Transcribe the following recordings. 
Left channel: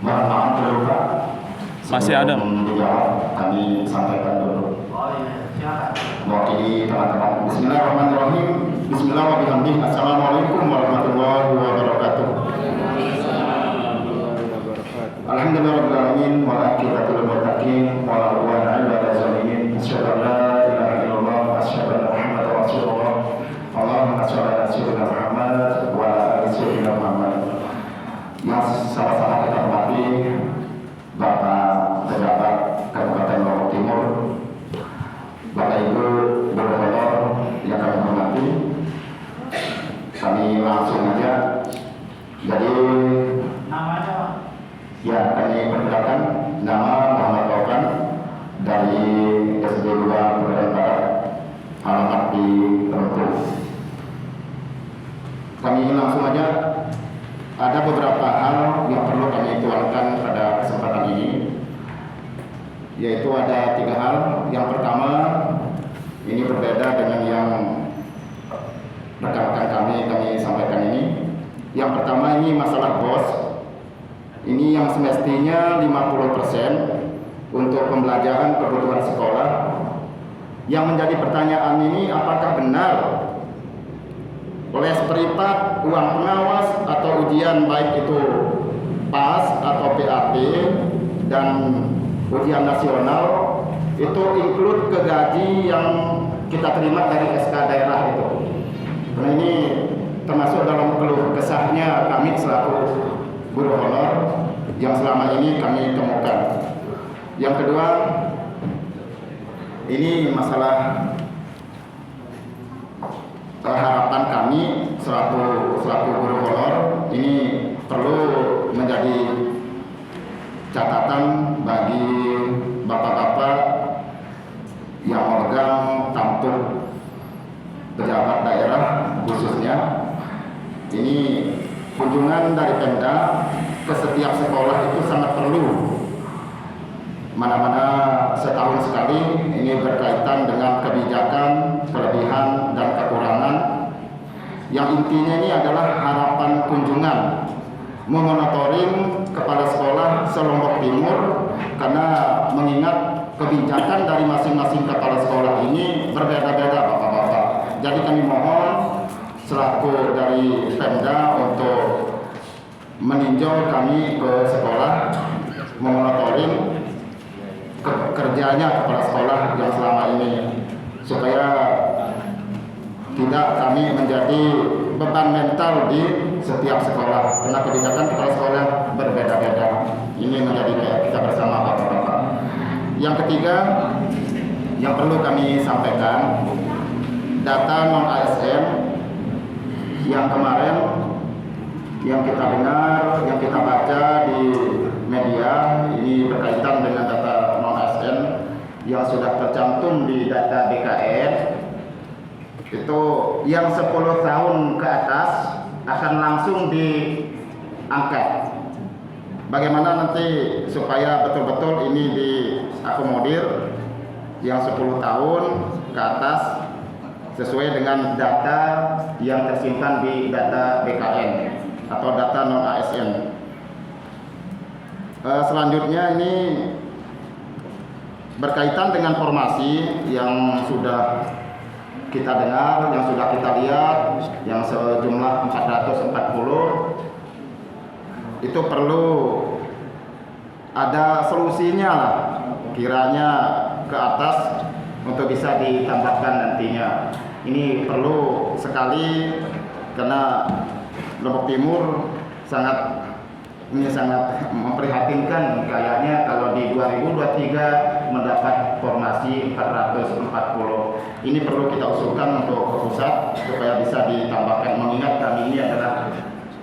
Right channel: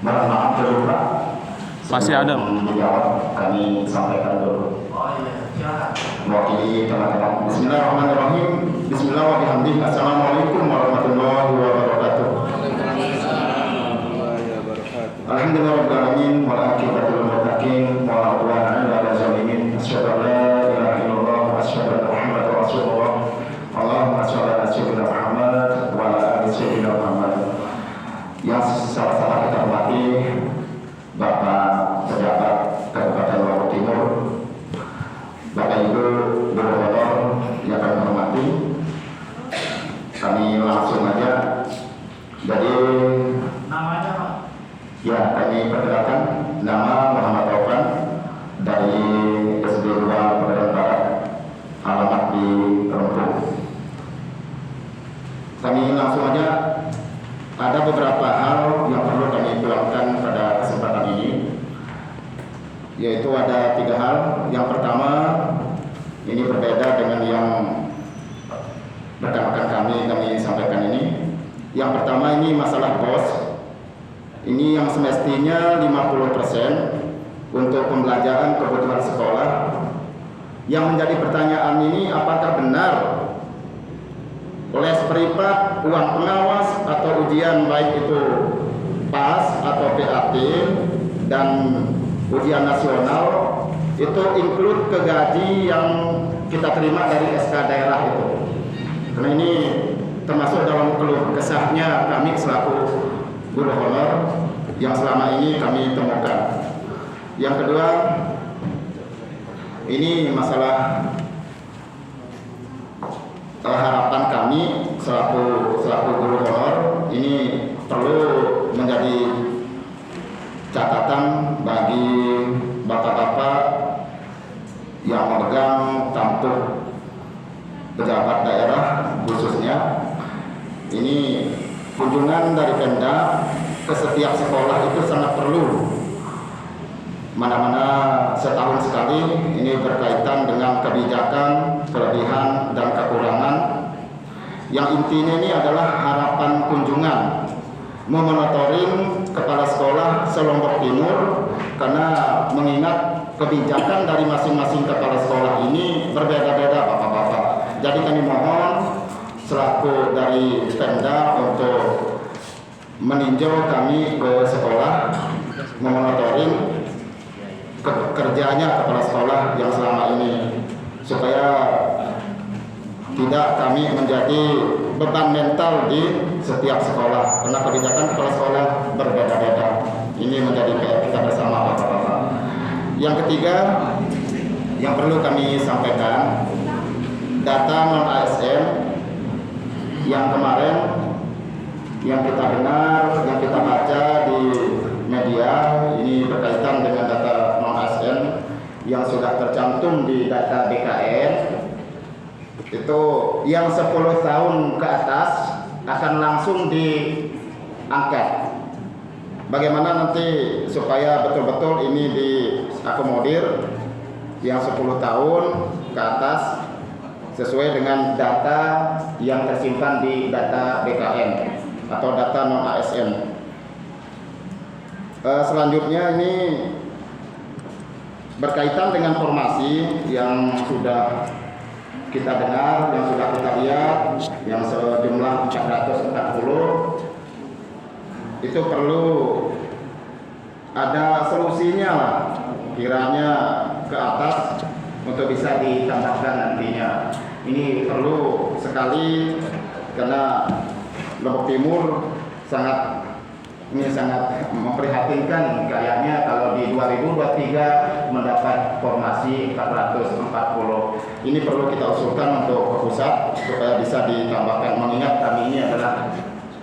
Mohon maaf dulu Pak. Masih ada. Dijawab, kami sampaikan dulu. Oh iya, silakan. Mewakili teman-teman. Bismillahirrahmanirrahim. Bismillahirrahmanirrahim. Assalamualaikum warahmatullahi wabarakatuh. Alhamdulillahirrahmanirrahim. Wa'aqibatul muttaqin. Wa'ala ala zalimin. Asyhadu an la ilaha illallah wa asyhadu anna Muhammadar Rasulullah. Allahumma shalli ala sayyidina Muhammad wa ala ali sayyidina Muhammad. Yang sama-sama kita hormati Bapak pejabat Kabupaten Lombok Timur, Bapak Ibu Gubernur yang kami hormati, kami langsung aja. Jadi Namanya Pak? ya, kami perkenalkan, nama Muhammad Taufan dari SD 2 Pegadaian Barat, alamat di Rempung. Kami langsung aja. Ada beberapa hal yang perlu kami tuangkan pada kesempatan ini, yaitu ada 3 hal. Yang pertama, ini berbeda dengan yang rekan-rekan kami sampaikan ini. Yang pertama, ini masalah BOS. Ini yang semestinya 50% untuk pembelajaran kebutuhan sekolah. Yang menjadi pertanyaan ini, apakah benar les privat, uang pengawas atau ujian baik itu PAS atau PAT dan ujian nasional itu include ke gaji yang kita terima dari SK daerah itu. Karena ini termasuk dalam keluh kesahnya kami selaku guru honor yang selama ini kami temukan. Yang kedua, ini masalah harapan kami selaku guru honor, ini perlu menjadi catatan bagi bapak-bapak yang memegang tampuk pejabat daerah khususnya. Ini kunjungan dari Pemda ke setiap sekolah itu sangat perlu. Mana-mana setahun sekali, ini berkaitan dengan kebijakan, kelebihan, dan kekurangan. Yang intinya ini adalah harapan kunjungan, memonitoring kepala sekolah se-Lombok Timur, karena mengingat kebijakan dari masing-masing kepala sekolah ini berbeda-beda Bapak-Bapak. Jadi kami mohon selaku dari Pemda untuk meninjau kami ke sekolah, memonitoring kerjanya kepala sekolah yang selama ini, supaya tidak kami menjadi beban mental di setiap sekolah, karena kebijakan kepala sekolah berbeda-beda. Ini menjadi PR kita bersama Bapak-Bapak. Yang ketiga yang perlu kami sampaikan, data non-ASN yang kemarin yang kita dengar, yang kita baca di media, ini berkaitan dengan data non-ASN yang sudah tercantum di data BKN. Itu yang 10 tahun ke atas akan langsung diangkat. Bagaimana nanti supaya betul-betul ini diakomodir yang 10 tahun ke atas sesuai dengan data yang tersimpan di data BKN atau data non-ASN. Selanjutnya ini berkaitan dengan formasi yang sudah kita dengar, yang sudah kita lihat, yang sejumlah 440, itu perlu ada solusinya lah, kiranya ke atas untuk bisa ditambahkan nantinya. Ini perlu sekali karena Lombok Timur sangat memprihatinkan. Kayaknya kalau di 2023 mendapat formasi 440. Ini perlu kita usulkan untuk pusat supaya bisa ditambahkan, mengingat kami ini adalah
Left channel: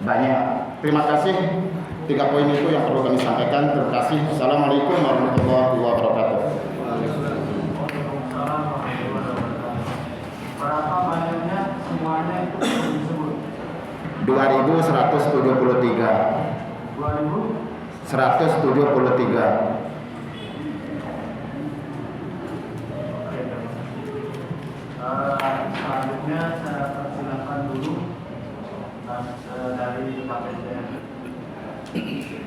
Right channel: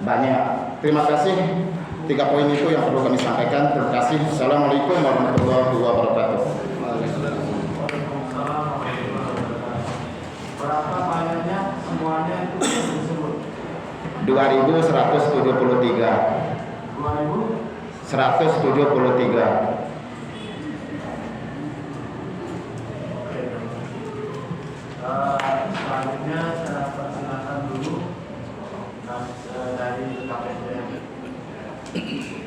banyak. Terima kasih. 3 poin itu yang perlu kami sampaikan. Terima kasih. Assalamualaikum warahmatullahi wabarakatuh. Berapa banyaknya semuanya itu disebut? 2173. 173. Selanjutnya saya persilakan dulu dari Pak Presiden. Assalamualaikum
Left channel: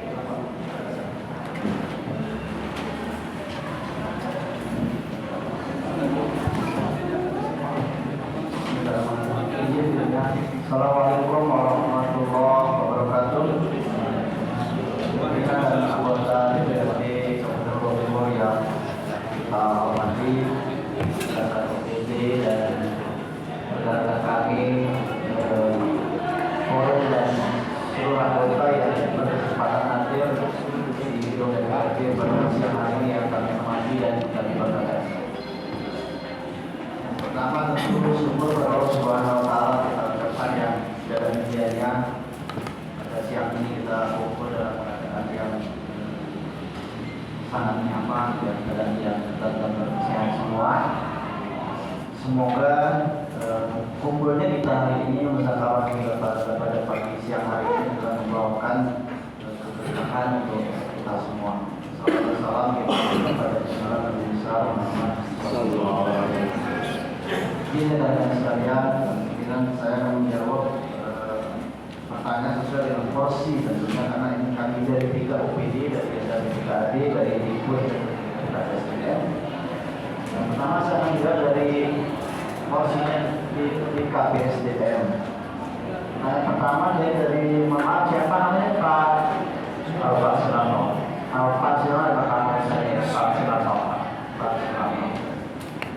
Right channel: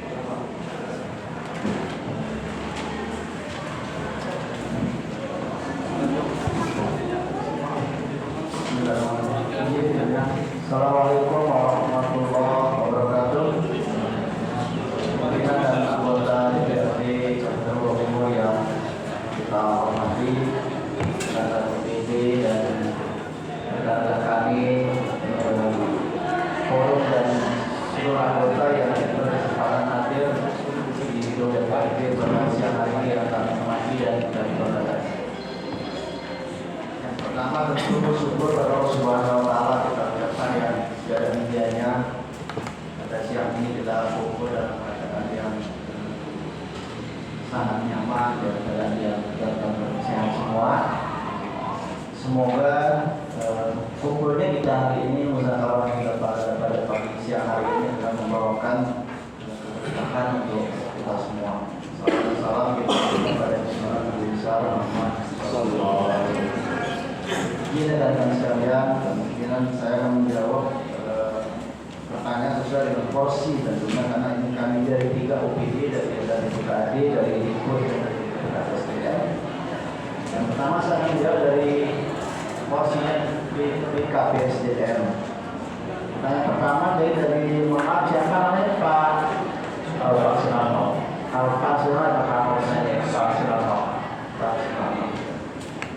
warahmatullahi wabarakatuh. Pimpinan dan anggota DPRD Kabupaten Bogor Timur yang kita hormati, rekan OPD dan rekan kami, forum dan seluruh anggota yang berkesempatan hadir di gedung DPRD pada siang hari ini yang kami hormati dan kami banggakan. Yang pertama tentu syukur kepada Allah Subhanahu wa Ta'ala, kita ucapkan yang segala medianya pada siang ini kita kumpul dalam keadaan yang sangat nyaman dan keadaan yang dalam bersehat semua. Semoga kumpulnya kita hari ini bersama kita pada pagi siang hari ini adalah membawakan keberkahan untuk kita semua. Salam kita kepada Nabi besar Muhammad sallallahu alaihi wasallam. Ini rekan sekalian, kemungkinan saya akan menjawab pertanyaan sesuai dengan porsi tentunya, karena ini kami dari 3 OPD, dari PKD, dari Dikbud dan dari PKSDM. Yang pertama saya akan menjawab dari porsinya di PKSDM. Nah, yang pertama dari maaf siapa namanya, Pak Alfa Silano. Alfa Silano, Pak Silano.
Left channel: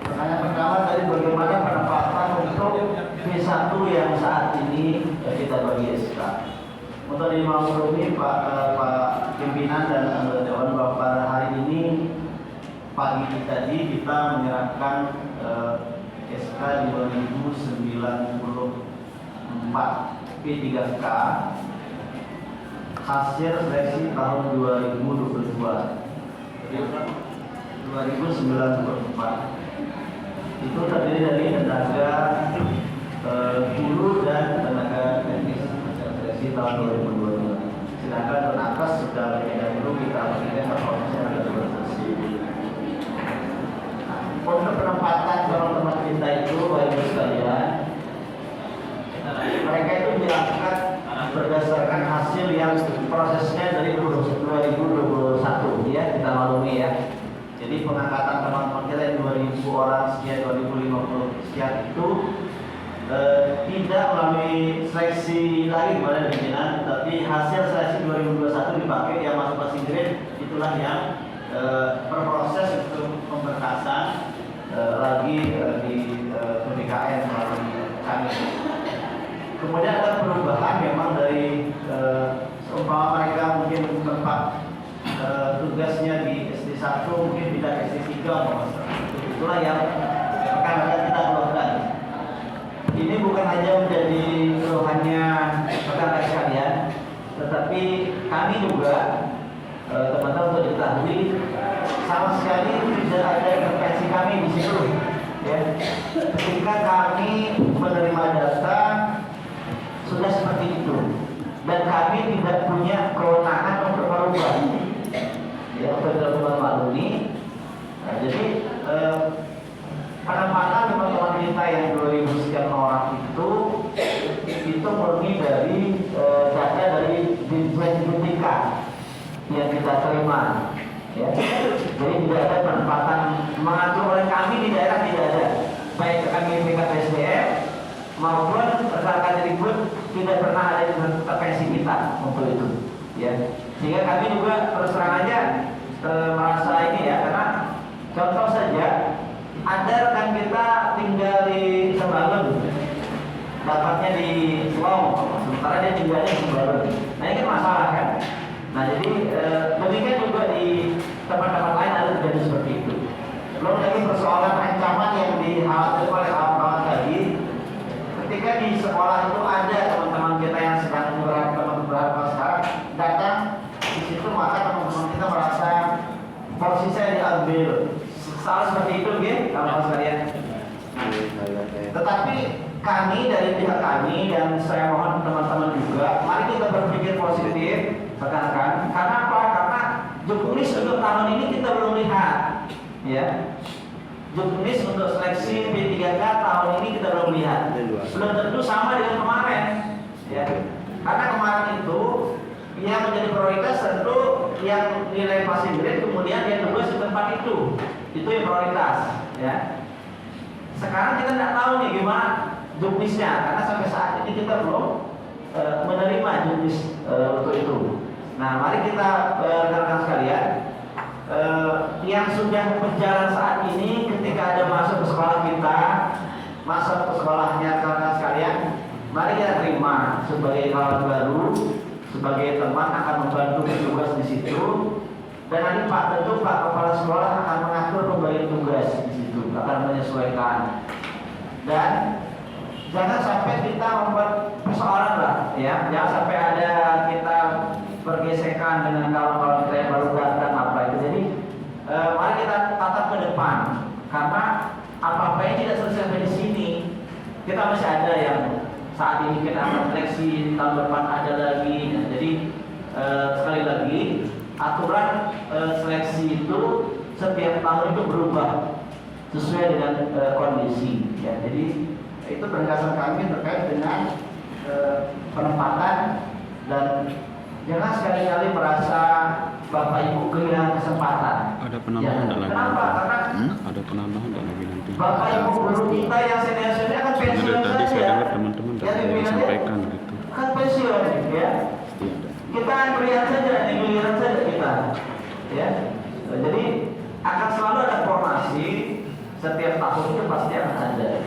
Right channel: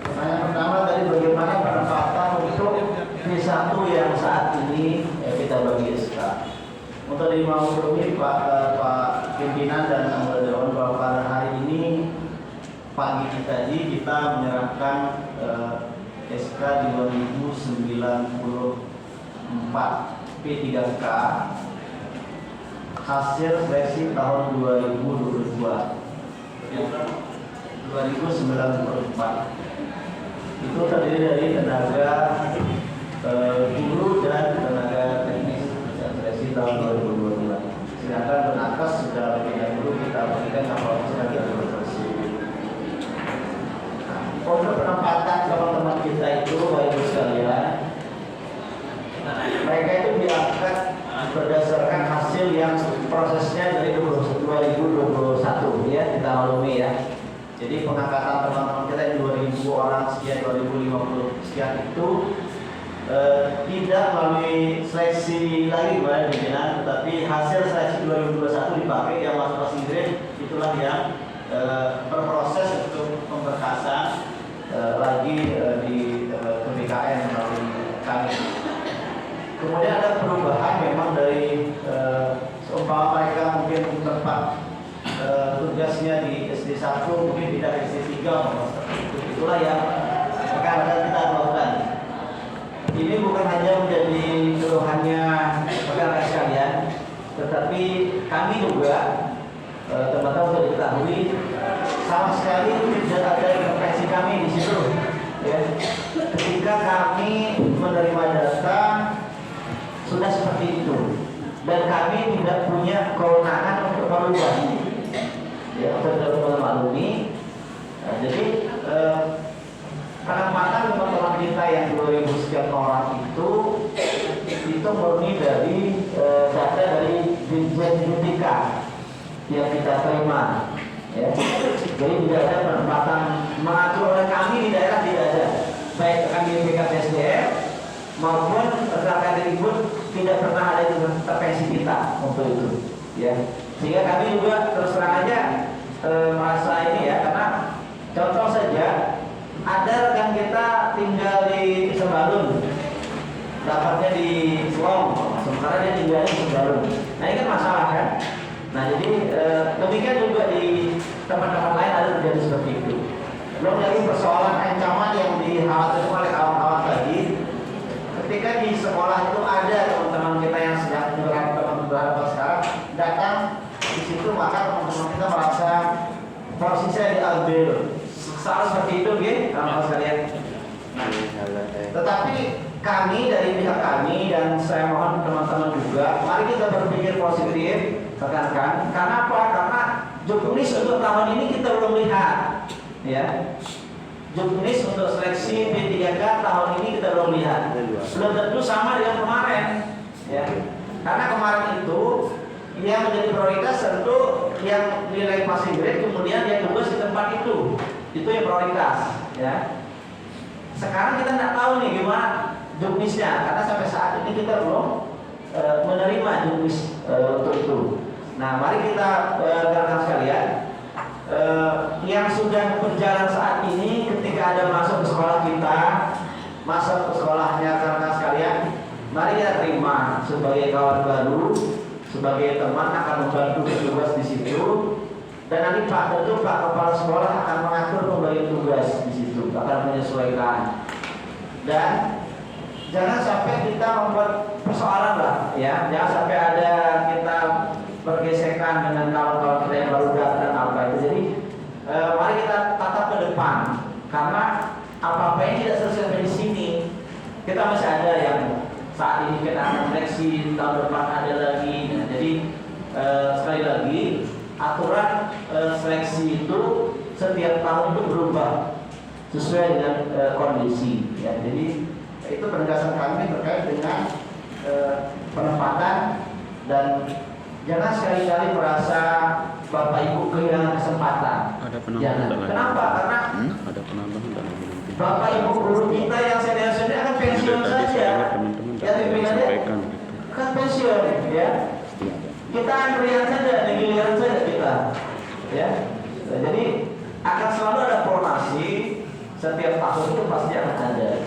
Pertanyaan pertama dari bagaimana penempatan untuk P1 yang saat ini kita bagi SK. Untuk dimaklumi Pak pimpinan dan anggota dewan bahwa pada hari ini pagi tadi kita menyerahkan SK 2094 P3K hasil seleksi tahun 2022 2094. Itu terdiri dari tenaga guru dan tenaga teknis seleksi tahun 2022. Sedangkan tenaga sudah lebih dahulu kita berikan kalau misalnya kita seleksi. Untuk penempatan teman-teman kita itu, baik sekalian, mereka itu diangkat berdasarkan hasil yang prosesnya dari 2021 ya, kita maklumi ya. Jadi pengangkatan teman-teman kita yang 2000 orang sekian, 2050 sekian itu tidak melalui seleksi lagi kepada pimpinan, tapi hasil seleksi 2021 dipakai yang masuk passing grade, itulah yang berproses untuk pemberkasan lagi di PBKN melalui kami. Kemudian ada perubahan memang dari seumpama mereka mungkin tempat tugasnya di SD 1 mungkin tidak ke SD 3, itulah yang akan kita lakukan. Ini bukan hanya menjadi keluhannya rekan-rekan sekalian, tetapi kami juga teman-teman untuk diketahui sama sekali tidak ada intervensi kami di situ ya. Ketika kami menerima data sudah seperti itu dan kami tidak punya kewenangan untuk merubah ya, betul-betul maklumi. Nah, jadi penempatan teman-teman kita yang 2000 sekian orang itu murni dari data dari Dirjen Pendidikan yang kita terima ya. Jadi tidak ada penempatan mengatur oleh kami di daerah, tidak ada, baik kami PKSDM maupun rekan Dikbud tidak pernah ada intervensi kita untuk itu ya. Sehingga kami juga terus terang aja merasa ini ya, karena contoh saja ada rekan kita tinggal di Sembalun, dapatnya di Selong, sementara dia tinggalnya di Sembalun. Nah ini kan masalah kan. Nah jadi demikian juga di tempat-tempat lain ada terjadi seperti itu. Belum lagi persoalan ancaman yang dikhawatirkan oleh kawan-kawan tadi. Ketika di sekolah itu ada teman-teman kita yang sedang beberapa sekarang datang di situ, maka teman-teman kita merasa porsi saya diambil. Salah seperti itu, gitu, kawan-kawan sekalian. Tetapi kami dari pihak kami dan saya mohon teman-teman juga, mari kita berpikir positif, rekan-rekan. Karena apa? Karena juknis untuk tahun ini kita belum lihat, ya. Juknis untuk seleksi P3K tahun ini kita belum lihat. Belum tentu sama dengan kemarin, ya. Karena kemarin itu yang menjadi prioritas tentu yang nilai passing grade, kemudian yang tugas di tempat itu yang prioritas ya. Sekarang kita nggak tahu nih gimana juknisnya, karena sampai saat ini kita belum menerima juknis untuk itu. Nah, mari kita rekan-rekan sekalian, yang sudah berjalan saat ini, ketika ada masuk ke sekolah kita, masuk ke sekolahnya rekan-rekan sekalian, mari kita terima sebagai kawan baru, sebagai teman akan membantu tugas di situ. Dan nanti tentu Pak Kepala Sekolah akan mengatur pembagian tugas di situ, akan menyesuaikan. Dan jangan sampai kita membuat persoalan lah, ya. Jangan sampai ada kita bergesekan dengan kawan-kawan kita yang baru datang apa itu. Jadi mari kita tatap ke depan, karena apa-apa yang tidak selesai sampai di sini, kita masih ada yang saat ini kita akan seleksi, tahun depan ada lagi. Nah, jadi sekali lagi aturan seleksi itu setiap tahun itu berubah sesuai dengan kondisi. Ya, jadi itu penegasan kami terkait dengan penempatan, dan jangan sekali-kali merasa Bapak Ibu kehilangan kesempatan. Ada penambahan Jangan. dan lagi Kenapa? nanti. Karena Ada penambahan dan lagi nanti. Bapak Ibu guru kita yang senior-senior kan pensiun Tadi saja. saya dengar teman-teman Yang sudah pimpinannya sampaikan gitu. kan pensiun, ya. Iya. Kita melihat saja, giliran saja kita, ya. Nah, jadi akan selalu ada formasi, setiap tahun itu pasti akan ada.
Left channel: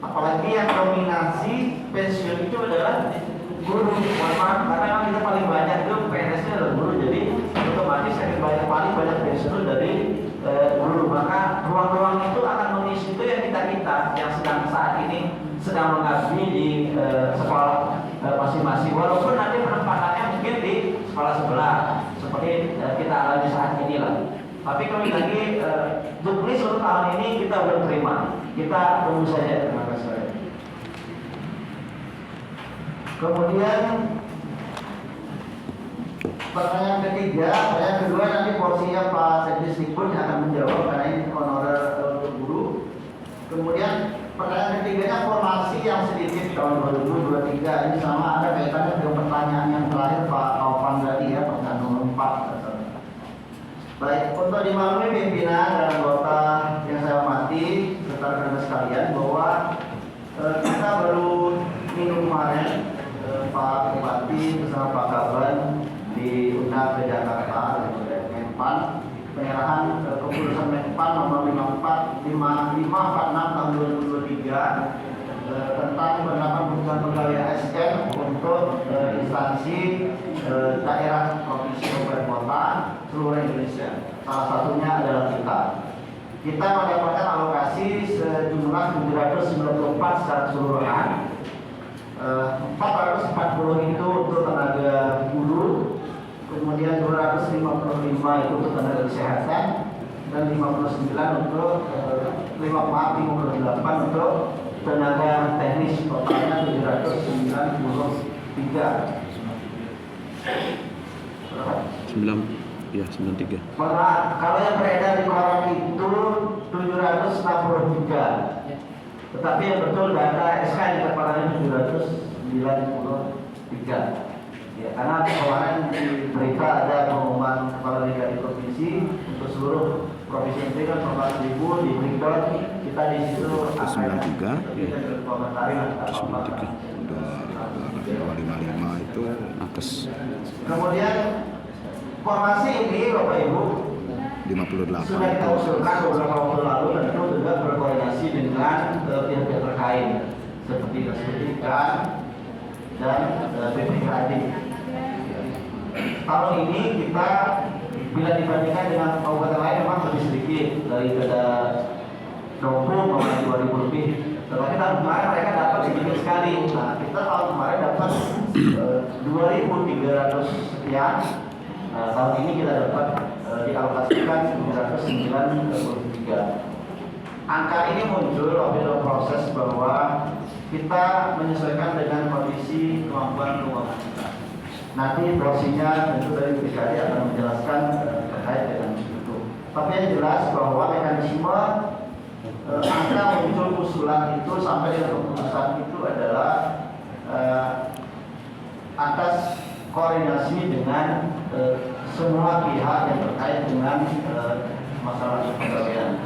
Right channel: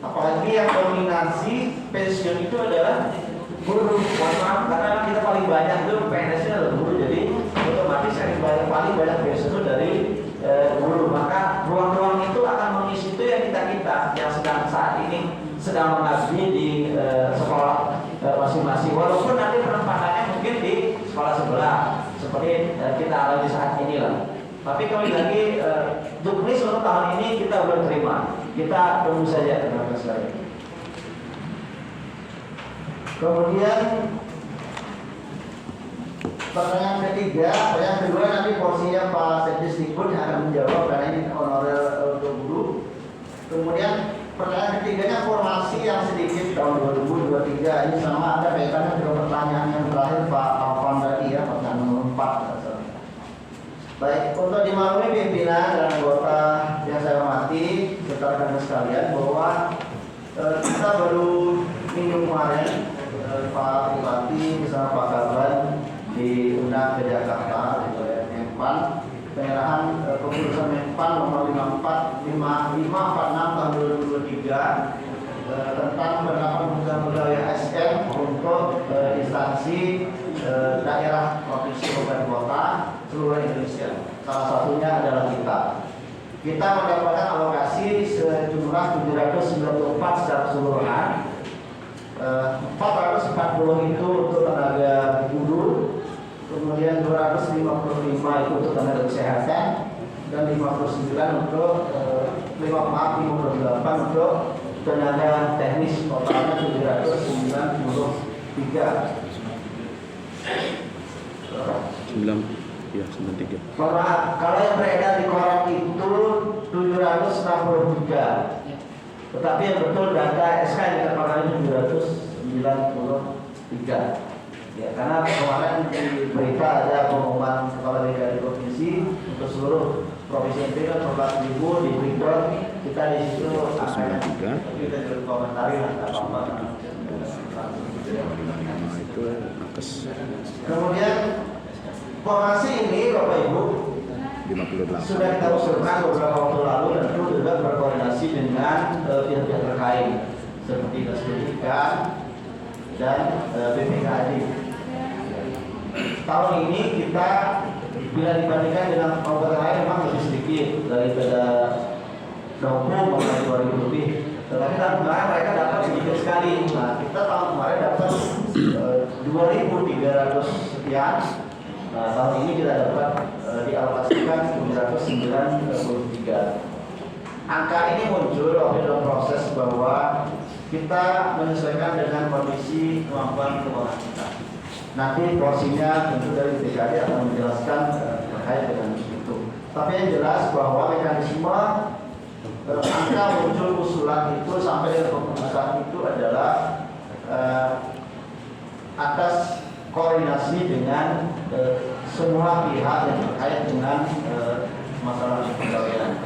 Apalagi yang dominasi pensiun itu adalah guru. Mohon maaf, karena kita paling banyak itu PNS-nya adalah guru, jadi otomatis yang paling banyak pensiun itu dari guru. Maka ruang-ruang itu akan mengisi itu yang kita yang sedang saat ini sedang mengabdi di sekolah masing-masing, walaupun nanti penempatannya mungkin di sekolah sebelah seperti kita alami saat ini lah. Tapi kembali lagi juknis untuk tahun ini kita belum terima, kita tunggu saja teman-teman sekalian. Kemudian pertanyaan ketiga, pertanyaan kedua nanti porsinya Pak Sekdisdikbud yang akan menjawab karena ini honorer untuk guru. Kemudian pertanyaan ketiganya formasi yang sedikit tahun 2023, ini sama ada kaitannya dengan pertanyaan yang terakhir Pak Taufan tadi ya, pertanyaan nomor 4. Baik, untuk dimaklumi pimpinan dan anggota yang saya hormati serta rekan sekalian bahwa kita baru minum kemarin Pak Bupati bersama Pak Kaban diundang ke Jakarta oleh Menpan, penyerahan keputusan Menpan nomor 5446 tahun 2023 tentang penerapan kebutuhan pegawai ASN untuk instansi daerah provinsi kabupaten kota seluruh Indonesia. Salah satunya adalah kita. Kita mendapatkan alokasi sejumlah 794 secara keseluruhan. 440 itu untuk tenaga guru, kemudian 255 itu untuk tenaga kesehatan, dan 59 untuk 58 untuk tenaga teknis, totalnya 793. 93. Kalau yang beredar di koran itu 763. Tetapi yang betul data SK yang dikeluarkan 793. Ya, karena kemarin di berita ada pengumuman kepala daerah di provinsi untuk seluruh provinsi itu kan 14.000 di Bogor, kita di situ angkanya. Tapi kita juga komentari lah apa-apa. Itu atas Kemudian formasi ini Bapak Ibu 58. sudah kita usulkan beberapa waktu lalu, tentu juga berkoordinasi dengan pihak-pihak terkait seperti Dinas Pendidikan dan BPKAD. Tahun ini kita bila dibandingkan dengan kabupaten lain memang lebih sedikit daripada 20 2000 lebih. Tetapi tahun kemarin mereka dapat sedikit sekali. Nah, kita tahun kemarin dapat 2.300 sekian. Nah, tahun ini kita dapat dialokasikan 993. Angka ini muncul waktu dalam proses bahwa kita menyesuaikan dengan kondisi kemampuan keuangan kita. Nanti porsinya tentu dari BKD akan menjelaskan terkait dengan itu. Tapi yang jelas bahwa mekanisme angka muncul usulan itu sampai dengan keputusan itu adalah atas koordinasi dengan semua pihak yang terkait dengan masalah kepegawaian.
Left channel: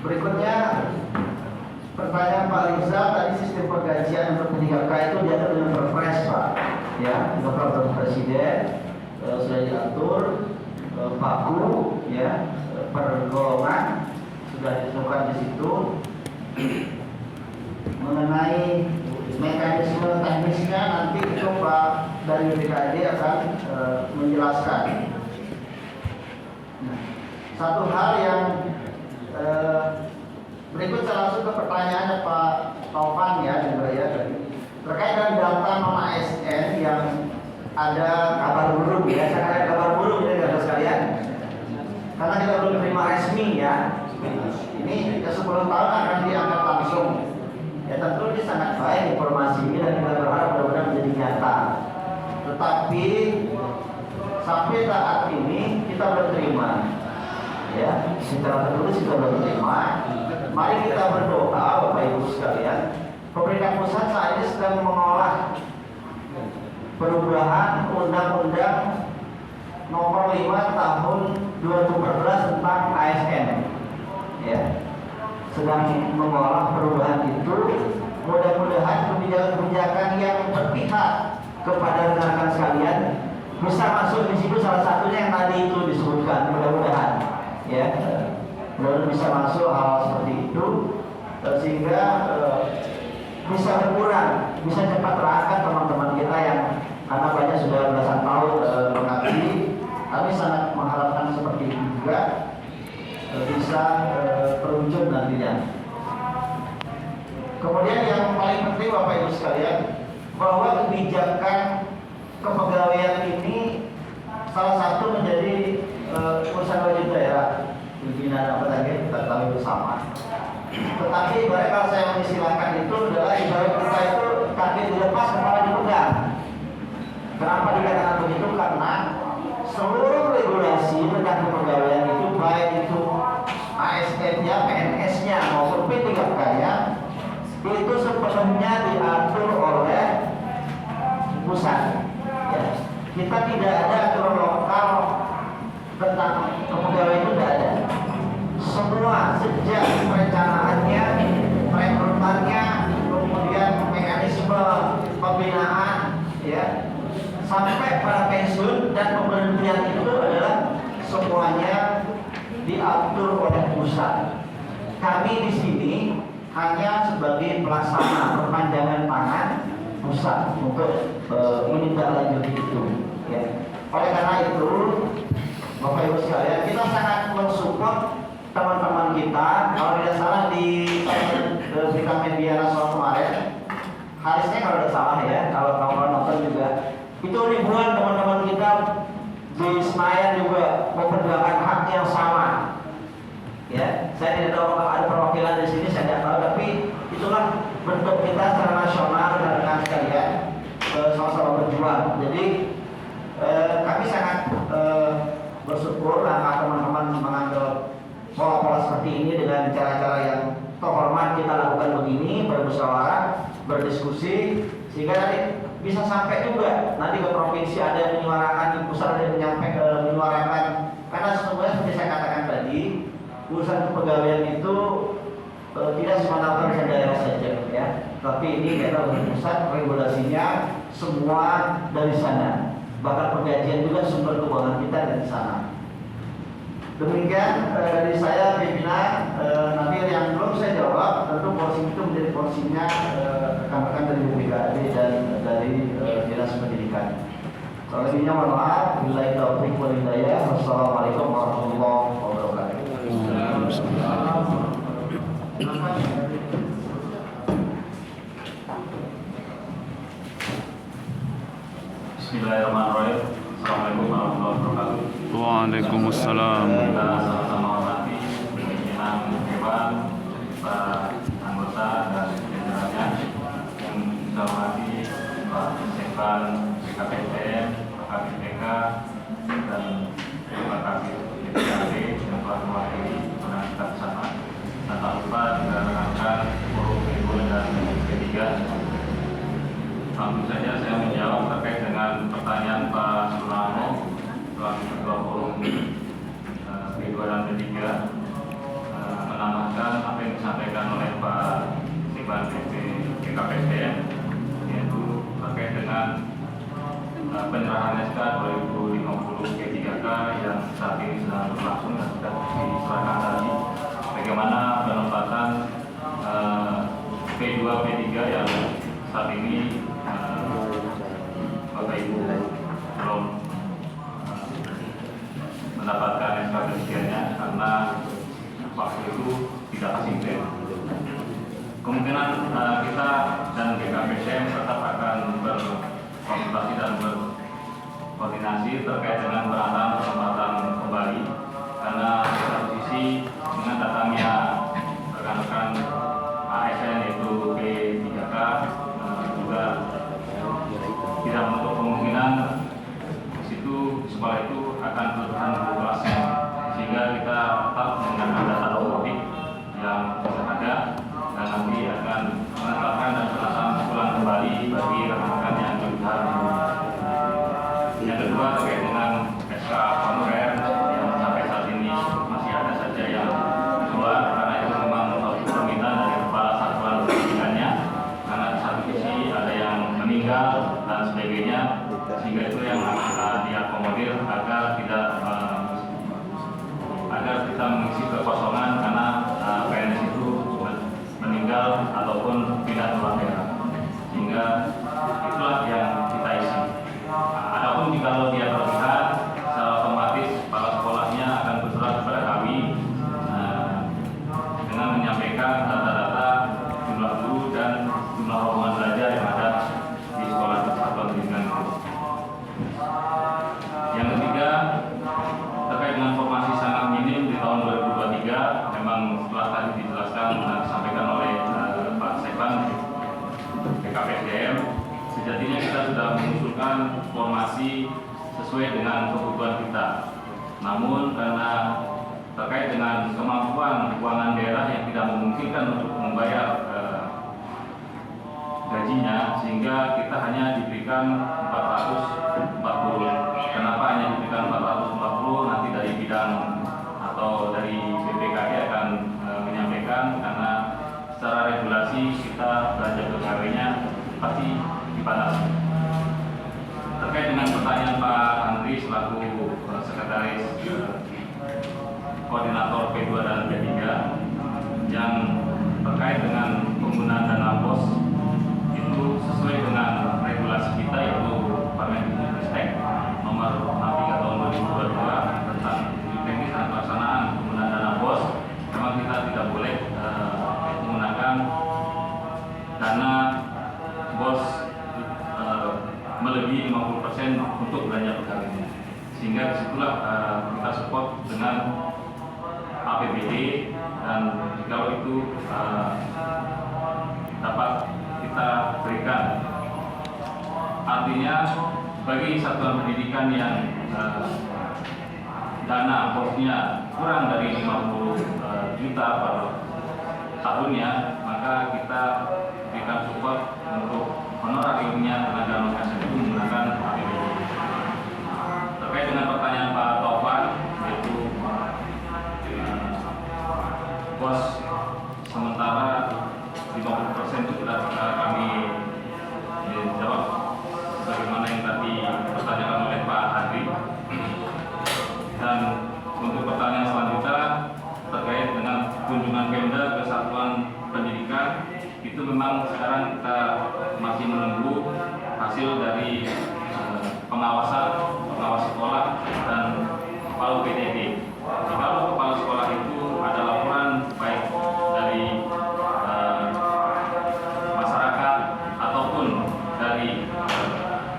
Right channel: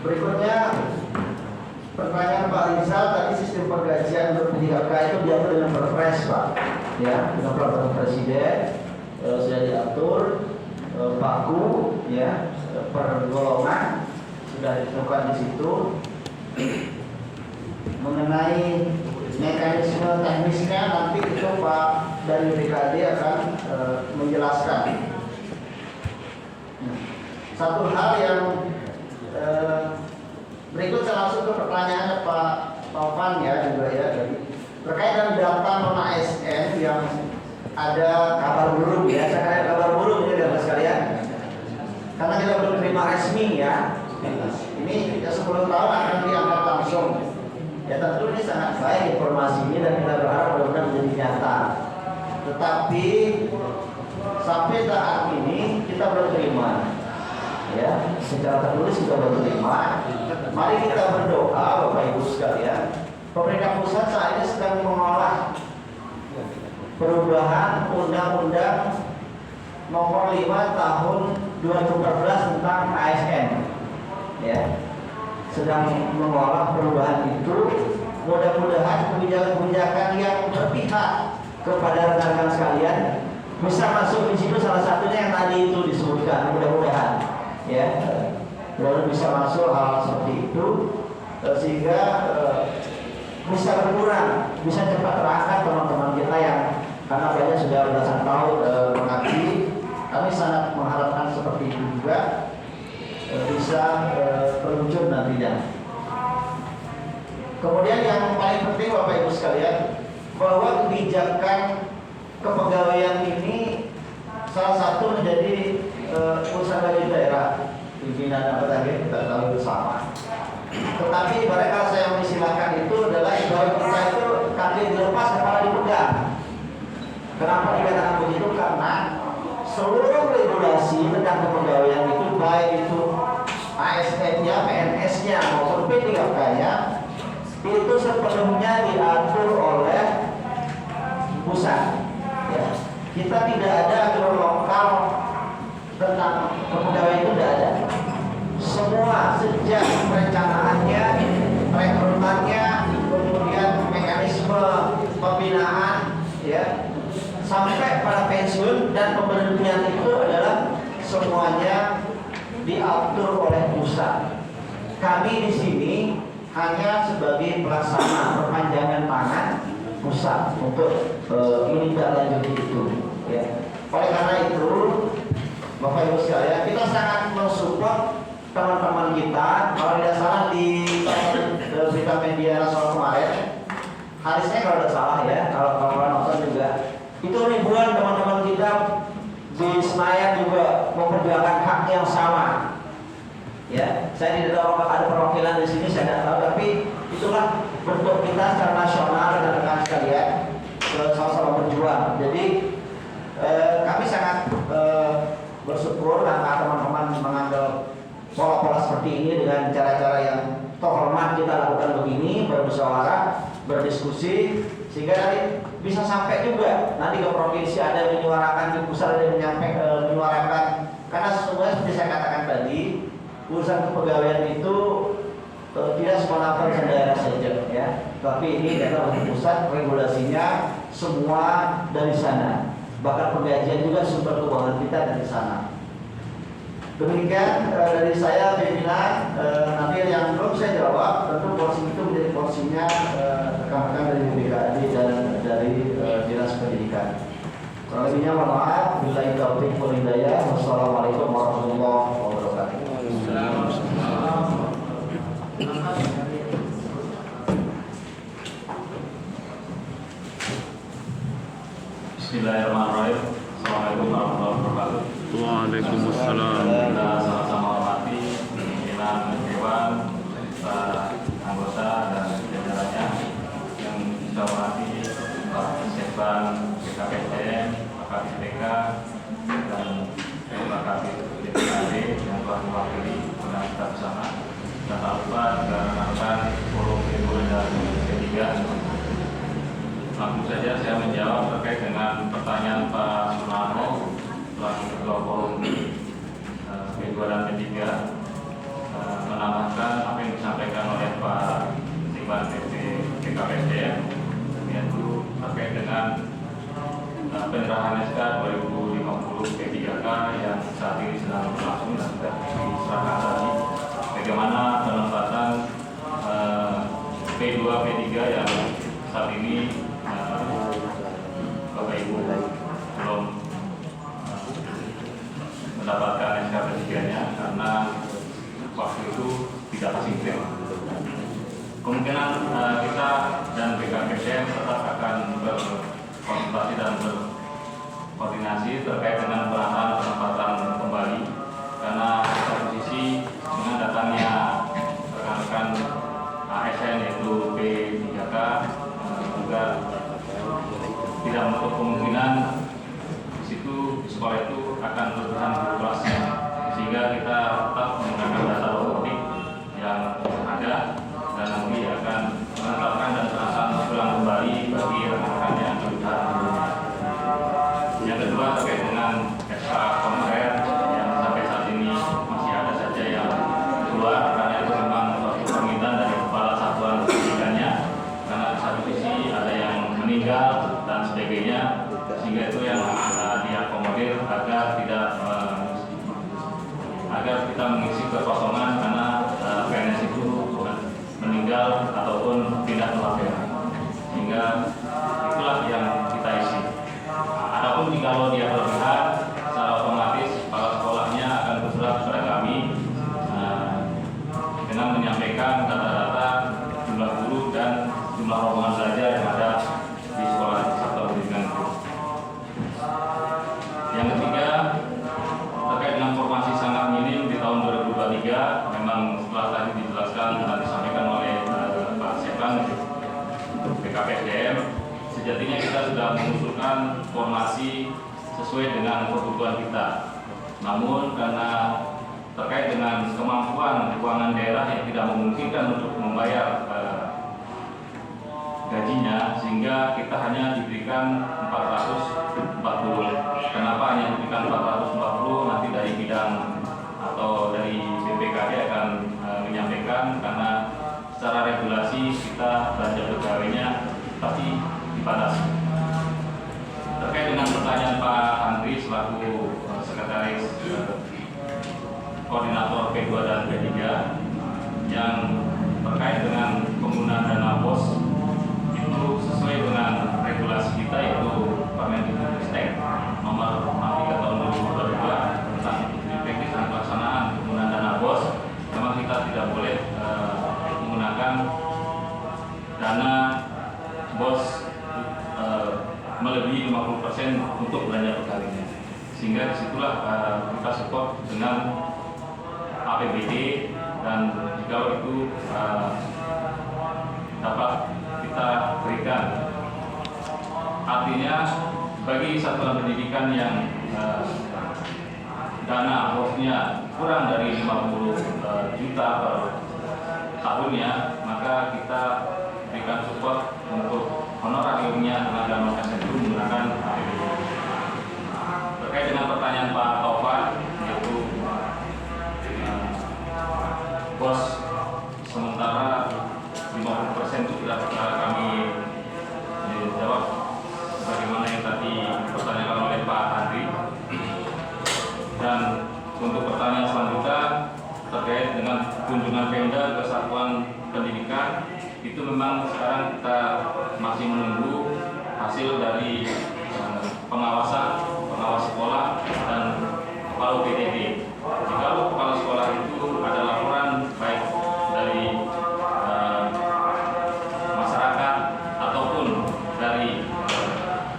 Berikutnya pertanyaan Pak Rizal, tadi sistem pergajian untuk P3K itu diatur dengan Perpres, Pak. Ya, dengan peraturan Presiden sudah diatur, baku, ya, per golongan sudah ditentukan di situ. Mengenai mekanisme teknisnya nanti itu Pak dari BKD akan menjelaskan. Nah, satu hal yang berikut saya langsung ke pertanyaan Pak Taufan ya juga ya tadi terkait dengan data non ASN yang ada kabar burung ya. Saya kira kabar burung ini dapat sekalian karena kita belum terima resmi ya. Ini ya 10 tahun akan diangkat langsung. Ya tentu ini sangat baik informasi ini dan kita berharap mudah-mudahan menjadi nyata. Tetapi sampai saat ini kita belum terima. Ya, secara tertulis kita belum terima. Mari kita berdoa Bapak Ibu sekalian. Pemerintah pusat saat ini sedang mengolah perubahan Undang-Undang Nomor 5 Tahun 2014 tentang ASN. Ya, sedang mengolah perubahan itu. Mudah-mudahan kebijakan-kebijakan yang berpihak kepada rekan-rekan sekalian bisa masuk di situ, salah satunya yang tadi itu disebutkan. Mudah-mudahan, ya, mudah-mudahan bisa masuk hal seperti itu sehingga bisa berkurang, bisa cepat terangkat teman-teman kita yang karena banyak sudah belasan tahun mengabdi. Kami sangat mengharapkan seperti itu juga bisa terwujud nantinya. Kemudian yang paling penting Bapak Ibu sekalian, bahwa kebijakan kepegawaian ini salah satu menjadi urusan wajib daerah, pimpinan apa tadi kita tahu bersama. Tetapi mereka saya mengistilahkan itu adalah ibarat kita itu kaki dilepas kepala dipegang. Kenapa dikatakan begitu? Karena seluruh regulasi tentang kepegawaian itu baik itu ASN-nya, PNS-nya maupun P3K-nya itu sepenuhnya diatur oleh pusat. Ya. Kita tidak ada aturan lokal tentang kepegawaian itu tidak ada. Semua sejak perencanaannya, rekrutannya, kemudian mekanisme pembinaan, ya, sampai pada pensiun dan pemberhentian itu adalah semuanya diatur oleh pusat. Kami di sini hanya sebagai pelaksana perpanjangan tangan pusat untuk menindaklanjuti itu. Ya. Oleh karena itu, Bapak Ibu sekalian, kita sangat mensupport teman-teman kita. Kalau tidak salah di berita media nasional kemarin, Harisnya kalau tidak salah ya, kalau kawan nonton juga, itu ribuan teman-teman kita di Senayan juga memperjuangkan hak yang sama. Ya, saya tidak tahu apakah ada perwakilan di sini, saya tidak tahu, tapi itulah bentuk kita secara nasional rekan-rekan sekalian sama-sama berjuang. Jadi kami sangat bersyukur langkah teman-teman mengambil pola-pola seperti ini dengan cara-cara yang terhormat kita lakukan begini, bermusyawarah, berdiskusi, sehingga nanti bisa sampai juga nanti ke provinsi ada yang menyuarakan, di pusat ada yang menyuarakan. Karena sesungguhnya seperti saya katakan tadi, urusan kepegawaian itu tidak semata-mata urusan daerah saja, ya. Tapi ini kita dari pusat, regulasinya semua dari sana. Bahkan penggajian juga sumber keuangan kita dari sana. Demikian dari saya pimpinan. Nanti yang belum saya jawab, tentu porsi itu menjadi porsinya rekan-rekan dari BKD dan dari Dinas Pendidikan. Kalau lebihnya mohon maaf. Billahi taufiq wal hidayah. Wassalamualaikum warahmatullahi wabarakatuh. Bismillahirrahmanirrahim. Assalamualaikum warahmatullahi wabarakatuh. Waalaikumsalam. Kita sama-sama hormati pimpinan Dewan, para anggota dan jajarannya yang kita hormati Pak Sekban BKPM, Pak KPK dan Pak KPD yang telah mewakili undangan kita bersama. Dan tak lupa juga rekan-rekan forum Ibu dan P3. Langsung saja saya menjawab penyerahan SK 2050 P3K yang saat ini sedang berlangsung dan sudah diserahkan tadi. Bagaimana penempatan P2 P3 yang saat ini Bapak Ibu belum mendapatkan SK P3-nya karena waktu itu tidak konsisten. Kemungkinan kita dan BKPSDM tetap akan berkonsultasi dan berkoordinasi terkait dengan penataan penempatan kembali, karena satu sisi dengan datangnya rekan-rekan ASN yaitu P3K juga tidak menutup kemungkinan di situ sekolah itu akan bertahan populasi, sehingga kita tetap menggunakan data otomatik yang ada dan nanti akan menetapkan dan penataan ulang kembali bagi rekan-rekan yang bertahan. Yang kedua terkait dengan SK honorer yang sampai saat ini masih ada saja yang keluar, karena itu memang suatu permintaan dari kepala satuan pendidikannya, karena di satu sisi ada yang meninggal dan sebagainya, sehingga itu yang diakomodir agar tidak agar kita mengisi kekosongan karena PNS itu meninggal ataupun tidak membayar, sehingga itulah yang kita isi. Adapun jika dia berlebihan, secara otomatis kepala sekolahnya akan bersurat kepada kami dengan menyampaikan data-data jumlah guru dan jumlah rombongan belajar yang ada di sekolah satuan pendidikan itu. Yang ketiga, terkait dengan formasi sangat minim di tahun 2023, memang setelah tadi dijelaskan dan disampaikan oleh Pak Sekban BKPSDM, sejatinya kita sudah mengusulkan formasi sesuai dengan kebutuhan kita. Namun karena terkait dengan kemampuan keuangan daerah yang tidak memungkinkan untuk membayar gajinya, sehingga kita hanya diberikan 440. Kenapa hanya diberikan 440? Nanti dari bidang atau dari BPKD akan menyampaikan, karena secara regulasi kita belanja pegawainya pasti dibatasi. Terkait dengan pertanyaan Pak Andri selaku sekretaris koordinator P2 dan P3 yang terkait dengan penggunaan dana BOS, itu sesuai dengan regulasi kita, yaitu Permendikbudristek nomor 63 tahun 2022 tentang teknis dan pelaksanaan penggunaan dana BOS. Memang kita tidak boleh menggunakan dana BOS melebihi 50% untuk belanja pegawainya, sehingga disitulah kita support dengan APBD, dan jika itu dapat kita berikan. Artinya bagi satuan pendidikan yang dana bosnya kurang dari 50 juta per tahunnya, maka kita berikan support untuk honorariumnya tenaga non-ASN itu menggunakan APBD. Terkait dengan pertanyaan Pak Taufan, yaitu bos sementara 50% itu sudah kami jawab sebagaimana yang tadi dipertanyakan oleh Pak Andri. Dan untuk pertanyaan selanjutnya terkait dengan kunjungan Pemda ke satuan pendidikan, itu memang sekarang kita masih menunggu hasil dari pengawas sekolah dan kepala PTB. Jika kepala sekolah itu ada laporan baik dari masyarakat ataupun dari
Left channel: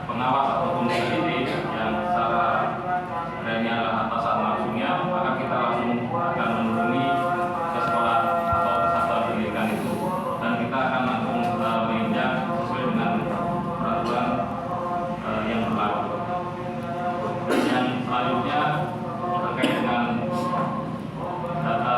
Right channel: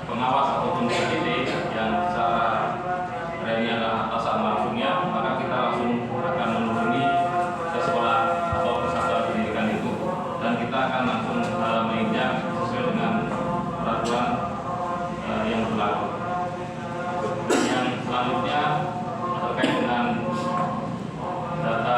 pengawas ataupun PTB yang secara dari atasan langsungnya, maka kita langsung akan menghubungi ke sekolah atau ke satuan pendidikan itu, dan kita akan langsung meninjak sesuai dengan peraturan yang berlaku. Yang selanjutnya terkait dengan data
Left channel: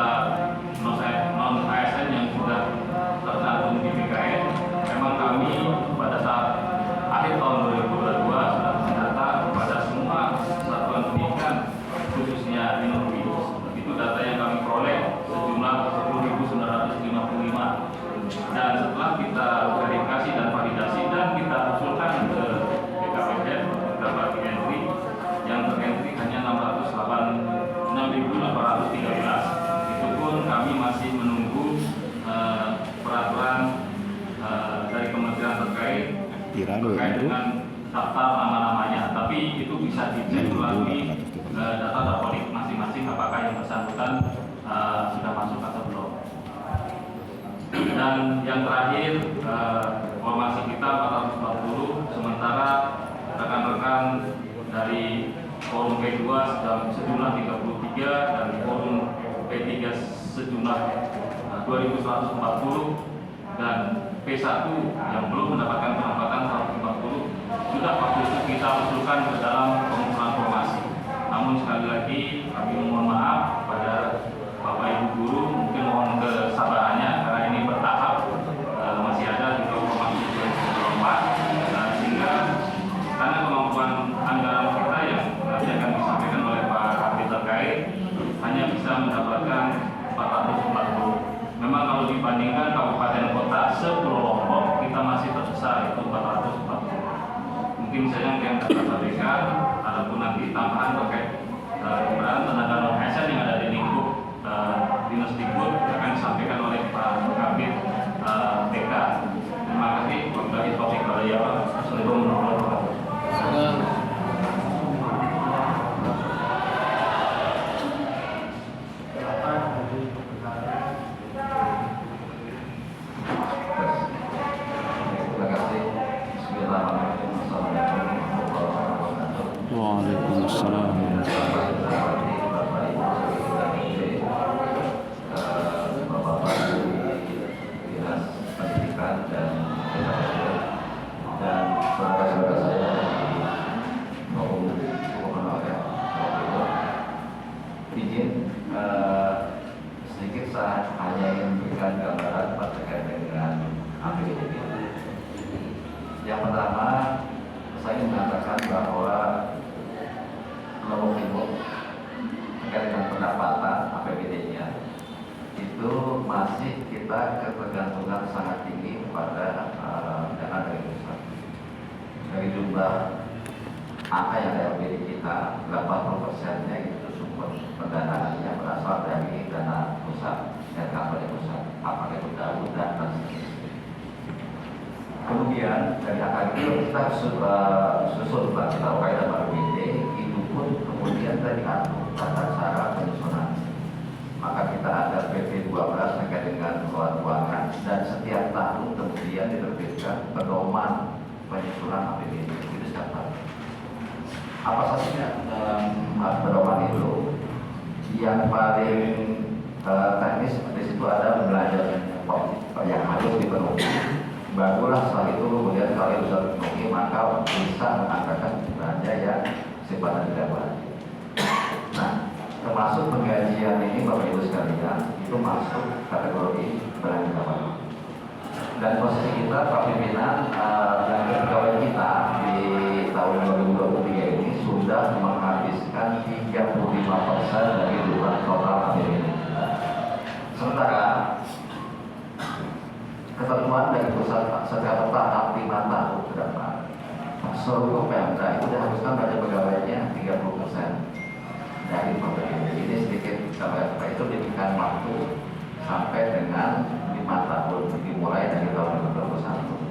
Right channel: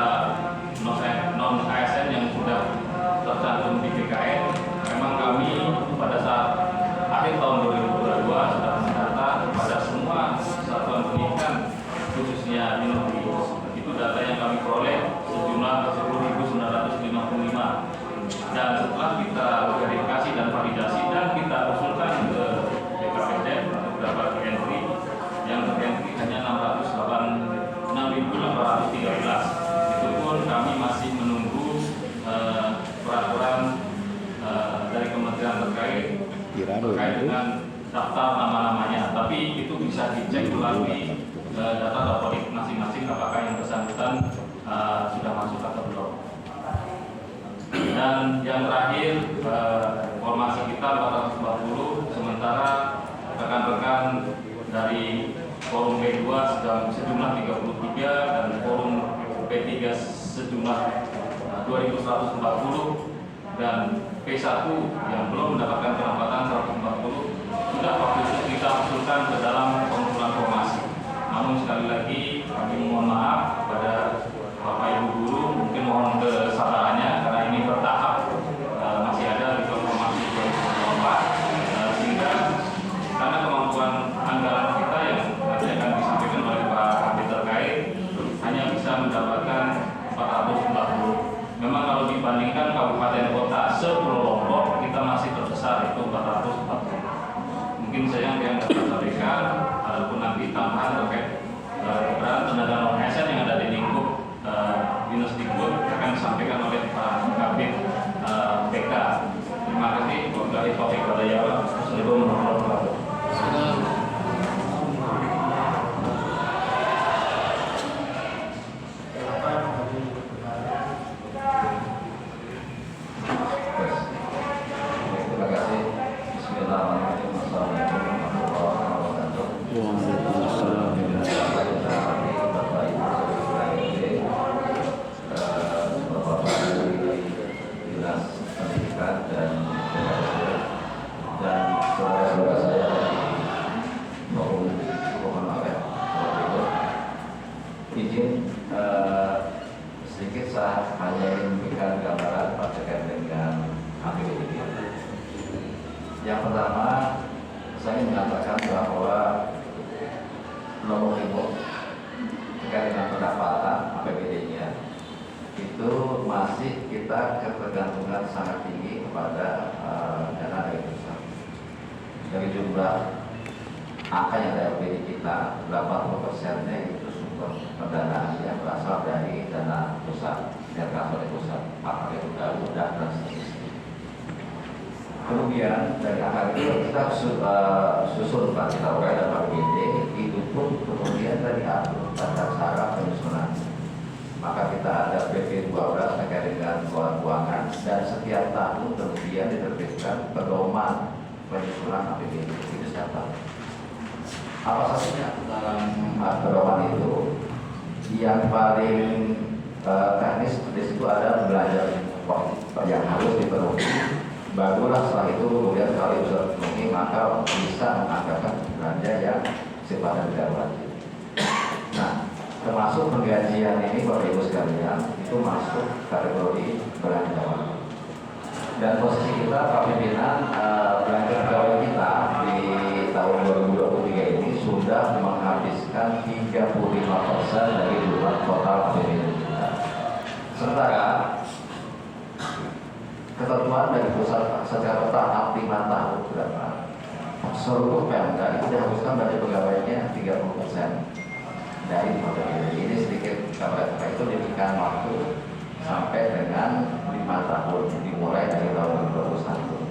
terkait dengan daftar nama-namanya, tapi itu bisa dicek melalui data dapodik masing-masing apakah yang bersangkutan sudah masuk atau belum. Dan yang terakhir, formasi kita 420, sementara rekan-rekan dari forum P2 sejumlah 33 dan forum P3 sejumlah 2140 dan P1 yang belum mendapatkan penempatan 140 sudah waktu itu kita usulkan ke dalam pengumpulan formasi. Namun sekali lagi kami mohon maaf kepada Bapak Ibu guru, mungkin mohon kesabarannya karena ini bertahap, masih ada di formasi 2024 sehingga karena kemampuan anggaran kita yang nanti akan disampaikan oleh Pak Kabit terkait hanya bisa mendapatkan 440. Memang kalau dibandingkan kabupaten kota se-Pulau Lombok kita masih terbesar, yaitu 440. Mungkin saja yang dapat sampaikan, adapun nanti tambahan terkait keberadaan tenaga non ASN yang ada di lingkup Dinas Dikbud akan disampaikan oleh Pak Kabit TK. Terima kasih. Wabillahi taufiq wal hidayah. Assalamualaikum warahmatullahi wabarakatuh. Terima kasih. Bismillahirrahmanirrahim. Assalamualaikum warahmatullahi wabarakatuh. Waalaikumsalam. Bapak-bapak Dinas Pendidikan dan saudara-saudara saya izin sedikit saya hanya ingin memberikan gambaran terkait dengan APBD. Yang pertama, saya mengatakan bahwa nomor induk terkait dengan pendapatan APBD-nya itu masih kita ketergantungan sangat tinggi kepada dana dari pusat. Dari jumlah angka yang ada APBD kita, 80%-nya itu sumber pendanaannya berasal dari dana pusat, dari KPD pusat, apakah itu daun dan seterusnya. Kemudian dari angka itu kita susun pada APBD itu pun kemudian dari atur tata cara penyusunan. Maka kita ada PP 12 terkait dengan keuangan dan setiap tahun kemudian diterbitkan pedoman penyusunan APBD itu setiap. Apa saja dalam pedoman itu? Yang paling teknis di situ ada belanja yang harus dipenuhi. Barulah setelah itu kemudian kalau bisa dipenuhi maka bisa mengangkatkan belanja yang sifatnya tidak wajib. Nah, termasuk penggajian ini Bapak Ibu sekalian itu masuk kategori belanja wajib. Dan posisi kita Pak Pimpinan belanja pegawai kita di tahun 2023 ini sudah menghabiskan 35% dari jumlah total APBD kita. Sementara ketentuan dari pusat secara bertahap 5 tahun ke depan seluruh Pemda itu dihabiskan pada pegawainya 30% dari APBD. Ini sedikit kabar itu diberikan waktu sampai dengan 5 tahun dimulai dari tahun 2021.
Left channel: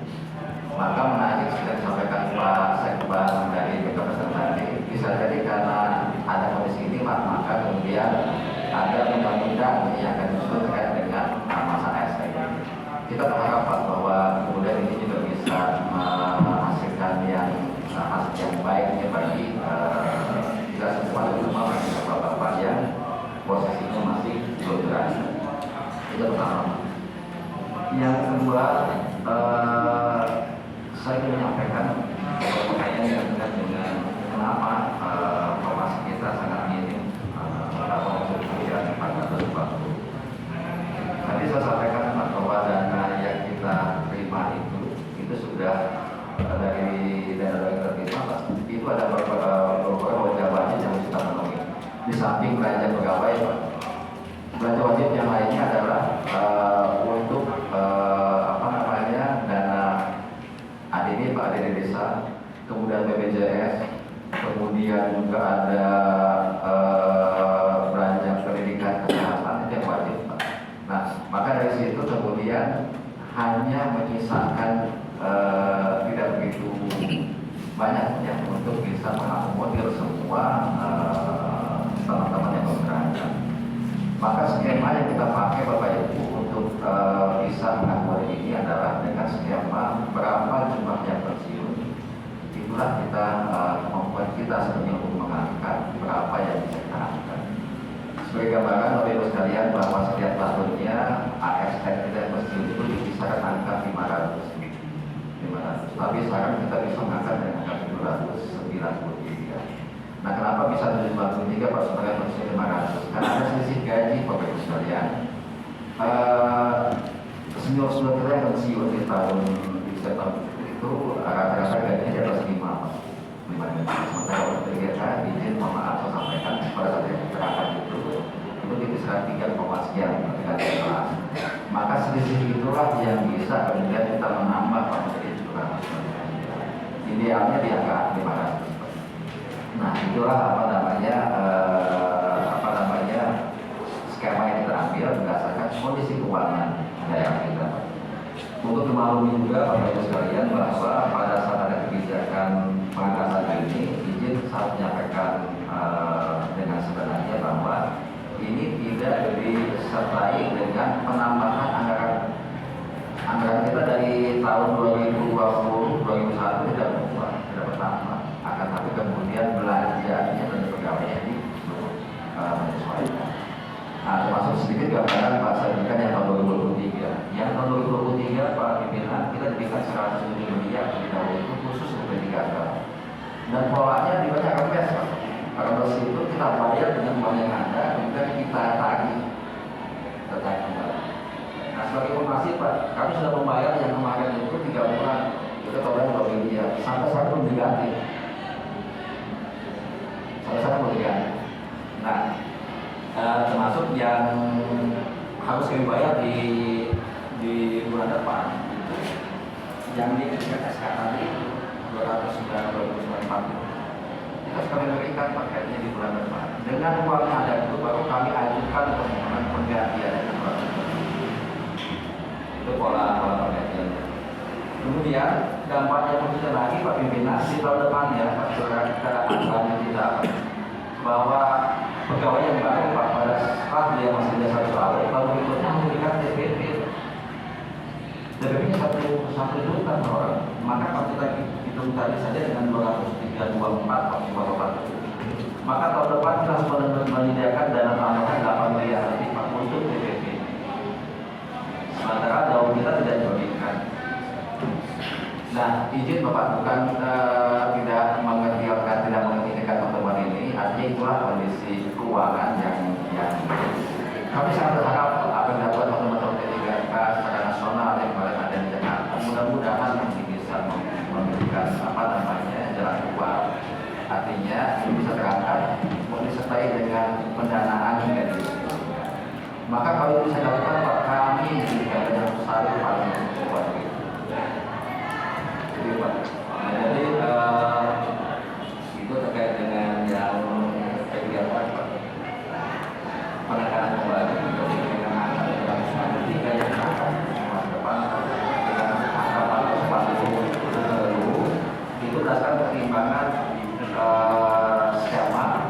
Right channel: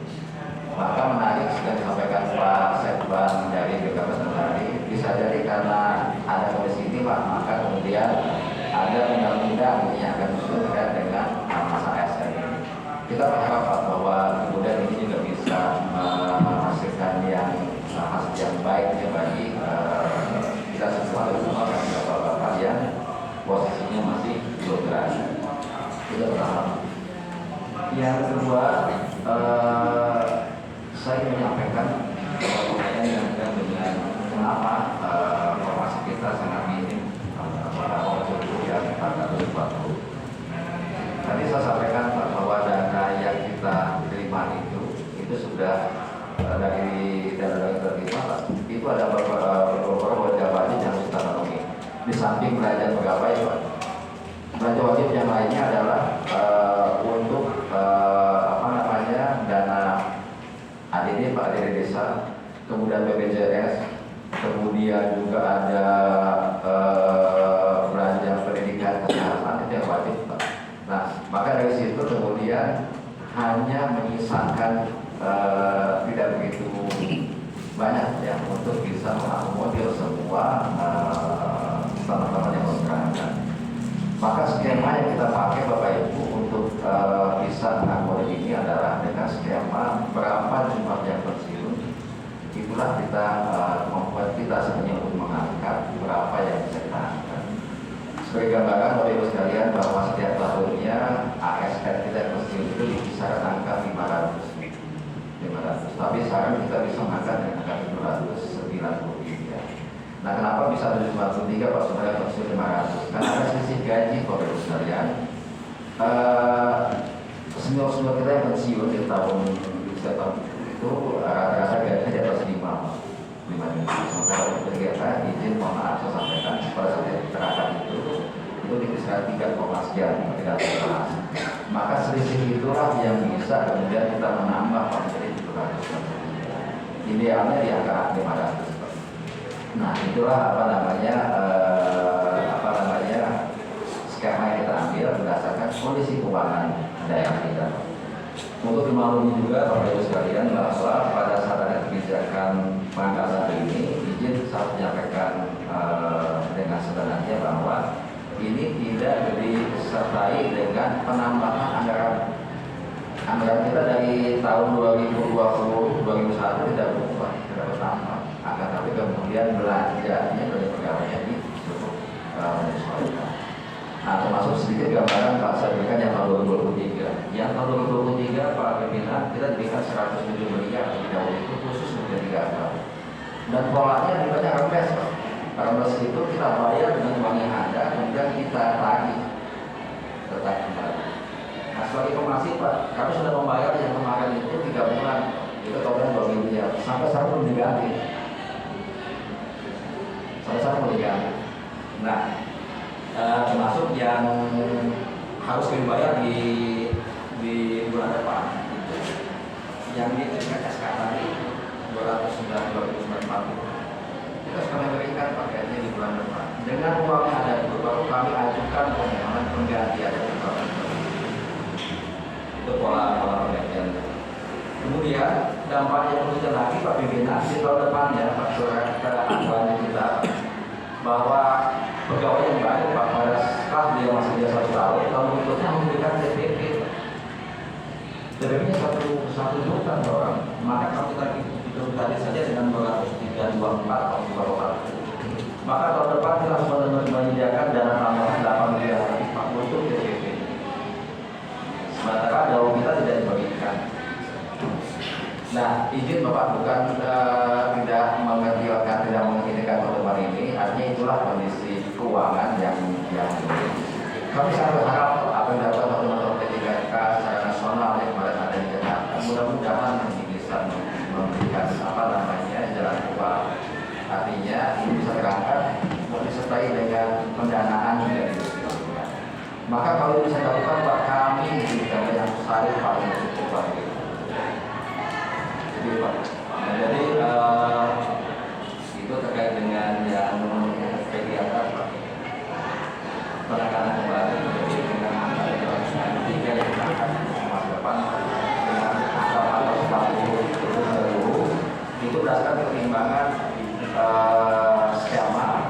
Maka menarik yang disampaikan Pak Sekban dari BKPSDM tadi, bisa jadi karena ada kondisi ini Pak, maka kemudian ada undang-undang yang akan disusun terkait dengan masa ASN ini. Kita berharap Pak bahwa kemudian ini juga bisa menghasilkan hasil yang baik ya bagi kita semua, terutama bagi bapak-bapak yang posisinya masih belum berani. Itu pertama. Yang kedua, saya ingin menyampaikan pertanyaan yang terkait dengan kenapa formasi kita sangat minim, beberapa kemudian 440. Tadi saya sampaikan Pak bahwa dana yang kita terima itu sudah dari dana yang terima Pak, itu ada beberapa wajib wajib yang harus kita penuhi. Di samping belanja pegawai Pak, belanja wajib yang lainnya adalah untuk dana ADD Pak, ADD desa, kemudian BPJS, kemudian juga ada belanja pendidikan kesehatan itu yang wajib Pak. Nah, maka dari situ kemudian hanya menyisakan tidak begitu banyak ya untuk bisa mengakomodir semua teman-teman yang berkerja. Maka skema yang kita pakai Bapak Ibu untuk bisa mengakomodir ini adalah dengan skema berapa jumlah yang pensiun. Itulah kita membuat kita sebenarnya untuk mengangkat berapa yang bisa kita angkat. Sebagai gambaran Bapak Ibu sekalian bahwa setiap tahunnya ASN kita yang pensiun itu di kisaran angka 500. Tapi sekarang kita bisa mengangkat dengan angka 293. Nah, kenapa bisa 293 personel pensiun 500? Karena ada selisih gaji Bapak Ibu sekalian. Senior-senior kita yang pensiun di tahun itu rata-rata gajinya di atas 5 juta. Sementara untuk kita izin maaf saya sampaikan pada saat yang terangkat itu di kisaran 3, sekian ketika dibahas. Maka selisih itulah yang bisa kemudian kita menambah menjadi 700. Idealnya di angka 500. Nah, itulah skema yang kita ambil berdasarkan kondisi keuangan daerah kita. Untuk dimaklumi juga Bapak Ibu sekalian bahwa pada saat ada kebijakan pengangkatan ini, izin saya menyampaikan dengan sebenarnya bahwa ini tidak disertai dengan penambahan anggaran. Anggaran kita dari tahun 2020-2021 tidak berubah, tidak bertambah. Akan tapi kemudian belanjanya dari pegawainya di menyesuaikan. Nah, termasuk sedikit gambaran Pak saya berikan yang tahun 2023. Yang tahun 2023 Pak pimpinan kita diberikan 107 miliar lebih dahulu itu khusus untuk 3 tahun. Dan polanya di banyak rembes Pak. Rembes itu kita bayar dengan uang yang ada, kemudian kita tagih. Nah, sebagai informasi Pak, kami sudah membayar yang kemarin itu 3 bulan. Itu totalnya 2 miliar. Sampai sekarang belum diganti. Nah, termasuk yang harus dibayar di bulan depan itu yang di SK tadi 294. Kita kami berikan pakaiannya di bulan depan. Dengan uang yang ada itu baru kami ajukan permohonan penggantian dari bulan depan. Itu pola penggantian. Kemudian dampaknya kemudian lagi Pak Pimpinan di tahun depannya Pak Saudara kita akan kita bahwa pegawai yang baru Pak pada setelah dia masih dia 1 tahun berikutnya memberikan TPP. TPP-nya 1 juta per orang. Maka kalau kita hitung tadi saja dengan 224 maka tahun depan kita harus menyediakan dana tambahan 8 miliar Pak untuk TPP. Sementara daun kita tidak dibagikan. Nah, izin Bapak bukan tidak menginginkan pertemuan ini, artinya itulah kondisi keuangan yang kami sangat berharap apa yang dilakukan teman-teman P3K secara nasional yang kemarin ada di Jakarta, mudah-mudahan ini bisa memberikan jalan keluar. Artinya ini bisa terangkat disertai dengan pendanaan dari sebelumnya. Maka kalau bisa dilakukan Pak, kami juga yang besar paling cukup begitu. Nah, jadi itu terkait dengan yang kegiatan penekanan kembali dengan angka 193 yang akan masa depan dengan angka 440 itu berdasarkan pertimbangan skema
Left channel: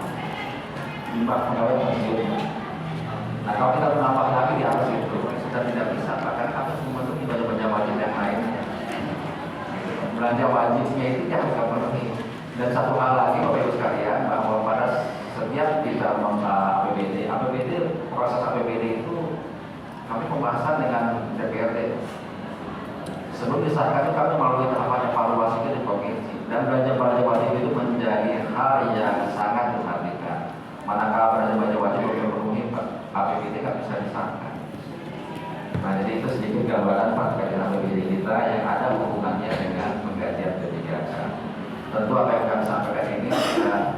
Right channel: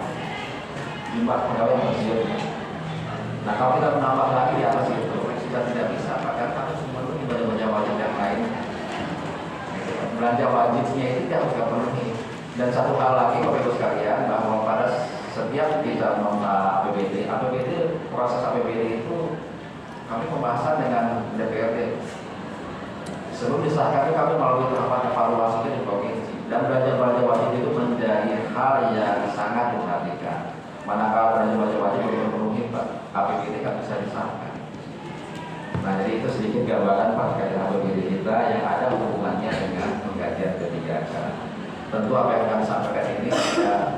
jumlah pegawai pensiun. Nah, kalau kita menambah lagi di atas itu kita tidak bisa pakai atau semua itu tidak wajib yang lain. Belanja wajibnya itu kita harus penuhi. Dan satu hal lagi Bapak Ibu sekalian bahwa pada setiap kita APBD, proses APBD itu kami pembahasan dengan DPRD. Sebelum disahkan itu kami melalui tahapan evaluasi di provinsi dan belanja wajib itu menjadi hal yang sangat diperhatikan. Manakala belanja wajib belum memenuhi APBD tidak bisa disahkan. Nah, jadi itu sedikit gambaran Pak terkait APBD kita yang ada hubungannya dengan penggantian P3K. Tentu apa yang kami sampaikan ini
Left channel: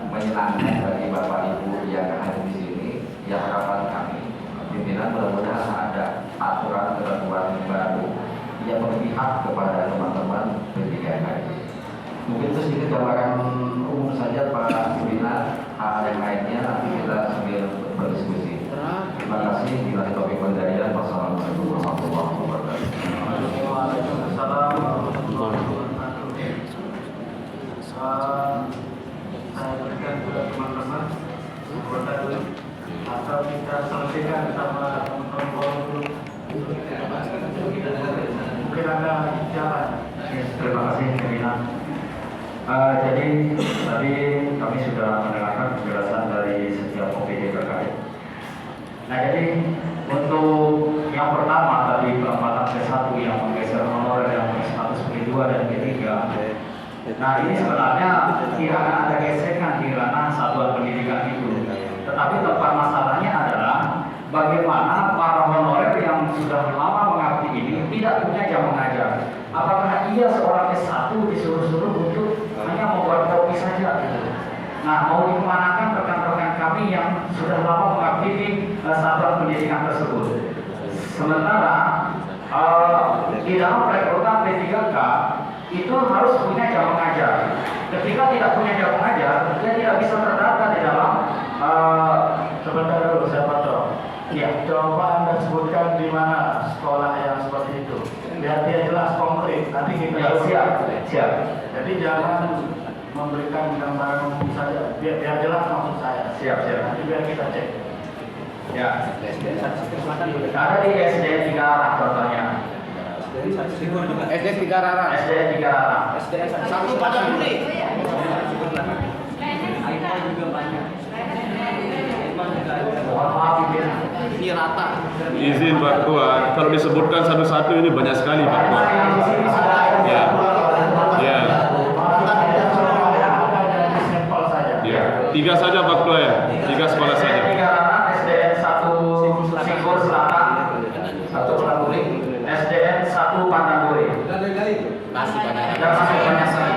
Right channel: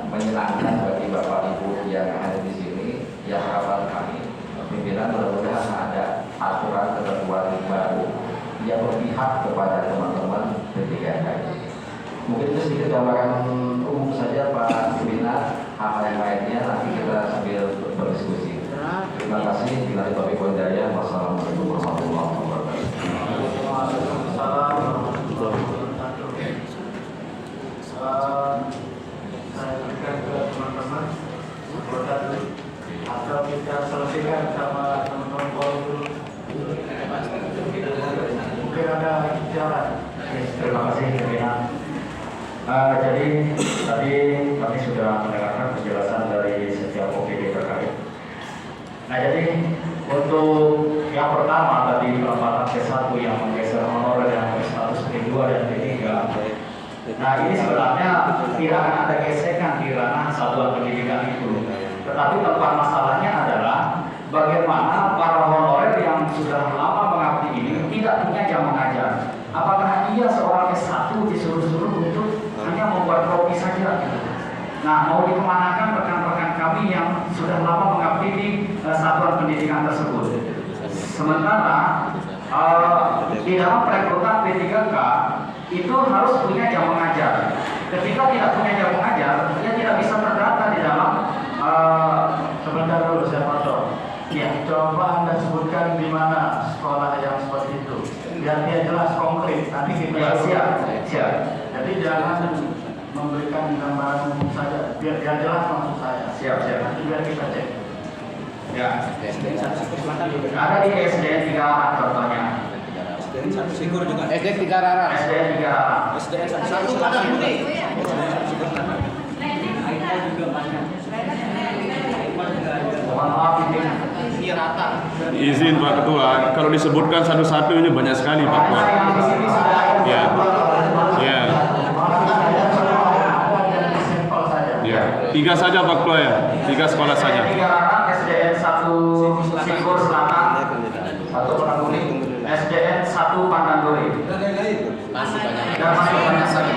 menyenangkan bagi Bapak Ibu yang ada di sini. Yang harapan kami pimpinan mudah-mudahan ada aturan ketentuan baru yang berpihak kepada teman-teman P3K. Mungkin itu sedikit gambaran umum saja Pak pimpinan. Hal yang lainnya nanti kita sambil berdiskusi. Terima kasih. Bila Taufiq Hidayah. Wassalamualaikum warahmatullahi wabarakatuh. Waalaikumsalam warahmatullahi wabarakatuh. Jadi tadi kami sudah mendengarkan penjelasan dari setiap OPD terkait. Nah, jadi untuk yang pertama tadi penempatan P1 yang menggeser honorer yang berstatus P2 dan P3. Nah, ini sebenarnya tidak akan ada gesekan di ranah satuan pendidikan itu. Tetapi tempat masalahnya adalah bagaimana para honorer yang sudah lama mengabdi ini tidak punya jam mengajar. Apakah ia seorang S1 disuruh-suruh untuk hanya membuat kopi saja gitu. Nah, mau dikemanakan rekan-rekan kami yang sudah lama mengabdi di satuan pendidikan tersebut. Sementara di dalam perekrutan P3K itu harus punya jam mengajar. Ketika tidak punya jam mengajar, dia tidak bisa terdata di dalam Sebentar dulu saya potong. ya. Coba Anda sebutkan di mana sekolah yang seperti itu. Biar dia jelas konkret. Nanti kita Ya, siap. Jadi jangan memberikan gambaran umum saja. Biar jelas maksud saya. Siap. Nanti biar kita cek. Ya. Ada di SD 3 arah contohnya. SD 3 arah. SD 3 arah. Mohon maaf Pimpin. Izin Pak Ketua, kalau disebutkan satu-satu ini banyak sekali Pak Ketua. Ya. Ya. Ya. 3 saja Pak Ketua ya. 3 sekolah saja. SD 3 arah, SDN 1 Singkur Selatan, 1 Penanduri, SDN 1 Pandanduri. Dan masih banyak lagi.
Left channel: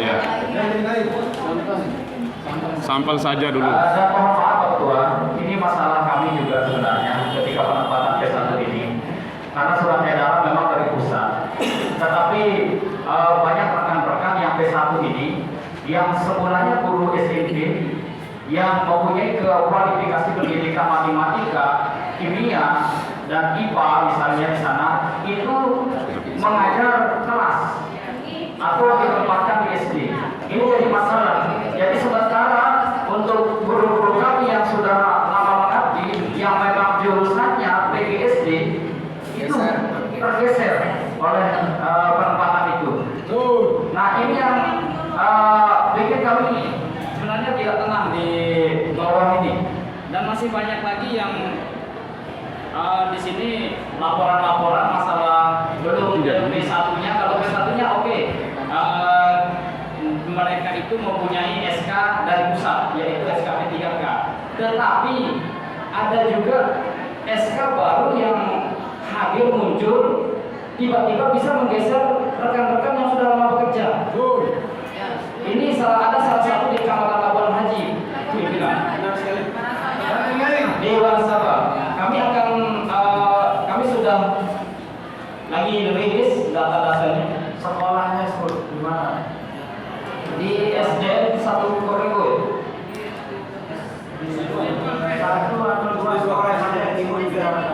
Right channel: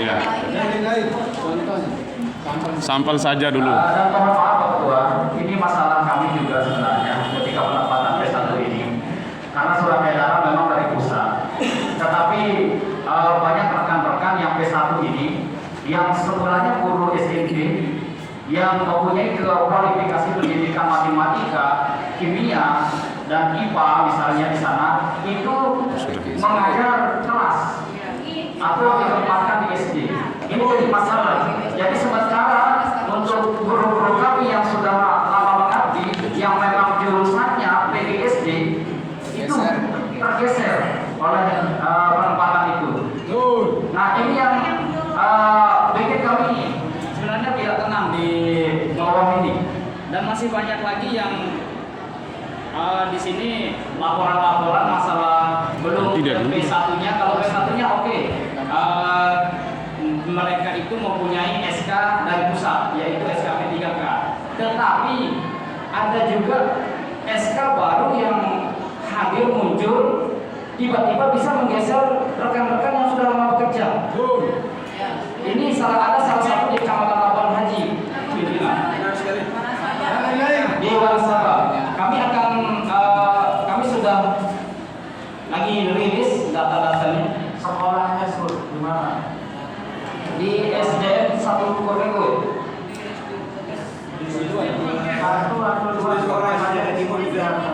Ya. Sampel saja dulu. Dan mohon maaf Pak Ketua, ini masalah kami juga sebenarnya ketika penempatan P1 ini. Karena surat edaran memang dari pusat. Tetapi banyak rekan-rekan yang P1 ini yang semulanya guru SMP yang mempunyai kualifikasi pendidikan matematika, kimia, dan IPA misalnya di sana itu mengajar kelas atau ditempatkan di SD. Ini jadi masalah. Jadi sementara untuk guru-guru kami yang sudah lama mengabdi, yang memang jurusannya PGSD itu tergeser oleh penempatan itu. Nah, ini yang bikin kami sebenarnya tidak tenang di bawah ini. Dan masih banyak lagi yang di sini laporan-laporan masalah belum P1-nya. Kalau P1-nya oke. Mereka itu mempunyai SK dari pusat, yaitu SK P3K. Tetapi ada juga SK baru yang hadir muncul, tiba-tiba bisa menggeser rekan-rekan yang sudah lama bekerja. Ini ada salah satu di Kecamatan Labuan Haji, di Wansaba. Kami sudah lagi rilis data-datanya. Sekolahnya di mana? Di SDN 1 Korego. Satu atau dua sekolah saja di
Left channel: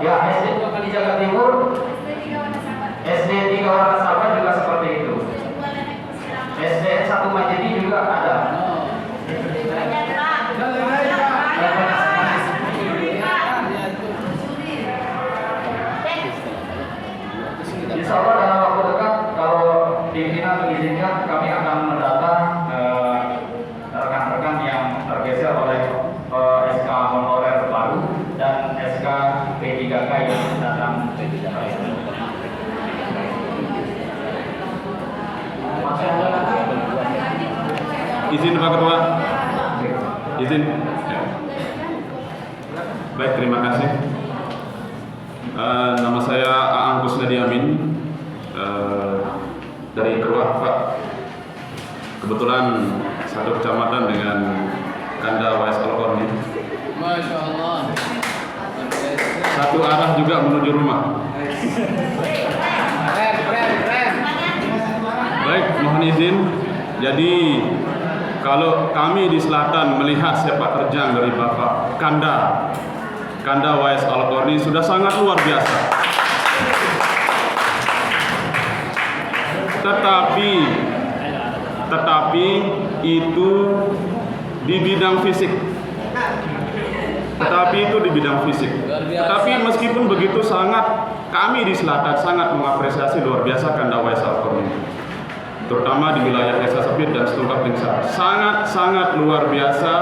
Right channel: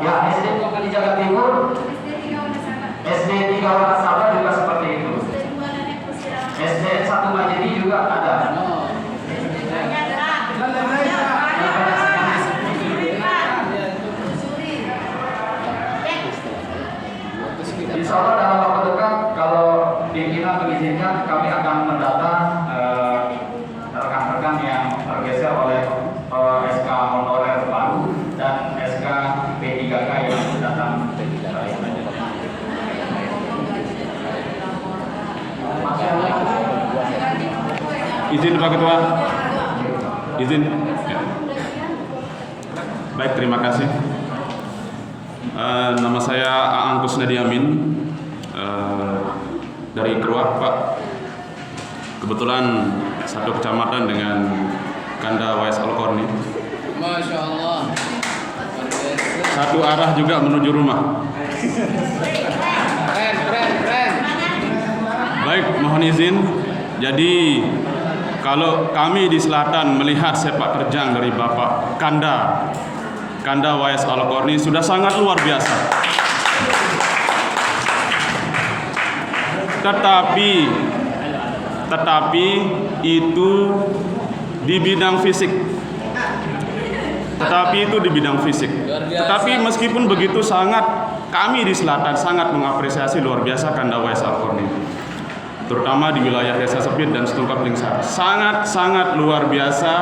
Ya, SD 2 kali Jaga Timur, SD 3 Wakasaba juga seperti itu. SDN 1 Majidi juga ada. Insya Allah dalam waktu dekat kalau pimpinan mengizinkan kami akan mendata rekan-rekan yang tergeser oleh SK honorer baru dan SK P3K yang datang. Izin Pak Ketua. Izin. Ya. Baik, terima kasih. Nama saya Aang Kusnadi Amin dari Keruah, Pak. Kebetulan satu kecamatan dengan Kanda Wais Al-Qarni. Masya Allah. Satu arah juga menuju rumah. Keren. Baik, mohon izin. Jadi kalau kami di selatan melihat sepak terjang dari Bapak Kanda Wais Al-Qarni sudah sangat luar biasa. Tetapi itu di bidang fisik. Tetapi meskipun begitu kami di selatan sangat mengapresiasi luar biasa Kanda Wais Al-Qarni. terutama di wilayah Desa Sepit dan Setungkap Lingsar. Sangat luar biasa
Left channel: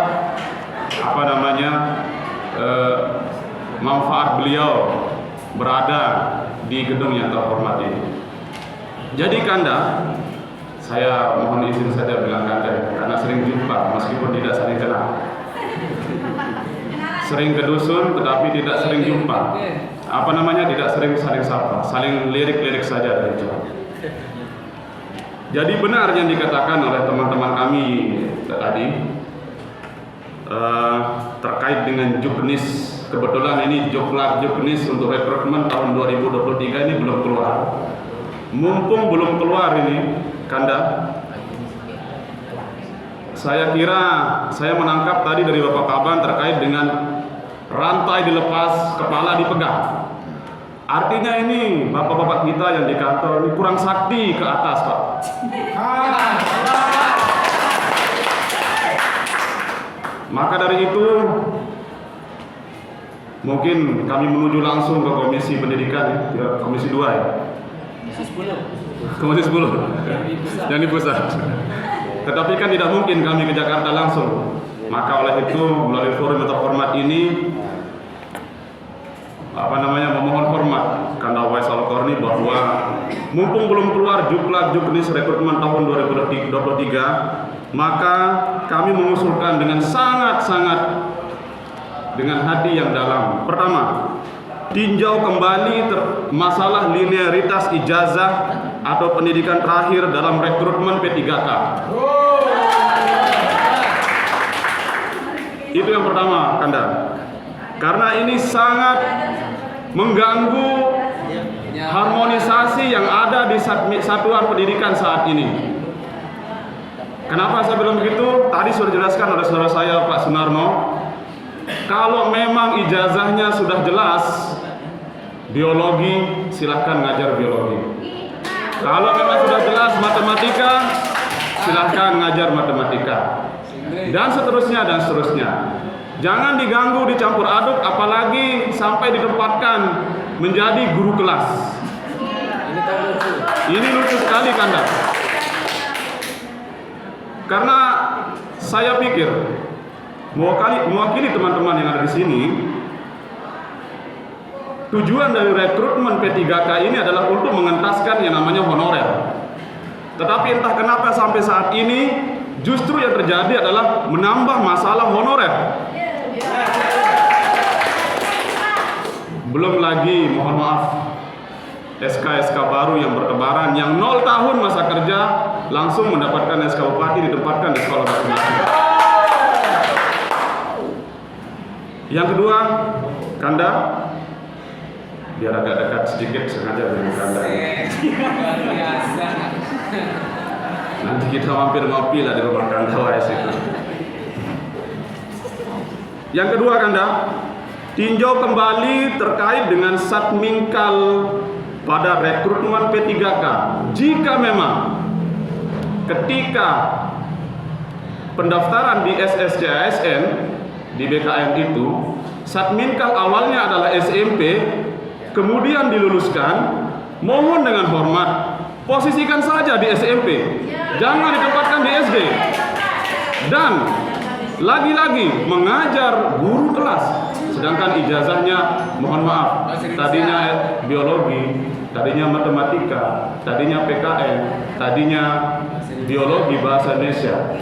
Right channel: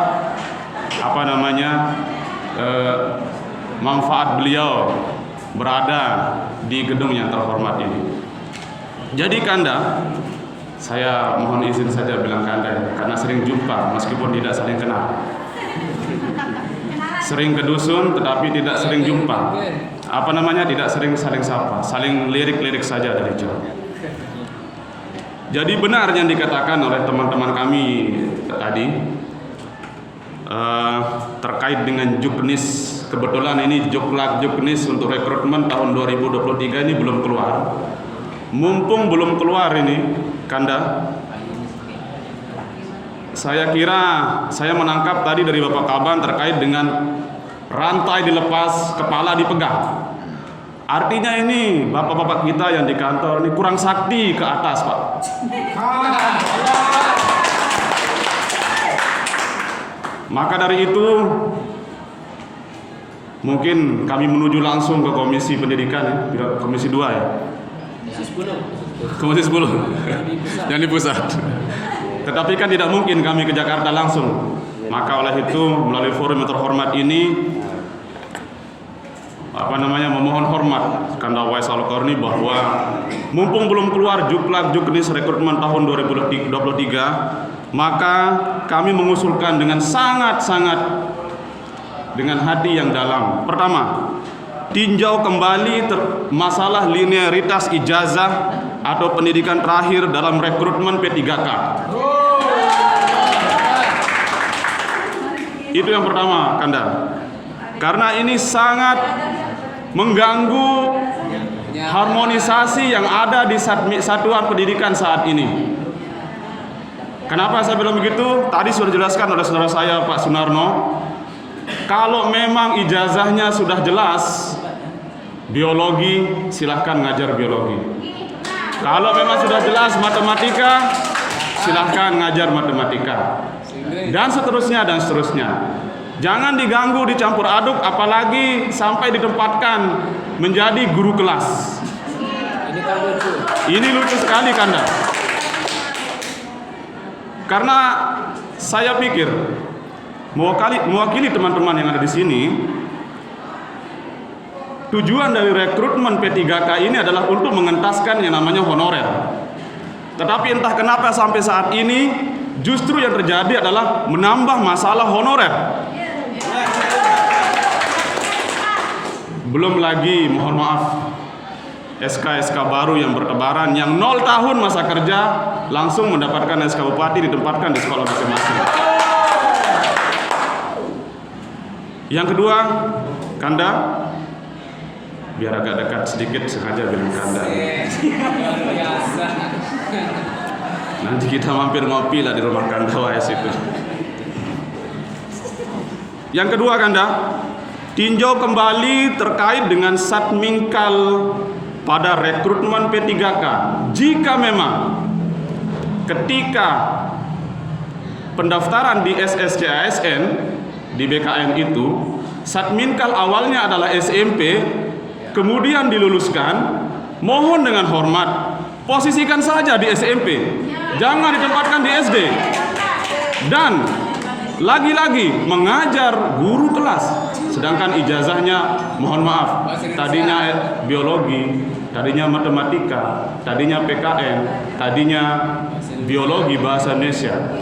manfaat beliau berada di gedung yang terhormat ini. Jadi Kanda, saya mohon izin saja bilang Kanda karena sering jumpa meskipun tidak sering kenal. Sering ke dusun tetapi tidak sering jumpa. Tidak sering saling sapa, saling lirik-lirik saja dari jauh. Jadi benar yang dikatakan oleh teman-teman kami tadi terkait dengan Juknis. Kebetulan ini Juknis untuk rekrutmen tahun 2023 ini belum keluar. Mumpung belum keluar ini, Kanda, saya kira saya menangkap tadi dari Bapak Kaban terkait dengan rantai dilepas, kepala dipegang. Artinya ini bapak-bapak kita yang di kantor ini kurang sakti ke atas, Pak. Maka dari itu mungkin kami menuju langsung ke Komisi Pendidikan, Komisi 2 ya. Komisi 10 yang di pusat. Tetapi kan tidak mungkin kami ke Jakarta langsung. Maka oleh itu melalui forum yang terhormat ini memohon hormat Kanda Wais Al-Qarni bahwa mumpung belum keluar Juknis rekrutmen tahun 2023, maka kami mengusulkan dengan sangat dengan hati yang dalam. Pertama, tinjau kembali masalah linearitas ijazah atau pendidikan terakhir dalam rekrutmen P3K. Itu yang pertama, Kanda. Karena ini sangat mengganggu harmonisasi yang ada di satuan pendidikan saat ini. Kenapa saya bilang begitu? Tadi sudah dijelaskan oleh saudara saya Pak Sunarno. Kalau memang ijazahnya sudah jelas biologi, silahkan ngajar biologi. Kalau memang sudah jelas matematika, silahkan ngajar matematika. Dan seterusnya. Jangan diganggu, dicampur aduk, apalagi sampai ditempatkan menjadi guru kelas. Ini lucu sekali, Kanda. Karena saya pikir mewakili teman-teman yang ada di sini, tujuan dari rekrutmen P3K ini adalah untuk mengentaskan yang namanya honorer. Tetapi entah kenapa sampai saat ini justru yang terjadi adalah menambah masalah honorer. Belum lagi, mohon maaf, SK baru yang bertebaran, yang 0 tahun masa kerja langsung mendapatkan SK Bupati ditempatkan di sekolah masing-masing. Yang kedua, Kanda, biar agak dekat sedikit sengaja bilang Kanda. Nanti kita mampir ngopi lah di rumah Kanda Wais itu. Yang kedua, Kanda, tinjau kembali terkait dengan Satminkal pada rekrutmen P3K. Jika memang ketika pendaftaran di SSCASN di BKN itu Satminkal awalnya adalah SMP, kemudian diluluskan, mohon dengan hormat posisikan saja di SMP, jangan ditempatkan di SD. Dan lagi-lagi mengajar guru kelas, sedangkan ijazahnya mohon maaf tadinya biologi, tadinya matematika, tadinya PKN, tadinya biologi bahasa Indonesia.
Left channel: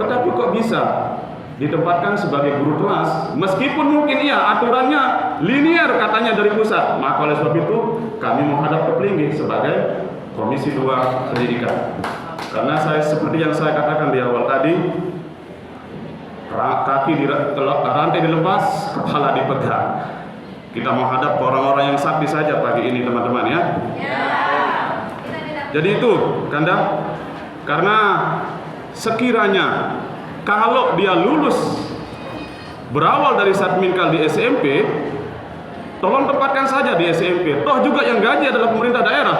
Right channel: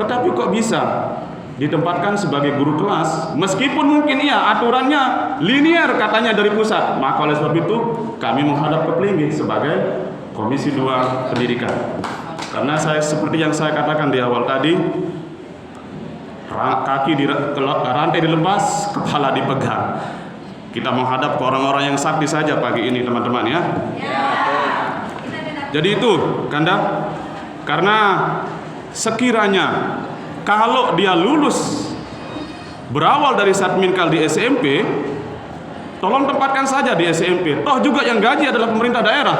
Tetapi kok bisa ditempatkan sebagai guru kelas, meskipun mungkin aturannya linear katanya dari pusat. Maka oleh sebab itu kami menghadap ke Pelinggih sebagai Komisi 2 Pendidikan. Karena seperti yang saya katakan di awal tadi, rantai dilepas, kepala dipegang. Kita menghadap ke orang-orang yang sakti saja pagi ini, teman-teman ya. Jadi itu, Kanda, karena sekiranya kalau dia lulus berawal dari Satminkal di SMP, tolong tempatkan saja di SMP. Toh juga yang gaji adalah pemerintah daerah.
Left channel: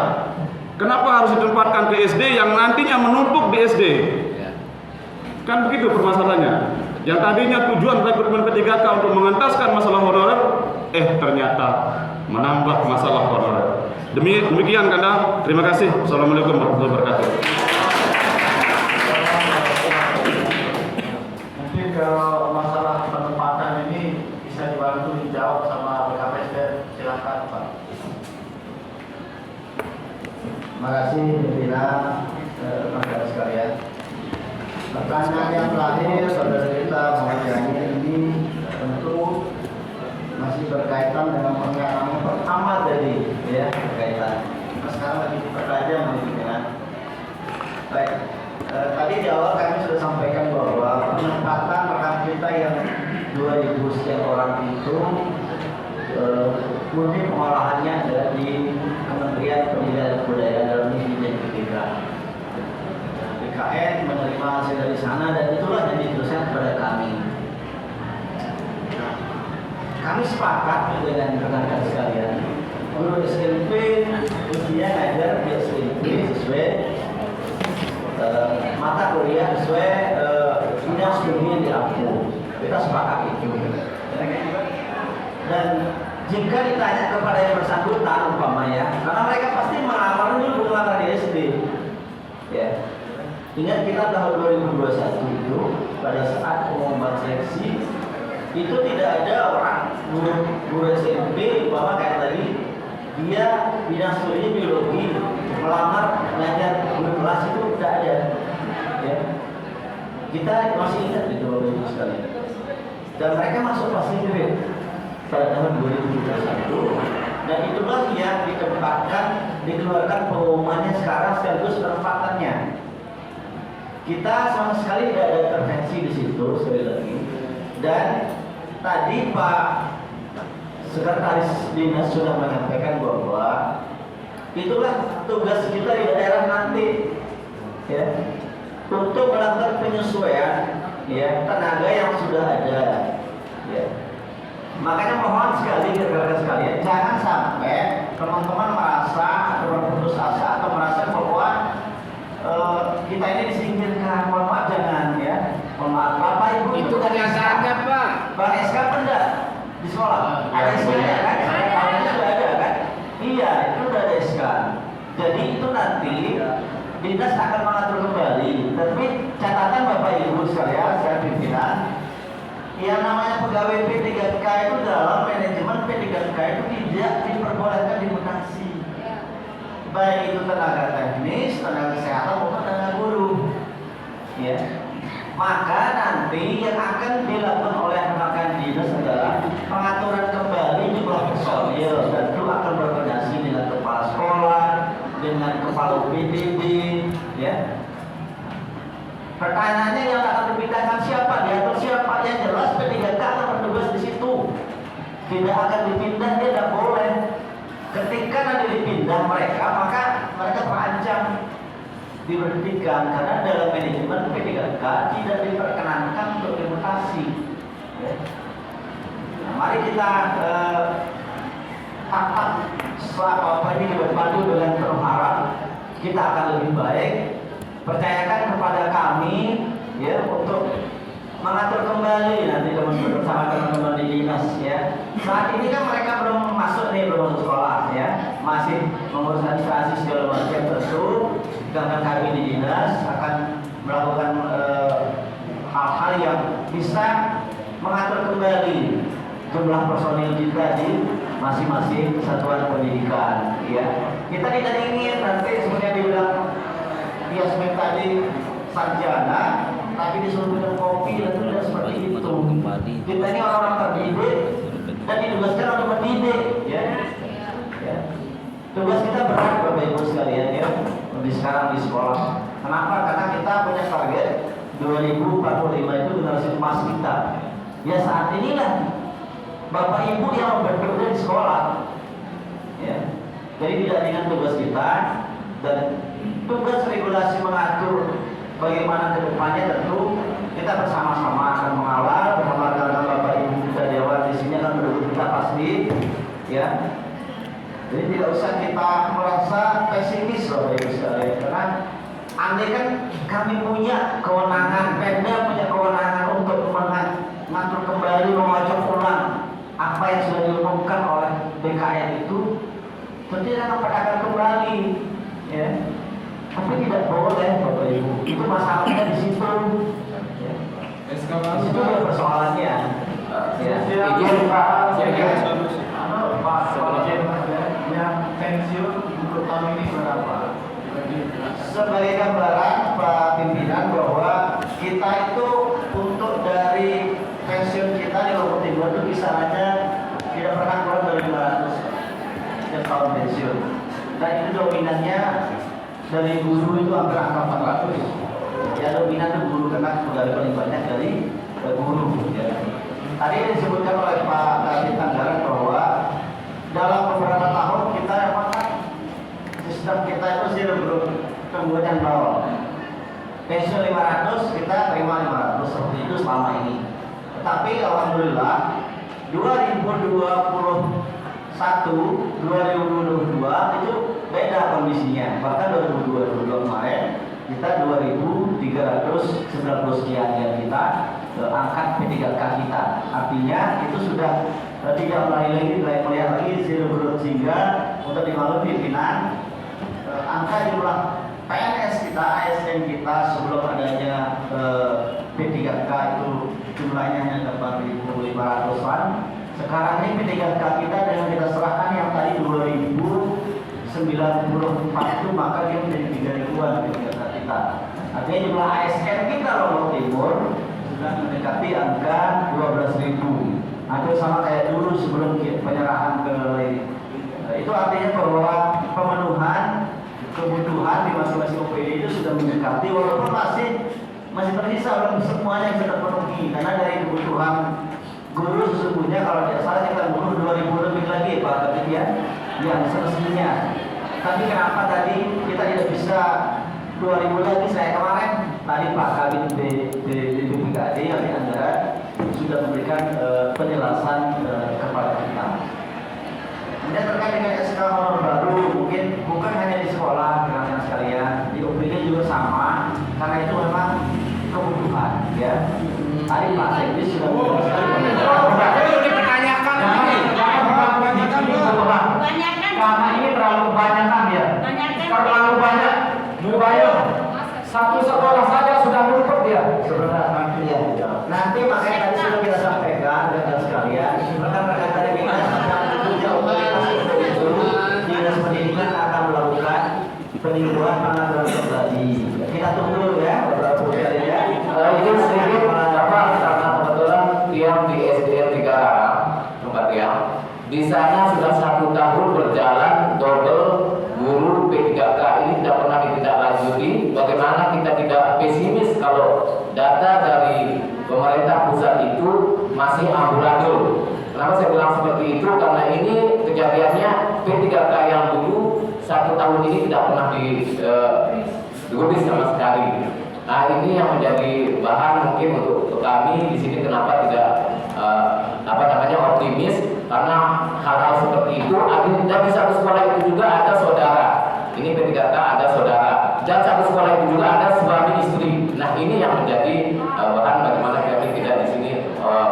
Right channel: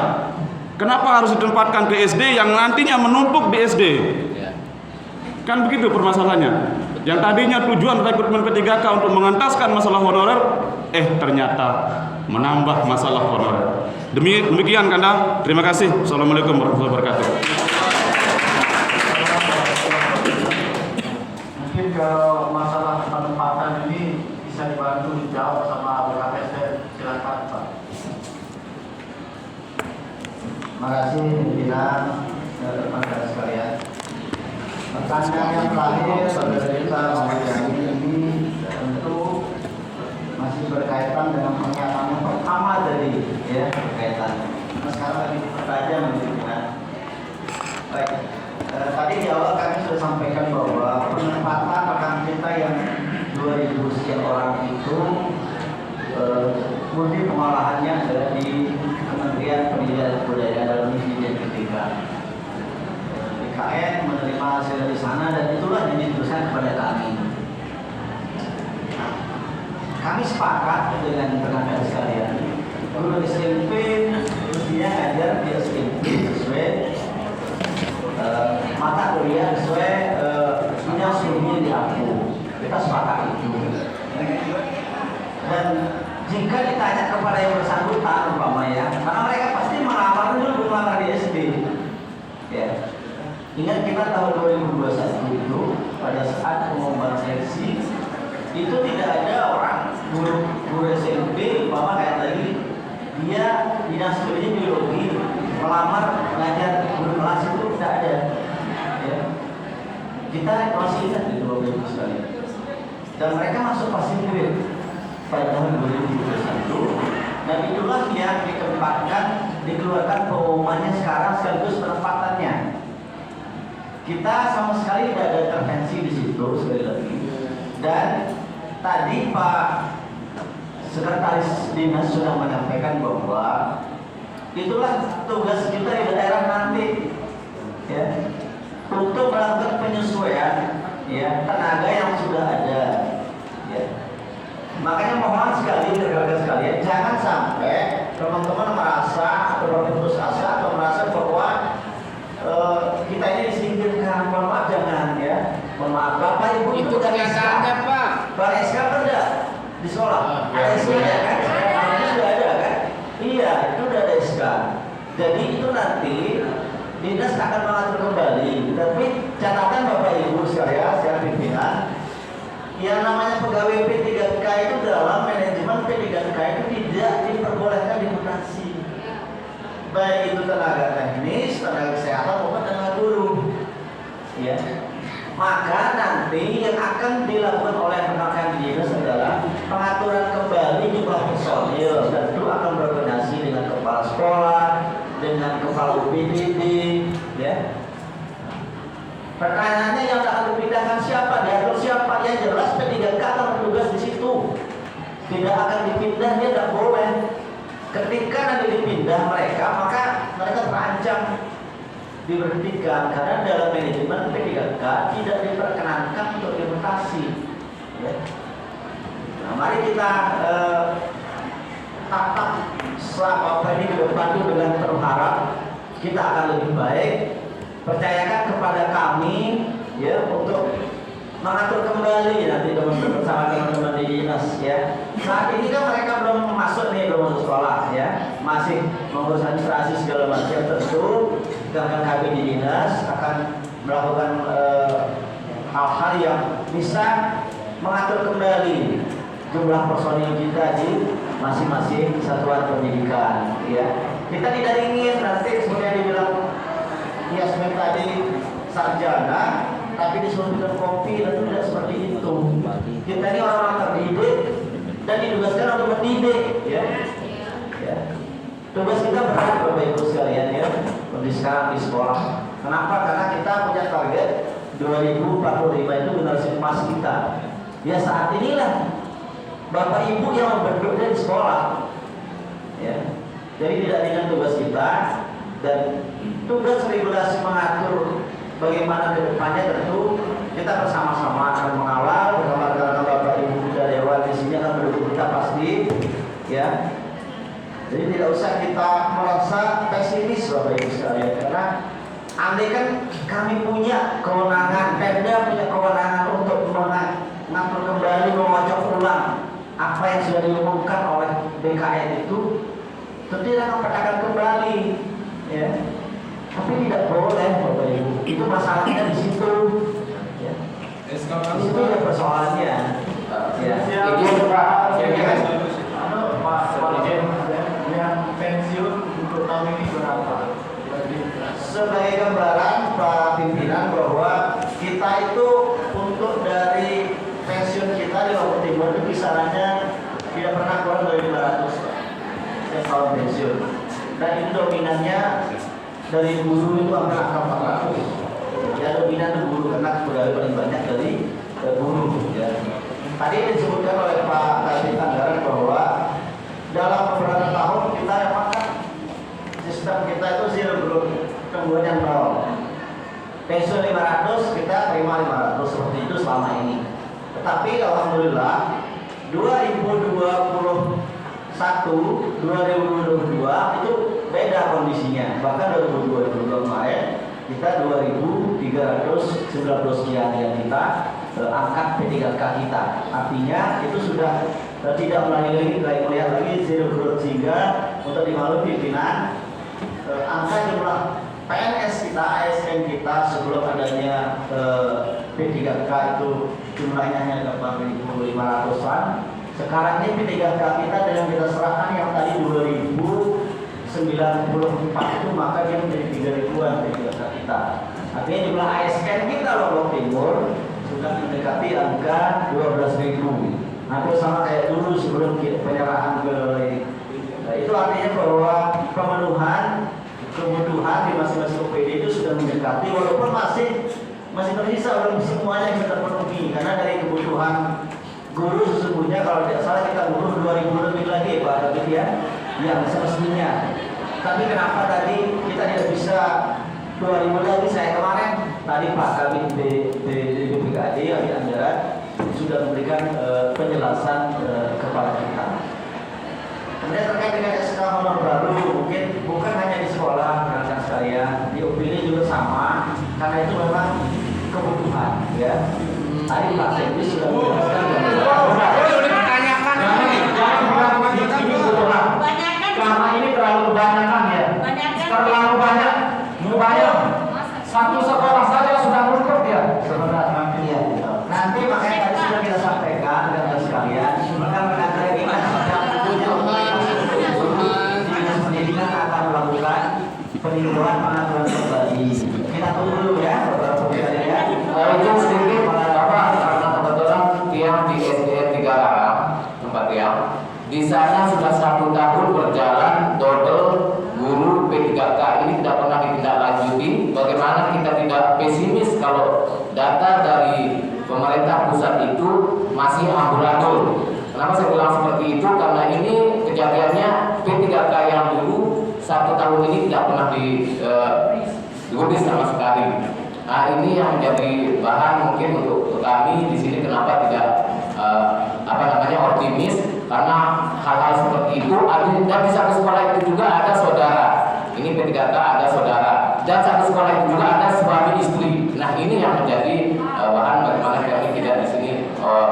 Kenapa harus ditempatkan ke SD yang nantinya menumpuk di SD? Kan begitu permasalahannya. Yang tadinya tujuan rekrutmen P3K untuk mengentaskan masalah honorer, ternyata menambah masalah honorer. Demikian Kanda, terima kasih. Assalamualaikum warahmatullahi wabarakatuh. Mungkin kalau masalah penempatan ini bisa dibantu dijawab sama BKPSDM. Silakan Pak. Terima kasih pimpinan rekan sekalian. Pertanyaan yang terakhir saudara kita Muhammad ini tentu masih berkaitan dengan pernyataan yang pertama tadi, ya berkaitan. Nah, sekarang lagi dipertajam pimpinan. Baik, tadi di awal kami sudah sampaikan bahwa penempatan rekan kita yang 2000 sekian orang itu murni pengolahannya adalah di Kementerian Pendidikan dan Kebudayaan dalam misi pendidikan. BKN menerima hasil dari sana dan itulah yang diteruskan kepada kami. Nah, kami sepakat dengan rekan-rekan sekalian, guru SMP mestinya ngajar di SMP sesuai mata kuliah sesuai bidang sebelumnya diampu. Kita sepakat itu. Dan jika ditanya kepada yang bersangkutan umpamanya, karena mereka pasti melamar dulu melamar diri sendiri. Ya. Ingat kita tahun 2021 itu pada saat pengumuman seleksi itu tidak ada orang guru SMP umpama kayak tadi dia bidang studi biologi melamar ngajar guru kelas itu tidak ada. Ya. Kita masih ingat itu Bapak Ibu sekalian. Dan mereka masuk pasti grade pada tahun 2021 dan itulah yang ditempatkan dikeluarkan pengumumannya sekarang sekaligus penempatannya. Kita sama sekali tidak ada intervensi di situ sekali lagi. Dan tadi Pak Sekretaris Dinas sudah menyampaikan bahwa itulah tugas kita di daerah nanti, ya, untuk melakukan penyesuaian, ya, tenaga yang sudah ada, ya. Makanya mohon sekali rekan-rekan sekalian, jangan sampai teman-teman merasa atau berputus asa atau merasa bahwa kita ini disingkirkan. Mohon maaf, jangan, ya. Mohon maaf, Bapak Ibu Itu kenyataannya Pak. Bang SK benda di sekolah. Ada SK ya kan? Ada sudah ada kan? Iya, itu sudah ada SK. Jadi itu nanti dinas akan mengatur kembali. Tapi catatan Bapak Ibu sekalian, saya pimpinan, yang namanya pegawai P3K itu dalam manajemen P3K itu tidak diperbolehkan dimutasi. Baik itu tenaga teknis, tenaga kesehatan maupun tenaga guru. Ya. Maka nanti yang akan dilakukan oleh rekan-rekan di dinas adalah pengaturan kembali jumlah personil dan itu akan berkoordinasi dengan kepala sekolah, dengan kepala UPDB, ya. Pertanyaannya yang akan dipindahkan siapa, diatur siapa? Yang jelas P3K akan bertugas di situ. Tidak akan dipindah, dia tidak boleh. Ketika nanti dipindah mereka, maka mereka terancam diberhentikan karena dalam manajemen P3K tidak diperkenankan untuk dimutasi. Ya. Nah, mari kita tatap selama ini ke depan itu dengan berharap kita akan lebih baik. Percayakan kepada kami, ya, untuk mengatur kembali nanti teman-teman bersama teman-teman di dinas, ya. Saat ini kan mereka belum masuk sekolah, ya, masih mengurus administrasi segala macam tentu. Karena kami di dinas akan melakukan hal-hal yang bisa mengatur kembali jumlah personil kita di masing-masing satuan pendidikan, ya. Kita tidak ingin nanti sebenarnya dibilang Yasmin tadi sarjana, tapi disuruh minum kopi, dan tidak seperti itu. Kita ini orang-orang terdidik dan ditugaskan untuk mendidik, ya. Ya. Tugas kita berat Bapak Ibu sekalian, ya, sekarang di sekolah. Kenapa? Karena kita punya target 2045 itu generasi emas kita. Ya saat inilah Bapak Ibu yang membentuknya di sekolah, ya. Jadi tidak dengan tugas kita dan tugas regulasi mengatur bagaimana kedepannya tentu kita bersama-sama akan mengawal bersama dengan Bapak Ibu dan Dewan di sini akan mendukung kita pasti, ya. Jadi tidak usah kita merasa pesimis Bapak Ibu sekalian, karena andai kan kami punya kewenangan, Pemda punya kewenangan untuk mengatur kembali, mengocok ulang apa yang sudah diumumkan oleh BKN itu tentunya akan kembali, ya. Tapi tidak boleh, Bapak Ibu. Itu masalahnya di situ. Ya. Di situ ya persoalannya. Ya. Itu Pak, yang pensiun untuk tahun ini berapa? Sebagai gambaran Pak Pimpinan bahwa kita itu untuk dari pensiun kita di Lombok Timur itu kisarannya tidak pernah kurang dari 500 setiap tahun pensiun. Dan ini dominannya dari guru itu hampir angka 400. Ya dominan itu guru karena pegawai paling banyak dari guru. Ya. Tadi disebutkan oleh Pak Kadif Anggaran bahwa dalam beberapa tahun kita memang sistem kita itu zero growth, pertumbuhan yang bawah. Pensiun 500 kita terima 500 seperti itu selama ini. Tetapi alhamdulillah 2021 itu beda kondisinya. Bahkan 2022 kemarin kita 2.319 sekian yang kita angkat P3K kita. Artinya itu sudah tidak melihat lagi zero growth, sehingga untuk dimaklumi pimpinan angka jumlah PNS kita, ASN kita sebelum adanya P3K itu jumlahnya hanya 4.500-an. Sekarang ini P3K kita dan kita serahkan yang tadi 2094 itu, maka dia menjadi 3.000-an P3K kita. Artinya jumlah ASN kita Lombok Timur sudah mendekati angka 12.000. Hampir sama kayak dulu sebelum penyerahan ke LEDI. Itu artinya bahwa pemenuhan kebutuhan di masing-masing OPD itu sudah mendekati, walaupun masih tersisa belum semuanya bisa terpenuhi, karena dari kebutuhan guru sesungguhnya kalau tidak salah kita guru 2.000 lebih lagi Pak Kabit ya, yang semestinya. Tapi kenapa tadi kita tidak bisa 2.000 lagi? Saya kemarin tadi Pak Kabit BPKD Ali Anggaran sudah memberikan penjelasan kepada kita. Kemudian terkait dengan SK honor baru, mungkin bukan hanya di sekolah, rekan sekalian, di UPD juga sama, karena itu memang kebutuhan, ya. Tadi Pak Sekdi sudah menjelaskan. Dipertanyakan, karena ini terlalu kebanyakan ya. Terlalu banyak. Mubayang, satu sekolah saja sudah menutup ya. Sebenarnya nanti makanya tadi sudah kita sampaikan rekan sekalian, rekan-rekan dari kita Dinas Pendidikan akan melakukan peninjauan pengaturan kembali. Kita tunggu dulu ya beberapa bulan ya. Itu sedikit Bapak, karena kebetulan tiang di SDN 3 Arah tempat tiang di sana sudah 1 tahun berjalan double guru P3K ini tidak pernah ditindaklanjuti. Bagaimana kita tidak pesimis kalau data dari pemerintah pusat itu masih amburadul. Kenapa saya bilang seperti itu? Karena ini kejadiannya P3K yang dulu 1 tahun ini tidak pernah digubris sama sekali. Nah ini yang menjadi bahan mungkin untuk kami di sini kenapa tidak optimis, karena hal-hal seperti itu dan di satu sekolah itu juga ada saudara. Ini P3K ada saudara dan satu sekolah itu juga ada suami istri. Nah ini yang menjadi bahan bagaimana kami tidak di sini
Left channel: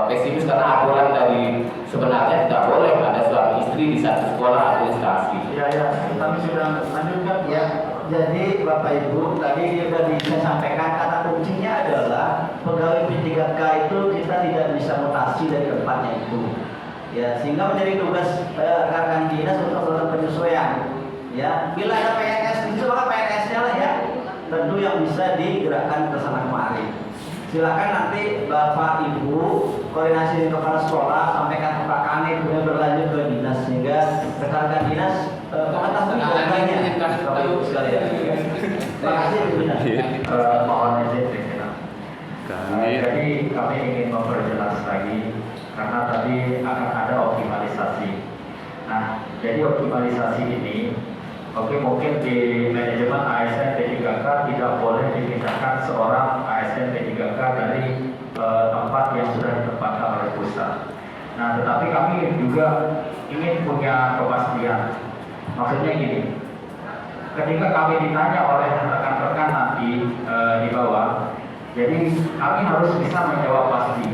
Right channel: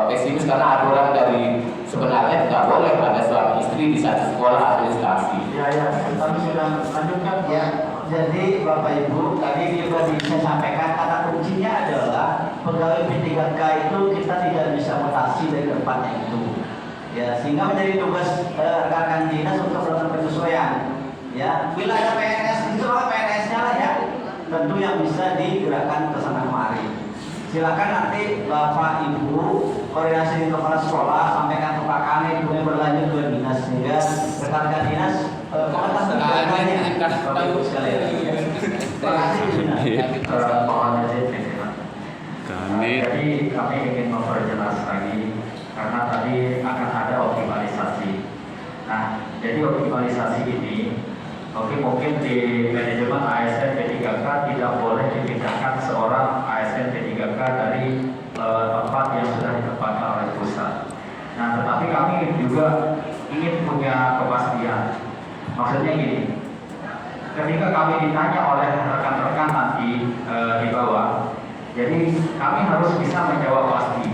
pesimis, karena aturan dari sebenarnya tidak boleh ada suami istri di satu sekolah administrasi. Ya, kami sudah lanjutkan. Ya, jadi Bapak Ibu tadi saya sampaikan kata kuncinya adalah pegawai P3K itu kita tidak bisa mutasi dari tempatnya itu. Ya, sehingga menjadi tugas rekan dinas untuk melakukan penyesuaian. Ya, bila ada PNS itu maka PNS-nya lah ya, tentu yang bisa digerakkan bersama kemari. Silakan nanti Bapak Ibu koordinasi dengan kepala sekolah, sampaikan ke Pak Kanit, kemudian berlanjut ke dinas, sehingga rekan-rekan dinas komentar sekalian. Terima kasih dinas. Mohon izin pimpinan. Jadi kami ingin memperjelas lagi karena tadi akan ada optimalisasi. Nah, jadi optimalisasi ini mungkin di manajemen ASN P3K tidak boleh dipindahkan seorang ASN P3K dari tempat yang sudah ditempatkan oleh pusat. Nah, tetapi kami juga ingin punya kepastian. Maksudnya gini, ketika kami ditanya oleh rekan-rekan nanti di bawah, jadi kami harus bisa menjawab pasti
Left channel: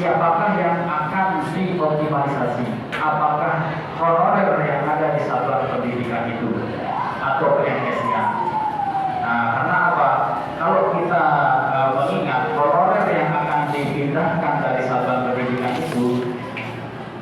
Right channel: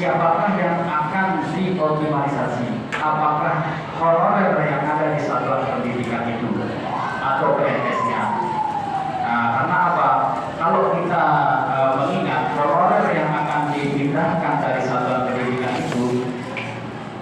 siapakah yang akan dioptimalisasi? Apakah honorer yang ada di satuan pendidikan itu atau PNS-nya? Nah, karena apa? Kalau kita mengingat honorer yang akan dipindahkan dari satuan pendidikan itu,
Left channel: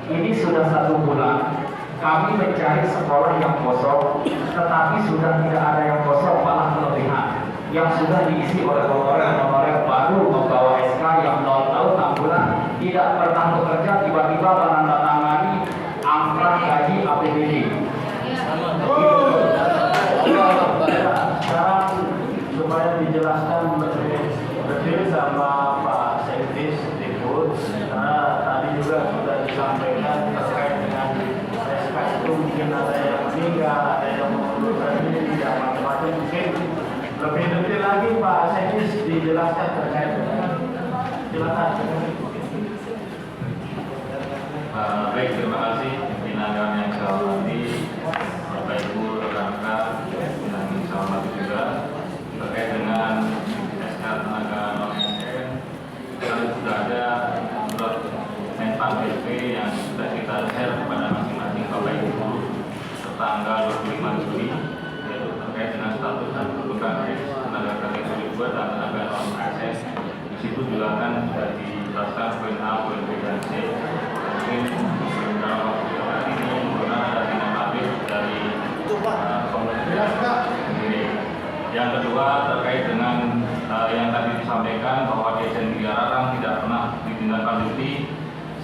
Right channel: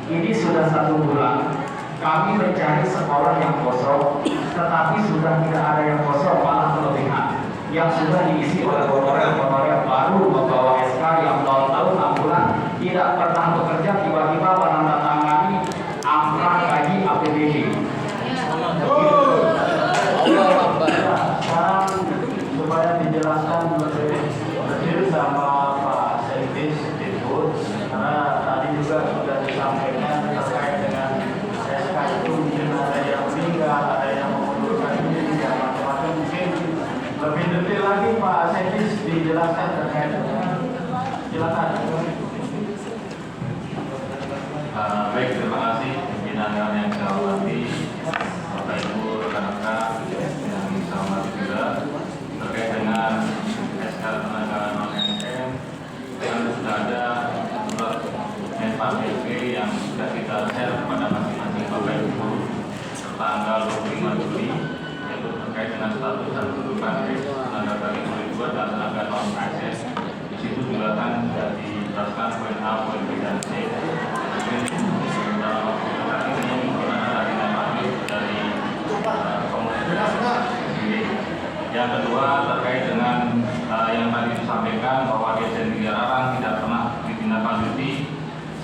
ini sudah 1 bulan kami mencari sekolah yang kosong, tetapi sudah tidak ada yang kosong, malah kelebihan yang sudah diisi oleh honorer baru membawa SK yang 0 tahun 6 bulan tidak pernah bekerja, tiba-tiba menandatangani angka gaji APBD. Sekarang supaya dijelaskan lebih detail sama Pak Sekdes Diput, karena tadi juga sudah disampaikan terkait dengan SK itu mungkin ada yang meninggal, ada yang mengundurkan diri, dan macam-macam. Mungkin lebih detail lagi Pak Sekdes dijelaskan terkait dengan, silakan. Baik, terima kasih pimpinan yang saya hormati, Bapak Ibu, rekan-rekan yang saya hormati juga terkait dengan SK tenaga non-ASN. Karena sudah ada surat Menpan BP yang sudah kita share kepada masing-masing Bapak Ibu tertanggal 25 Juli, yaitu terkait dengan status dan kedudukan tenaga kerja kehidupan dan tenaga non-ASN. Di situ juga kan sudah dijelaskan poin A, poin B, dan C. Dalam waktu dekat ini merupakan ada tindak lanjut dari komunitas sendiri. Yang kedua terkait dengan yang tadi disampaikan bahwa DSN Tiga tidak pernah ditindaklanjuti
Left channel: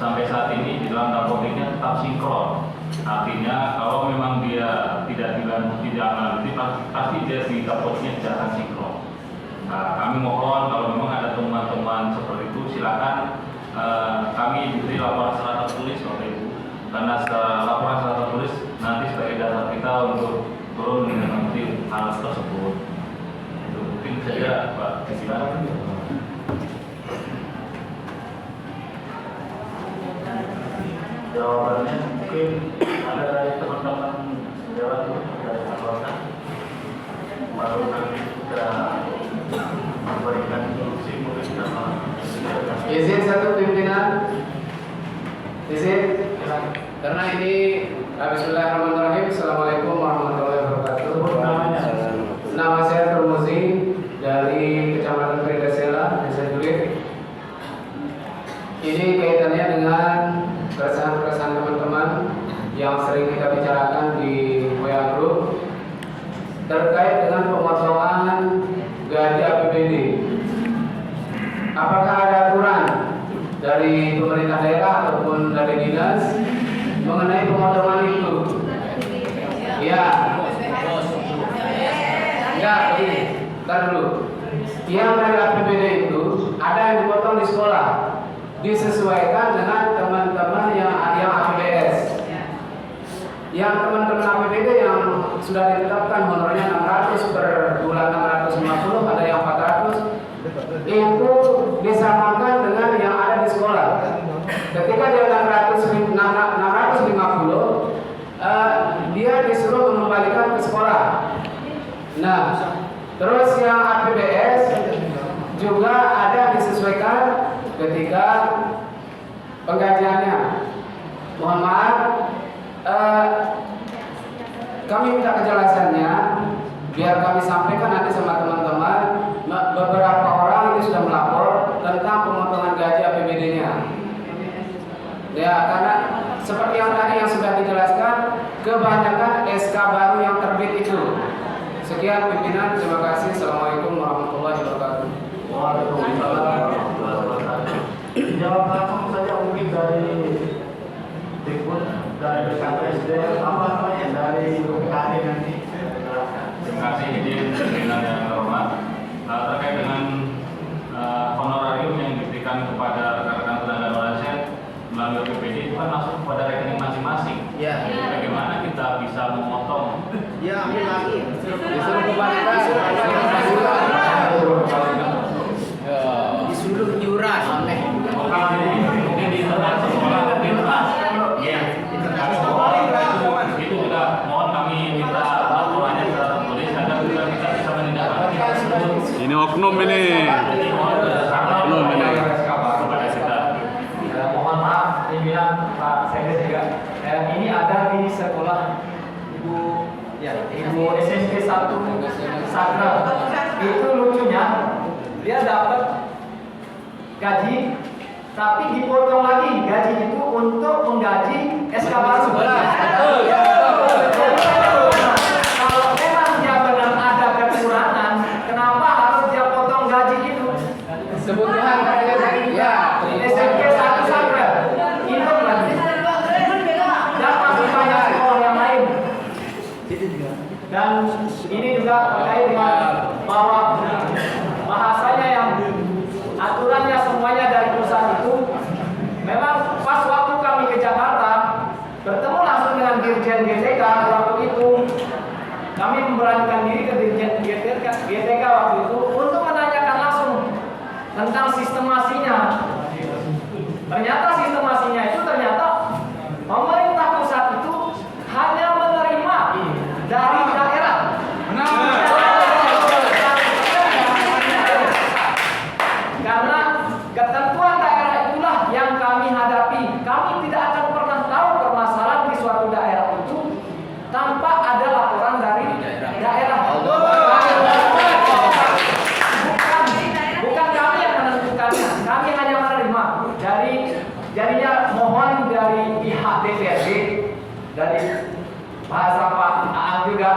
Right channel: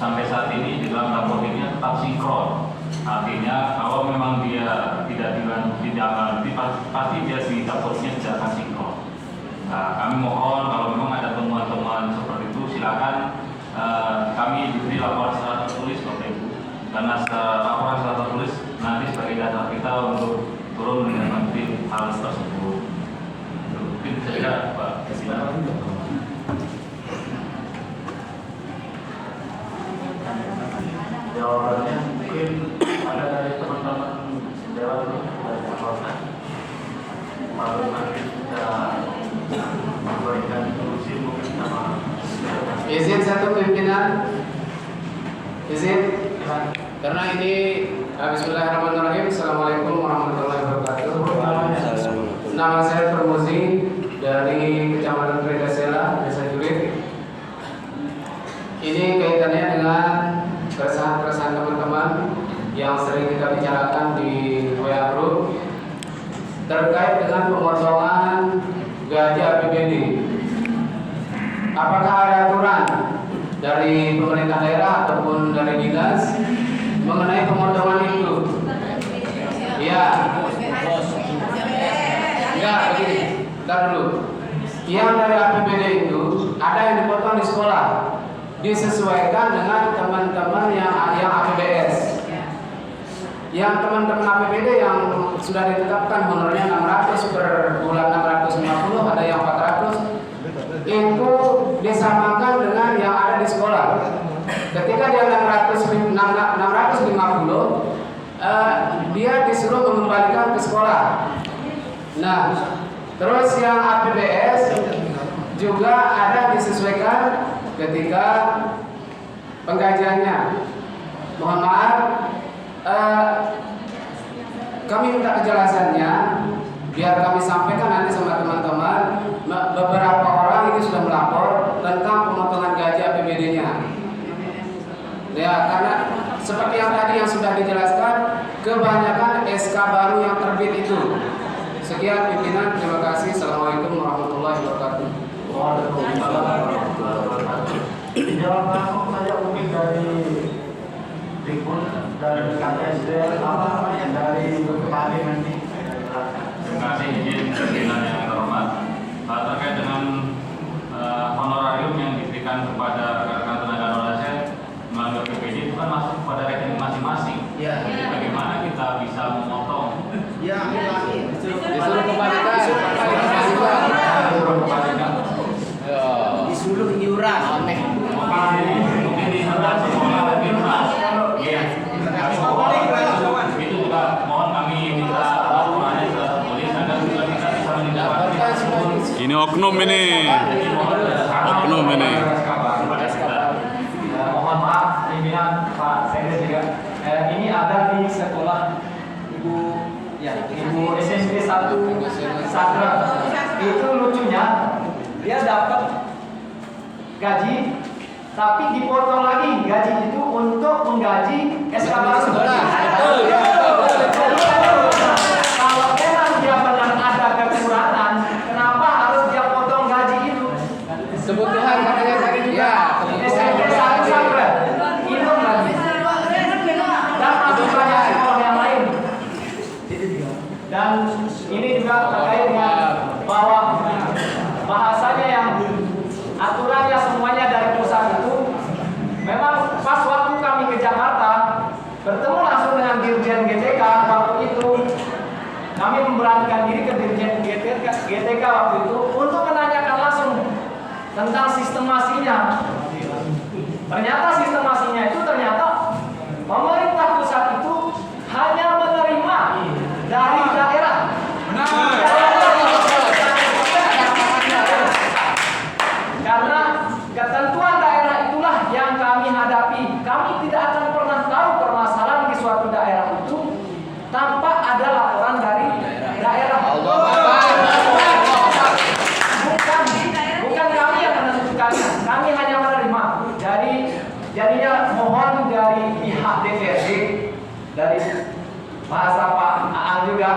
sampai saat ini di dalam dapotiknya tetap sinkron. Artinya kalau memang dia tidak ditindaklanjuti pasti dia di dapotiknya tidak akan sinkron. Kami mohon kalau memang ada temuan-temuan seperti itu silakan kami diberi laporan secara tertulis Bapak Ibu, karena laporan secara tertulis nanti sebagai dasar kita untuk turun menanggapi hal tersebut. Itu mungkin saja Pak. Jawabannya mungkin ada dari teman-teman Dewan dari anggota, baru nanti kita memberikan instruksi mungkin sama. Izin satu pimpinan, izin, karena ini Bismillahirrahmanirrahim. Assalamualaikum warahmatullahi wabarakatuh. Nama saya Turmuzi dari Kecamatan Predasela, Desa Julit. Ini kaitannya dengan keresahan-keresahan teman-teman yang sering kita bicarakan di WA Group terkait dengan pemotongan gaji APBD. Apakah ada aturan dari pemerintah daerah ataupun dari dinas mengenai pemotongan itu? Ya. Enggak, begini. Bentar dulu. Yang dari APBD itu ada yang dipotong di sekolah, disesuaikan dengan teman-teman yang APBS. Yang teman-teman APBD yang sudah ditetapkan honornya 600 per bulan, 650, ada yang 400, itu disamakan dengan yang ada di sekolah. Ketika dia 650, dia disuruh mengembalikan ke sekolah. Nah, terus yang APBS juga ada disesuaikan ketika penggajiannya. Mohon maaf, kami minta kejelasannya biar kami sampaikan nanti sama teman-teman. Beberapa orang ini sudah melapor tentang pemotongan gaji APBD-nya. Ya, karena seperti yang tadi yang sudah dijelaskan, kebanyakan SK baru yang terbit itu. Sekian pimpinan, terima kasih. Assalamualaikum warahmatullahi wabarakatuh. Waalaikumsalam warahmatullahi wabarakatuh. Jawab langsung saja mungkin dari Diput, dari BKSD, apa namanya dari BKD nanti. Terima kasih izin pimpinan yang terhormat. Terkait dengan honorarium yang diberikan kepada rekan-rekan tenaga non-ASN melalui APBD itu kan masuk kepada rekening masing-masing. Ya. Jadi bagaimana kita bisa memotong? Ya, Disuruh kembalikan. disuruh iuran. Mungkin di tempat sekolah mungkin mas. Ya. Itu juga mohon kami minta laporannya secara tertulis agar kita bisa menindaklanjuti. Ini oknum ini. Oknum ini. pimpinan Pak Sebe juga. Ini ada di sekolah Ibu SMP 1 Sakra. Itu lucunya dia dapat gaji tapi dipotong lagi gaji itu untuk menggaji SK baru. Kalau memang dia benar ada kekurangan, kenapa harus dia potong gaji itu? Kebutuhan katanya ya. SMP 1 Sakra hitung lagi. Dan masih banyak sekolah yang lain. Dan ini juga terkait dengan bahwa bahasanya yang aturannya semuanya dari pusat itu. Memang pas waktu kami ke Jakarta bertemu langsung dengan Dirjen GTK waktu itu, kami memberanikan diri ke Dirjen GTK waktu itu untuk menanyakan langsung tentang sistemasinya. Ternyata sistemasinya itu pemerintah pusat itu hanya menerima dari daerah. Karena ketentuan daerah itulah yang kami hadapi. Kami tidak akan pernah tahu permasalahan di suatu daerah itu tanpa ada laporan dari daerah. Bukan kami yang menentukannya. Kami hanya menerima. Jadinya mohon dari pihak DPRD, dari bahasa Pak Aan juga,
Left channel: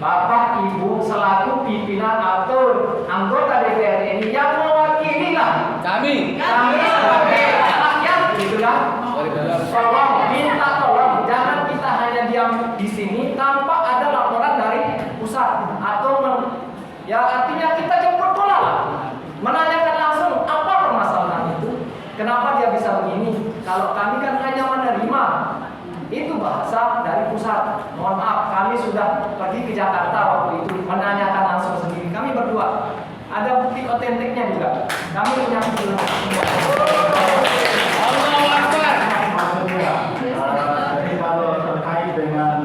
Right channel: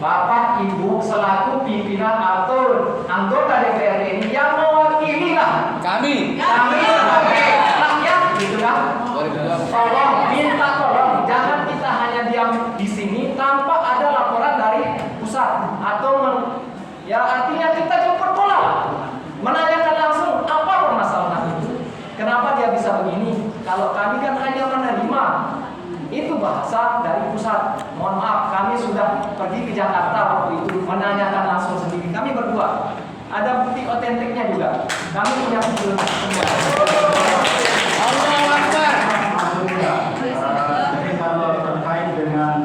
Bapak Ibu selaku pimpinan atau anggota DPRD ini yang mewakili lah kami rakyat gitu kan. Tolong jangan kita hanya diam di sini tanpa ada laporan dari pusat atau ya artinya kita jemput bola lah, menanyakan langsung apa permasalahan itu, kenapa dia bisa begini. Kalau kami kan hanya menerima. Itu bahasa dari pusat. Mohon maaf, kami sudah pergi ke Jakarta waktu itu menanyakan langsung sendiri. Kami berdua ada bukti otentiknya juga. Kami punya bukti semua. Jadi kalau terkait dengan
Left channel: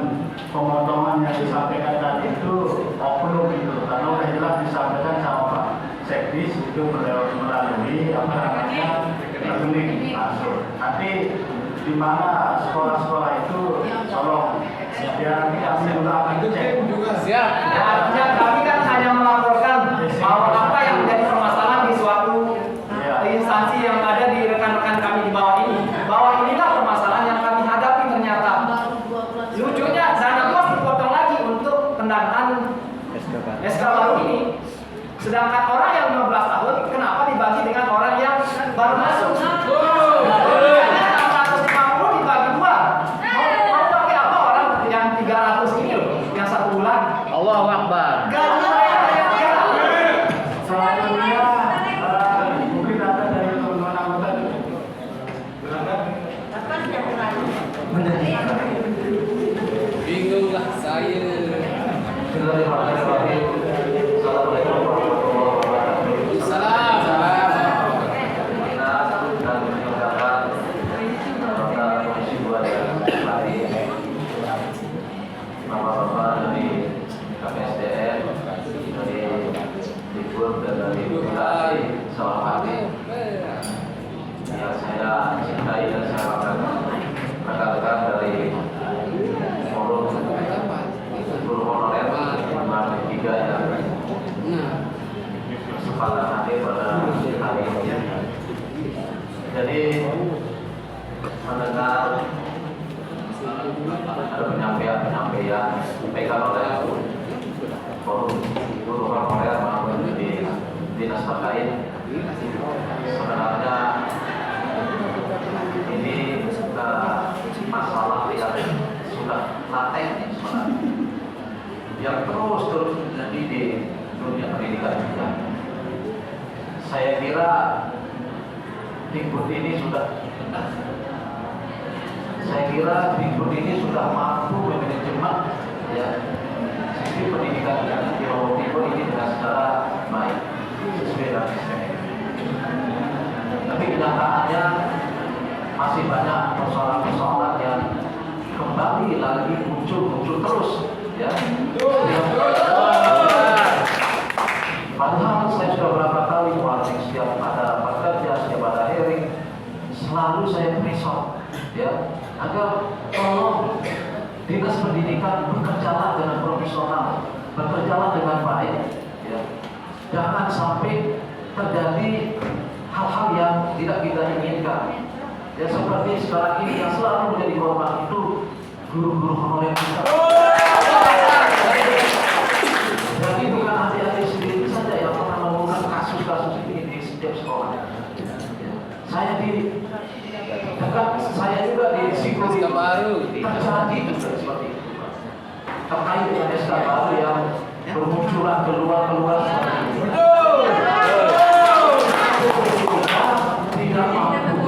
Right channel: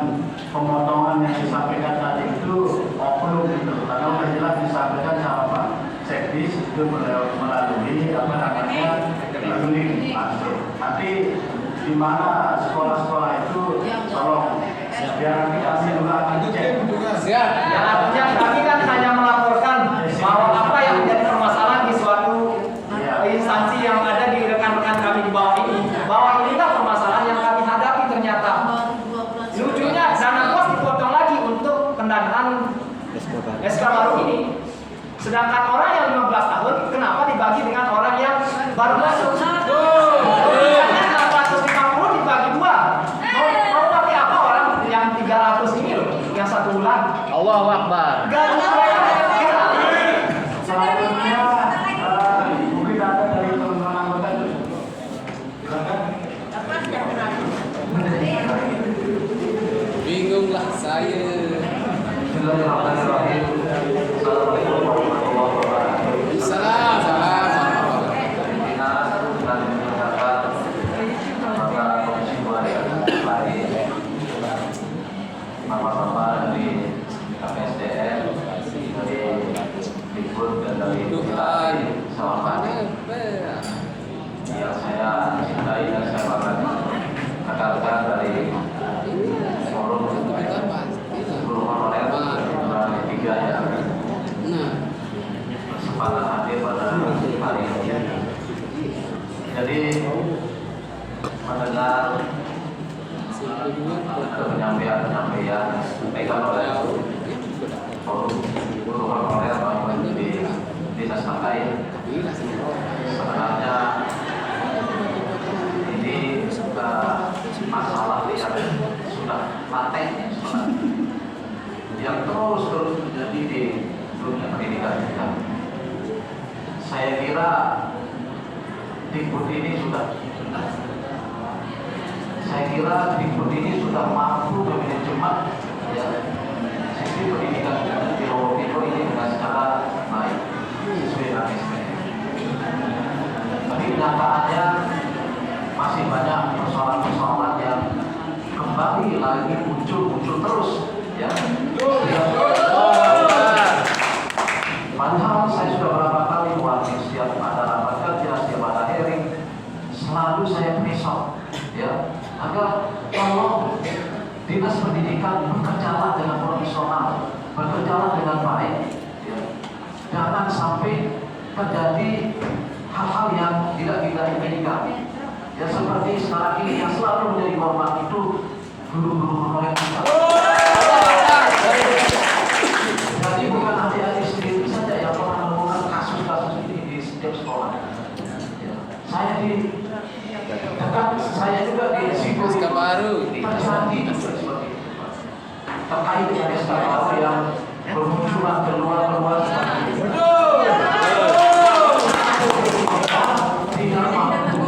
pemotongan yang disampaikan tadi itu oknum itu, karena sudah jelas disampaikan sama Pak Sekdis itu melalui rekening masuk. Nanti di mana sekolah-sekolah itu tolong biar kami akan cek. Siap. Ya, artinya kami kan hanya melaporkan bahwa apa yang menjadi permasalahan di suatu instansi yang ada di rekan-rekan kami di bawah ini, bahwa inilah permasalahan yang kami hadapi ternyata. Lucunya dana pos dipotong lagi untuk pendanaan SK baru ini. Sedangkan orang yang 15 tahun kenapa dibagi dengan orang yang baru masuk? Dibagi dua. Mau pakai apa orang yang 300 ini loh, yang 1 bulan? Allahu Akbar. Selanjutnya mungkin ada dari teman-teman anggota. Silakan. Bingung lah saya. Assalamualaikum warahmatullahi wabarakatuh. Salam. Bapak-bapak dari KPSDM, dari Dikbud dan dari Bupati, selamat yang saya cintai dan saya banggakan rekan-rekan dari forum guru honorer bulan 3 yang kesempatan hadir pada hari ini. Jadi mendengar penyampaian disampaikan oleh forum guru honorer maupun di dinas terkait, sebenarnya ini masalah yang sudah laten yang terus terjadi di dunia pendidikan kita. Saya kira Dikbud ini sudah Dikbud ini sudah mampu memanajemen sisi pendidikan di Lombok Timur ini dengan secara baik sesuai dengan SPM. Tapi kenyataannya masih banyak persoalan-persoalan yang kembali lagi muncul terus, ya. Padahal saya sudah berapa kali warning setiap ada rapat kerja, setiap ada hearing, selalu saya risau. ya, agar tolong dinas pendidikan bekerjalah dengan profesional, bekerjalah dengan baik, ya. Jangan sampai terjadi hal-hal yang tidak kita inginkan. Ya seperti sekarang ini yang selalu menjadi korban itu guru-guru honorer kita. Jadi bukan adik-adik sendiri saja yang pernah menemukan kasus-kasus ini di setiap sekolah. Ya. Saya juga di psikologi terjadi juga seperti itu. Terkait dengan SK baru yang bermunculan keluar seperti itu. Tidak mampu.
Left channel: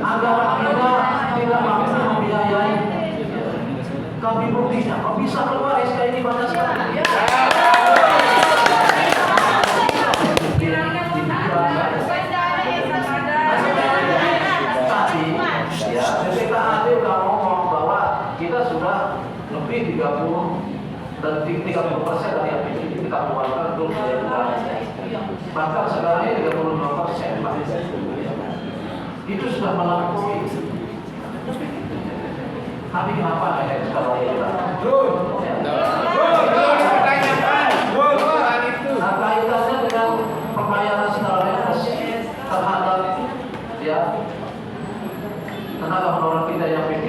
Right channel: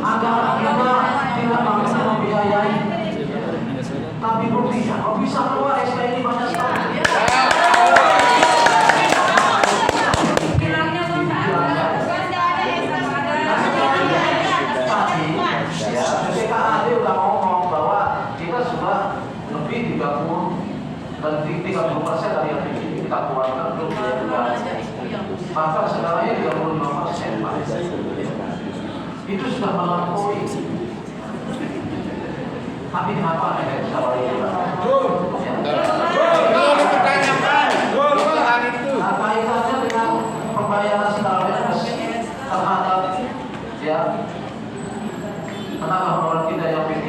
Agak-agak tidak mampu membiayai. Tapi buktinya, kok bisa keluar SK ini banyak sekali. BPKAD udah ngomong bahwa kita sudah lebih 30% dari yang kita keluarkan untuk biaya bulanan. Bahkan sekarang ini 32%. Itu sudah melampaui. Tapi kenapa ada sekarang ini? Apa kaitannya dengan pembayaran secara terhadap ya tenaga honorer kita yang P3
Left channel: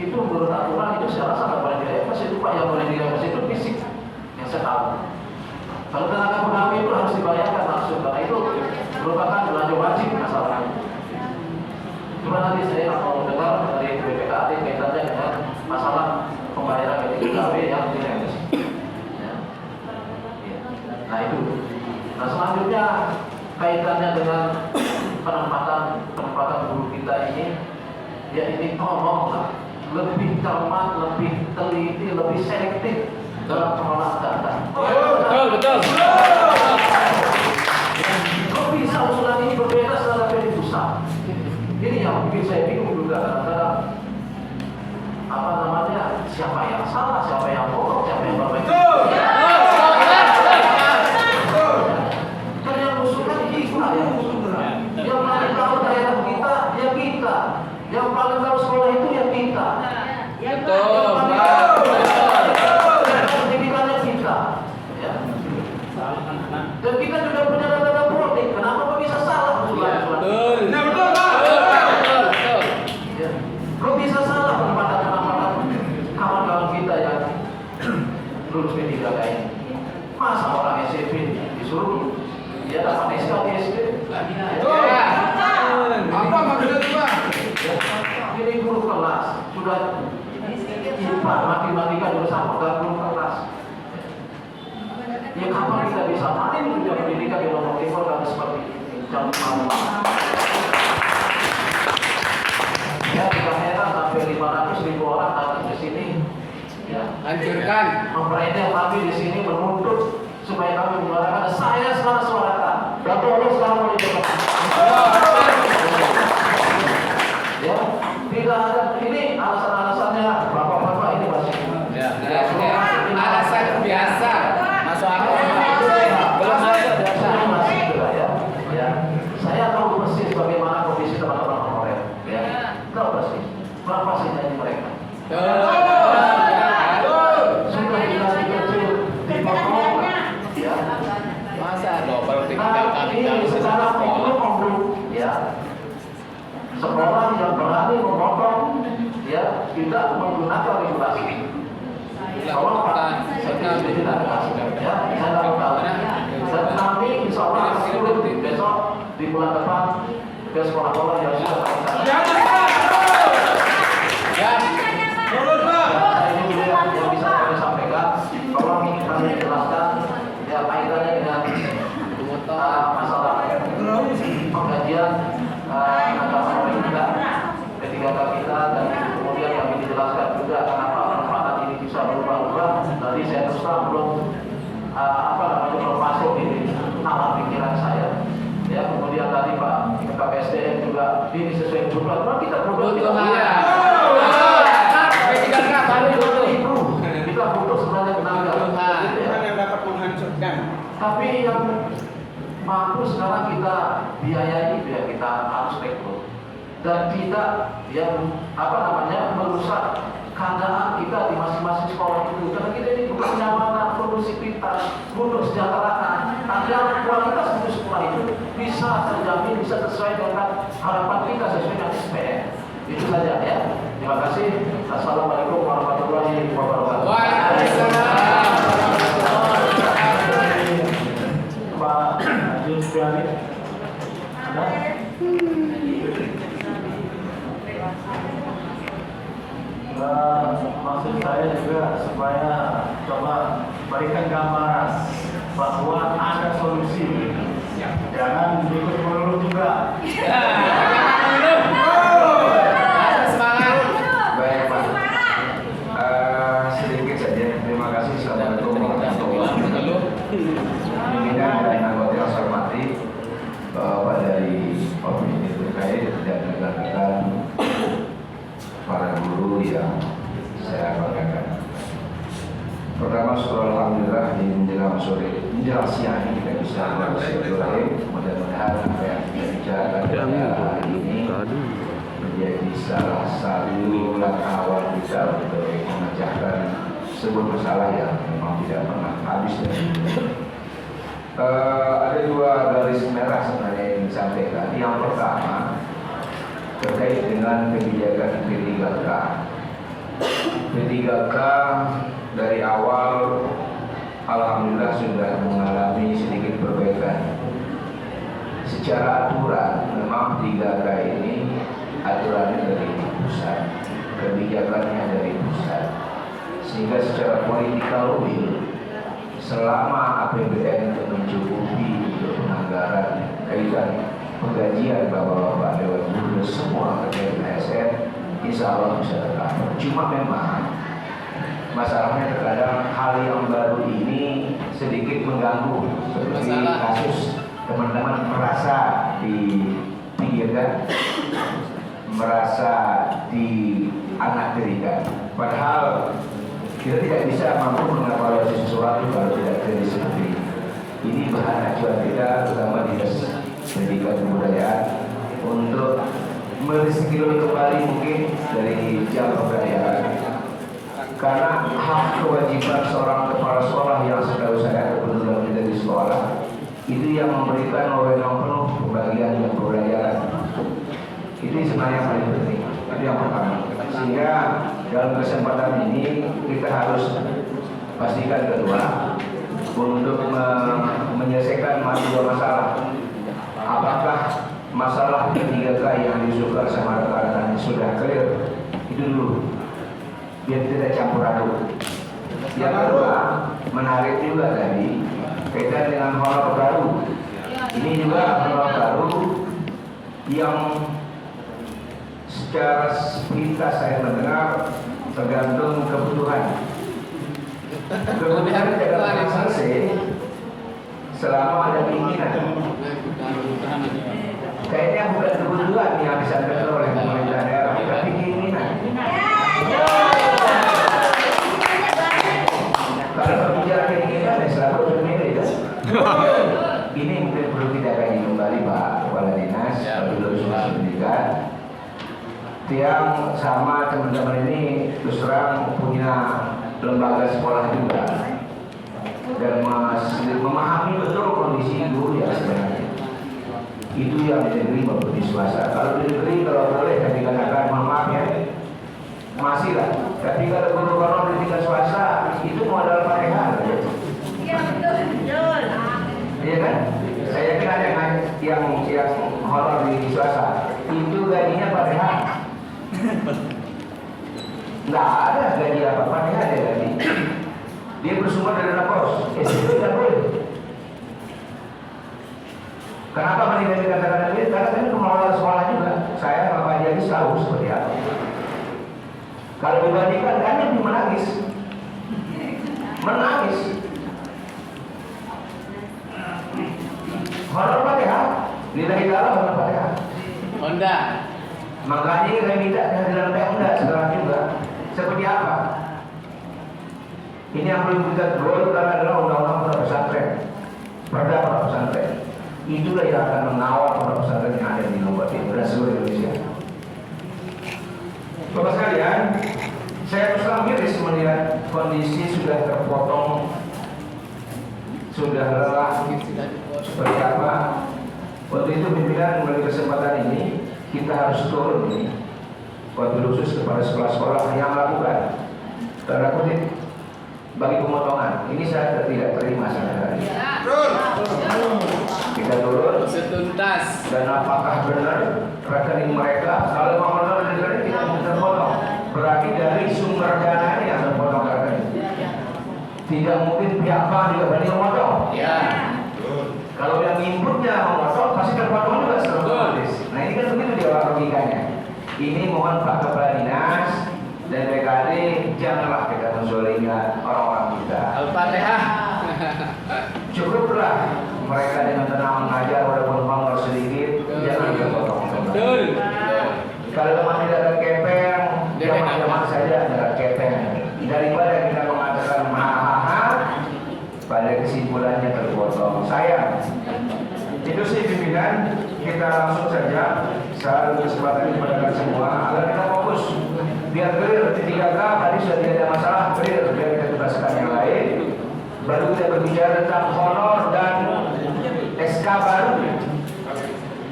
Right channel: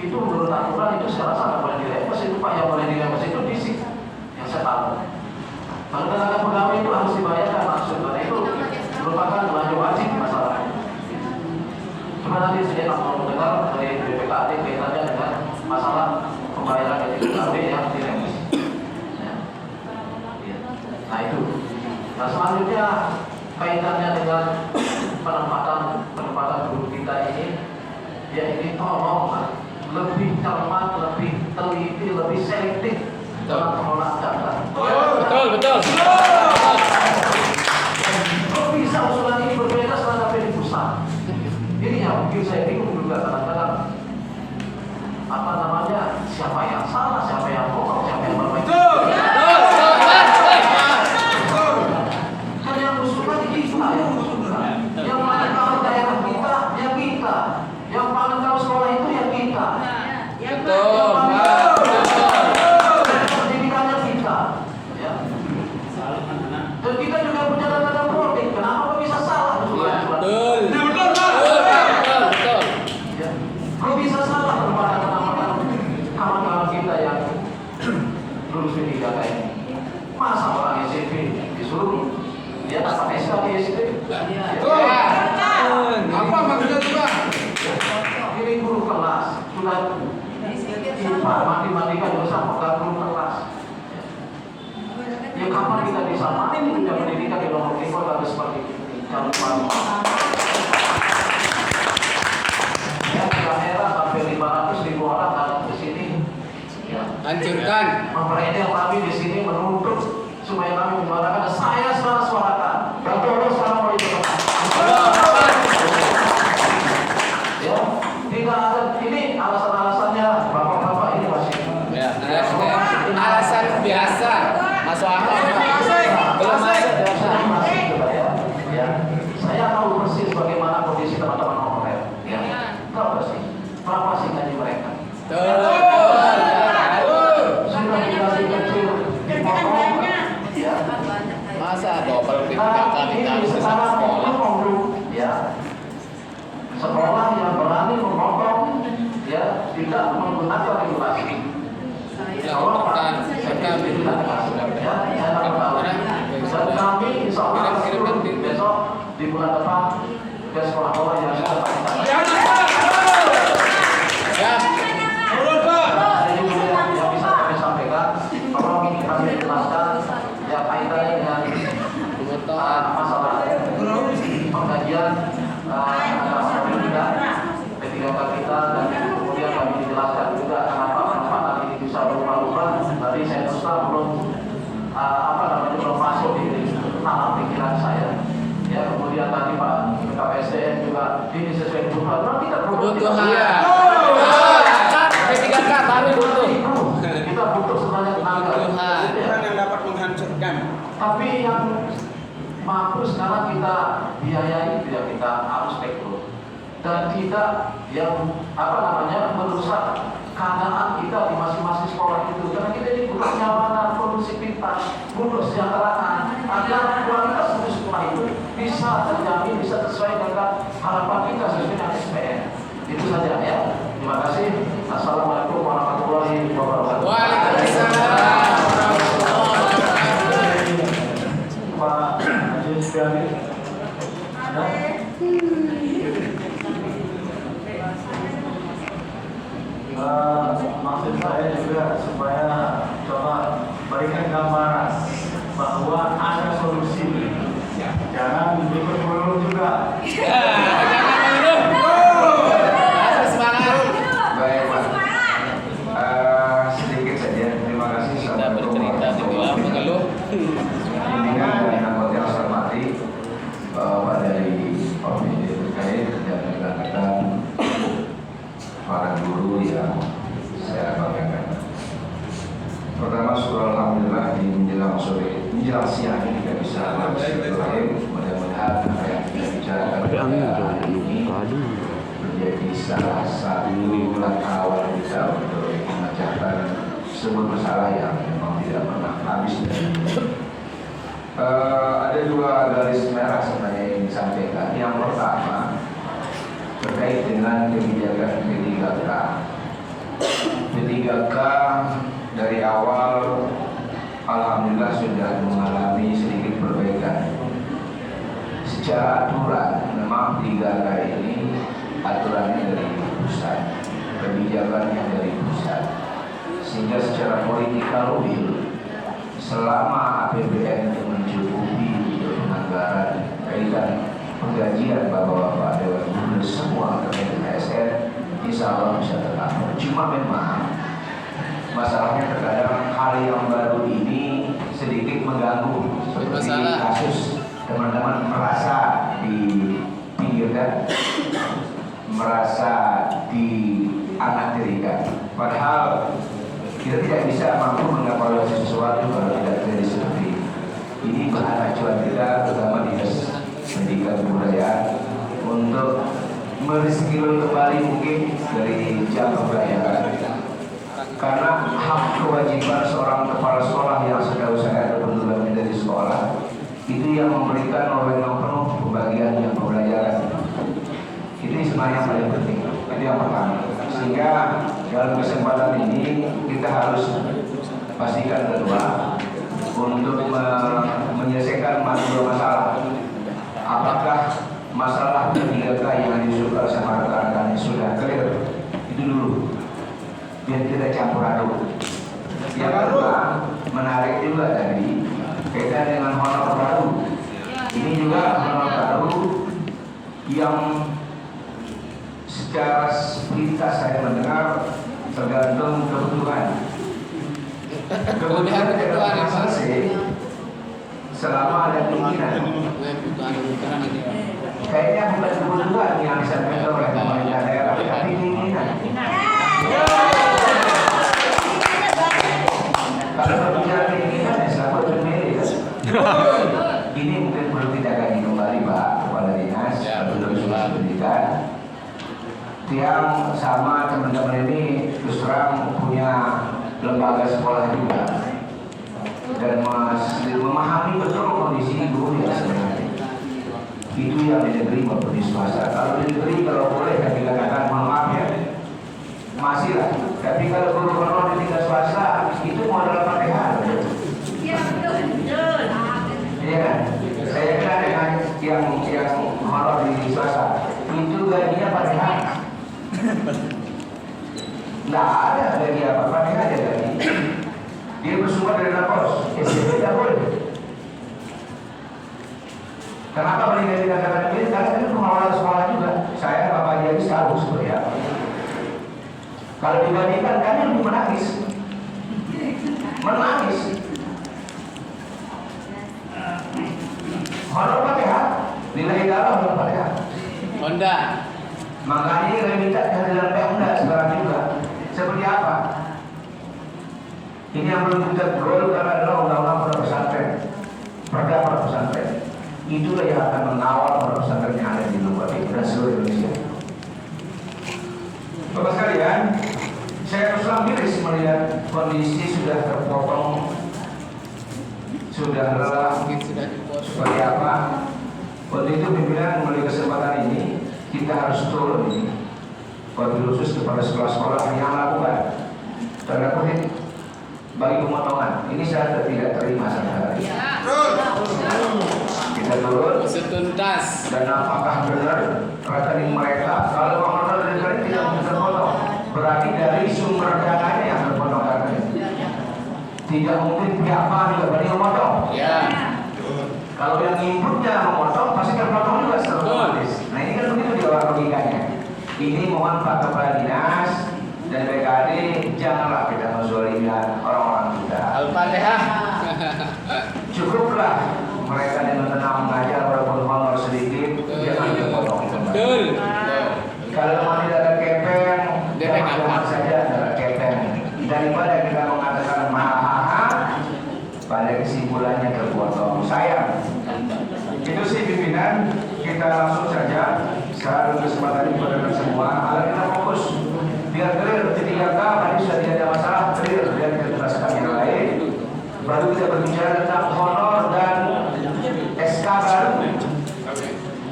itu menurut aturan itu sekarang sangat boleh direpes. Itu Pak yang boleh direpes itu fisik yang saya tahu. Kalau tenaga pegawai itu harus dibayarkan langsung karena itu merupakan belanja wajib di masyarakat. Cuma nanti saya tak mau mendengar dari BPKAD kaitannya dengan masalah pembayaran dari pegawai yang direpes. Ya. Nah itu. Nah selanjutnya kaitannya dengan penempatan guru kita ini, ya ini tolonglah lebih cermat, lebih teliti, lebih selektif dalam pengelolaan data. Betul. Kok bisa usulan ini berbeda setelah dari pusat? Ini yang mungkin saya bingung juga kadang-kadang. Apa namanya? Siapa yang salah, siapa yang bohong, siapa yang bermain? Kan yang usulkan ini kita ya. Yang paling tahu daerah kita, ya kita. Yang paling tahu sekolah itu ya kita. Betul. Pendidikannya kita. Ya. Dan kita juga punya data politik. Kenapa kok bisa salah usulan? Betul. Ya. Kok bisa salah pada kawan-kawan kita yang lulus P3 ini? Masa orang SMP disuruh dia dapat SK di SD? Apa maksudnya Pak? Ini guru kelas sudah lupa matematika jurusan bukan guru kelas. Ya kapan kita bisa mati punya pendidikan di Lombok Timur kalau seperti ini? Jangan lupa. Ya tidak heran sampai 500.000 orang datang di sini. Ya. Hancurkan. Pemerintah kami di sini menuntut supaya kami menyuarakan. Saya suarakan. Dan tolong sekarang mau dicepat. Ya, tidak ada ini alasan-alasannya bapak-bapak ini masih. Ya. Alasan biasa. Masuk akal. Belum masuk ya. Saya tahu persis bagaimana kondisi teman-teman honorer. Ya, tahu persis. Berapa sih gaji mereka? Sudah dikasih kecil dipotong. Ya. Masa double Ini sekarang itu ya. Sekolah yang berani memotong ya tidak menggunakan regulasi. Kalau saya tidak ya, saya tahu. Dan kami insya Allah besok di bulan depan ke sekolah-sekolah yang sudah pasti. Yang bisa kami sampaikan, tolong kami jelaskan ya kaitannya dengan masalah pengkajian P3K kita dan kemudian kami dijelaskan juga kenapa penempatan ini bisa berubah-ubah. Tadi saya terus belum belum masuk di tanah pikiran saya. Ya kemudian tadi Pak KPSDM juga ini sesuai kebutuhan kita kebutuhan. P3K baru butuh. Kita butuh sebenarnya tenaga. Kebutuhan yang dapat menghancurkan. Tapi yang mampu sekarang kita biayai, ya kita harus rekrut. dan tidak yang merusak keadaan kita di masing-masing sekolah itu. Karena kita ini bukan nyamanan, kondusivitas, butuh kesejahteraan agar sekolah kita semua itu bisa terjamin, bisa sesuai dengan harapan kita sesuai dengan SPM. Itu saja ya. Terima kasih. Assalamualaikum warahmatullahi wabarakatuh. Waalaikumsalam. Pak Haji Sugani. Maksud saya juga supaya coba berikan gambaran bahwa ada solusi. Jangan ikut melulu juga. Baik Pak. Sedikit saja. Terima kasih. Assalamualaikum warahmatullahi wabarakatuh. Dengan anggota yang saya hormati, Bapak dari Provinsi terkait dan rekan-rekan para guru yang saya banggakan. Pertama, syukur alhamdulillah di menjelang sore, menjelang siang ini kita bisa bersilaturahim. Mudah-mudahan apa yang kita bicarakan pada hari ini menjadi salah satu langkah awal kita untuk memecahkan sebuah masalah yang memang tidak pernah habis dan ada dua garis merah sebenarnya yang disampaikan. Yang pertama terkait dengan kebijakan P3K. P3K dari awal alhamdulillah sudah mengalami sedikit perbaikan. Secara aturan memang 3K ini aturannya dari pusat, kebijakannya dari pusat, sehingga secara politikal will selama APBN mencukupi untuk penganggaran kaitan penggajian bapak-bapak Dewan Guru semua terkait dengan ASN, insya Allah bisa tetap. Cuma memang masalahnya terkadang hal yang baru ini sedikit mengganggu, seperti kasus teman-teman merasa dipinggirkan, merasa dianaktirikan, padahal kita tidak bisa mampu mengevaluasi sesuatu kalau tidak terjadi seperti ini. Ini bahan acuan kita, terutama Dinas Pendidikan Kebudayaan, untuk mereskill kembali mungkin dari jam pembelajaran. Karena hak kewajiban seorang kepala sekolah yang setahu saya ada pendudukan di sekolah itu yang memberikan wewenang penuh pembagian yang pembelajaran. Itu sebenarnya yang paling penting. Itu yang pertama. Sehingga dalam kesempatan ini kita harus pastikan kedua untuk menyelesaikan dua masalah. Apakah masalah P3K yang disukai sama rekan-rekan sudah clear? Itu dulu, biar tidak campur aduk. Yang kedua, menarik juga tadi kaitan dengan honor baru. Ini juga honor baru yang secara sepintas saya mendengar tergantung kebutuhan. Kebutuhan tidak akan selesai selama ada keinginan. Kayaknya bukan kebutuhan yang disampaikan oleh pemerintah daerah, tapi keinginan. Kalau berbicara keinginan, ya selalu berbeda ya. Ini mungkin perlu kita kaji kembali Pak Kepala Dinas atau Pendidikan. Yang sama teman-teman ini terus terang punya lembaga sekolah juga dan memahami betul kondisi guru yang sebenarnya. Itu yang di negeri maupun di swasta. Kalau di negeri kalau boleh kan dikatakan maaf ya masih lah. Tapi kalau guru-guru di tingkat swasta itu modal Fatihah. Iya betul. Iya kan? Saya kenal dengan yang honor di swasta itu gajinya Fatihah. Nggak ada gaji apa-apa, dia ada gaji. Dia bersumber dari lapor, SPP tidak boleh. Kenapa mereka dikatakan ini? Karena ini pengelola sekolah juga. Saya Bapak Jadi tahu seperti apa. Kalau dibandingkan, kami menangis. Menangis. Honor Fatihah, nilai dalam honor Fatihah. Honda. Makanya kami minta kehadiran Pemda sekarang juga. Seperti apa? Ini yang perlu kita golkan adalah undang-undang pondok pesantren, perda pondok pesantren. Itulah yang akan mengawal pondok pesantren yang ada di Lombok Timur dan seluruh Indonesia. Bapak sekalian, saya terus terang miris melihat kondisi sudah terpotong, sudah lelah, seperti apa. Waktu itu pimpinan mengambil kesempatan ini, kita harus turun ini, wabil khusus kepada sekolah-sekolah yang melakukan tanda kutip bagi pemotongan. Ini saya tidak terima sampai hari ini. Kita turun Setuntas. dan apakah benar rekening mereka kalau pemotongan dari rekening tidak bisa terpotong, berarti dari sumber dananya yang terpotong rekening. Tidak mungkin pihak bank juga berani memotong. Ya. Kalau yang inputnya memotong pasti terpotong juga secara otomatis. Nah ini kan begitu dia logikanya. Ini mohon Pak Kepala Dinas dan BKD janganlah kita menzolimi orang-orang kita. Al-Fatihah. Cukuplah mereka dengan tenang mengajar walaupun honor sedikit, jangan kita potong. Betul. Kalau memang tidak ada kepeng, Dia jangan saja ada kepeng. Daripada kita mengatakan mahal, pada kesimpulannya terpotong. Sayang. Itu sih pimpinan, kita langsung saja. Saya beri kesempatan kepada semua agar kita fokus. Biar clear, ketika tadi sudah tidak ada masalah, clear. Biar kita tuntaskan yang lain. Baru kita berbicara tentang honor dan SK baru.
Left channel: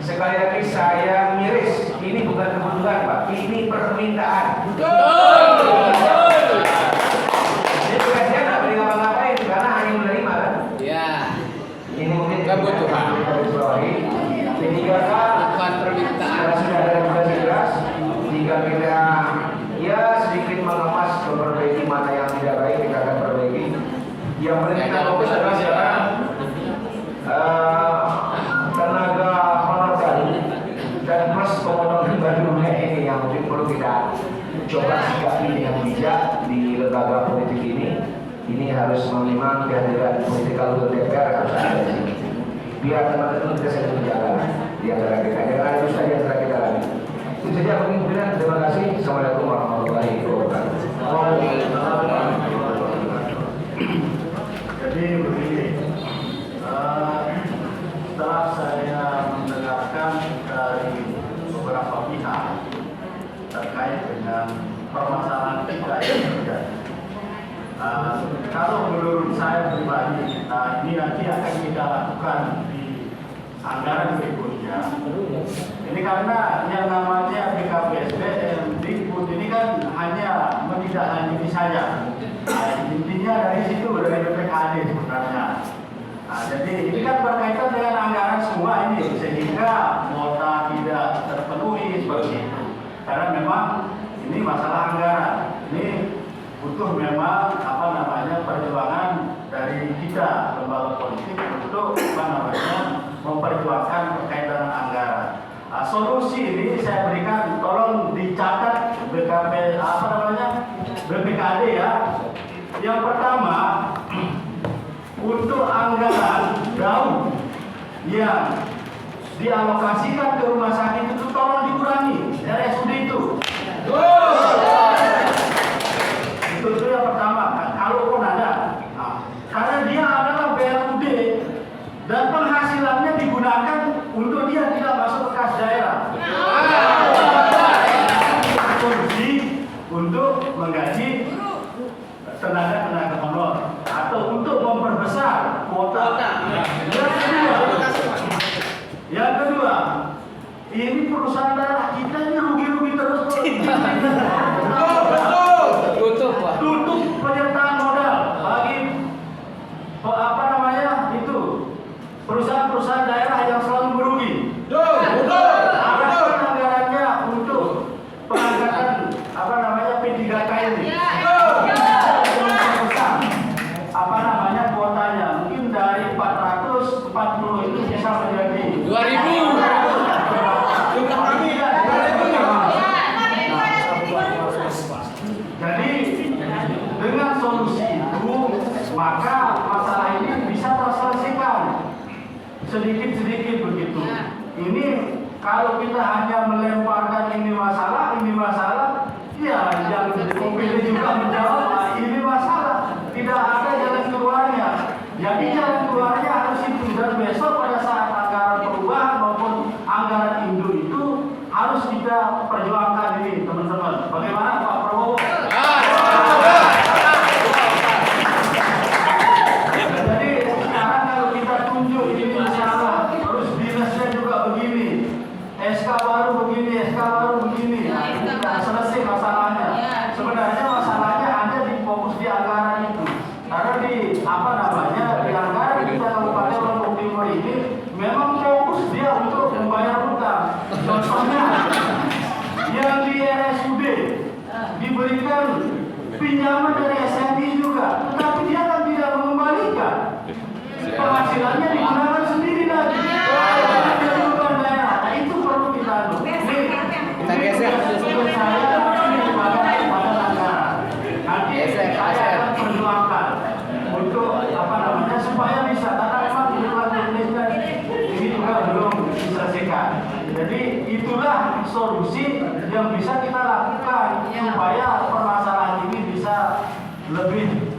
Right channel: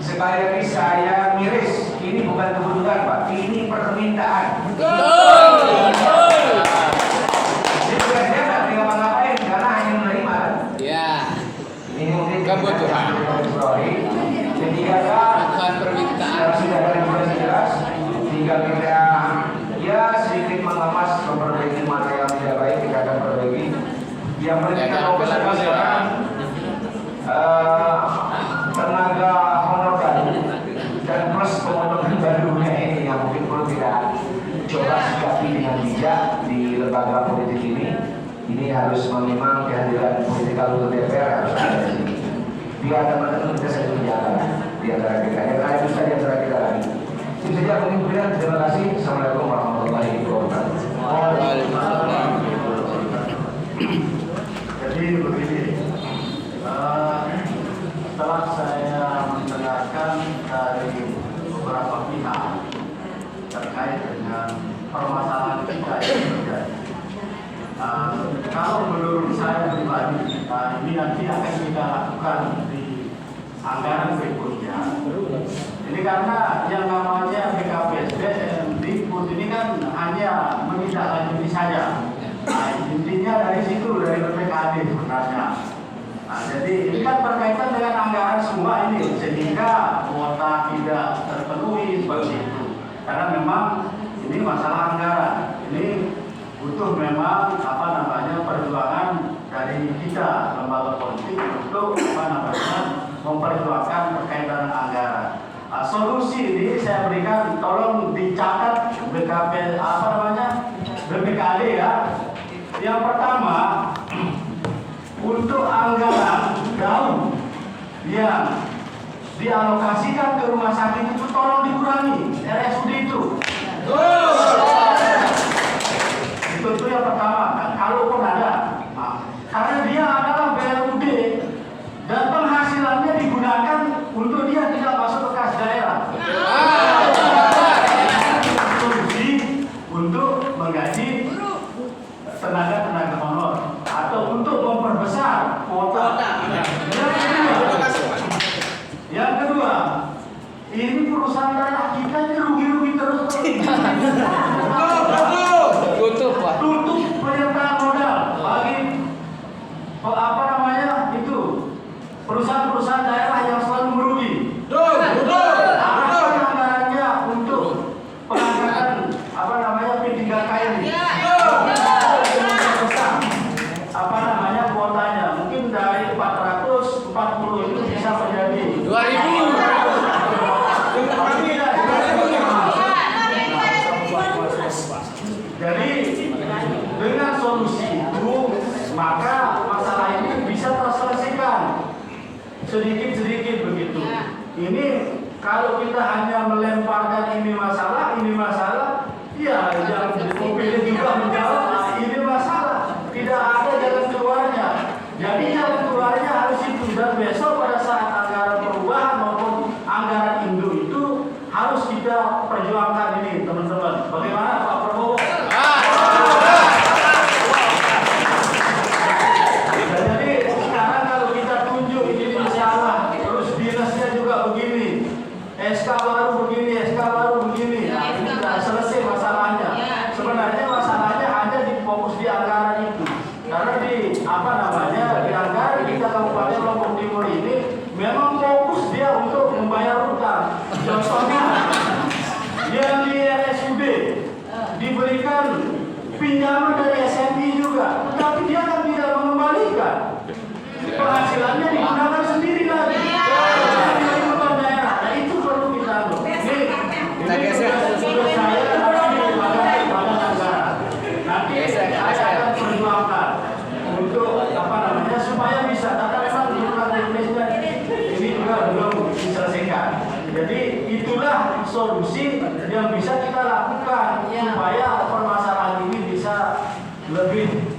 Sekali lagi saya miris, ini bukan kebutuhan Pak, ini permintaan. Jadi saya nggak boleh ngapa-ngapain karena hanya menerima kan. Ya. Ini mungkin Kebutuhan. Bukan permintaan. Sudah ada yang jelas. Jika kita ya sedikit mengemas memperbaiki mana yang tidak baik kita akan perbaiki. Yang penting kita fokus adalah sekarang tenaga honor dan plus pemotongan barunya ini yang mungkin perlu kita coba sikapi dengan bijak di lembaga politik ini. Ini harus memang kehadiran politikal DPR harus ada di sini. Biar teman-teman kita satu jalan di antara kita. Yang ada bisa di antara kita lagi. Itu saja pemimpinan. Terima kasih. Assalamualaikum warahmatullahi wabarakatuh. Jadi begini, setelah saya mendengarkan dari beberapa pihak terkait dengan permasalahan kita yang terjadi, kalau menurut saya pribadi, ini nanti akan kita lakukan di anggaran berikutnya. Ini karena yang namanya BKPSD Dikbud ini kan hanya menindaklanjuti saja. Nah, intinya dari situ, dari BPKD sebenarnya. Nah, jadi ini kan berkaitan dengan anggaran semua ini, sehingga kuota tidak terpenuhi seperti itu. Karena memang ini masalah anggaran. Ini butuh memang perjuangan dari kita lembaga politik untuk memperjuangkan berkaitan dengan anggaran. Solusi ini saya berikan, tolong dicatat BPKD ya. Yang pertama, untuk anggaran daun yang dialokasikan ke rumah sakit itu tolong dikurangi, RSUD itu. Itu yang pertama, kalaupun ada. Karena dia adalah BLUD dan penghasilannya digunakan untuk dia tidak masuk ke kas daerah. Untuk menggaji tenaga honor atau untuk memperbesar kuota. Yang kedua, ini perusahaan daerah kita ini rugi-rugi terus. Tutup penyertaan modal bagi perusahaan-perusahaan daerah yang selalu merugi. Anggarannya untuk pengangkatan P3K ini. Kuotanya mungkin dari 440 itu bisa menjadi 2000. Jadi dengan solusi itu maka masalah ini bisa terselesaikan sedikit-sedikit begitu. Ini kalau kita hanya melemparkan ini masalah, ya yang pilih juga menjawab ini masalah, tidak ada jalan keluarnya. Jadi jalan keluarnya harus itu, dan besok pada saat anggaran perubahan maupun anggaran induk itu harus kita perjuangkan ini teman-teman. Bagaimana itulah solusi yang bisa kita lakukan supaya permasalahan ini bisa lebih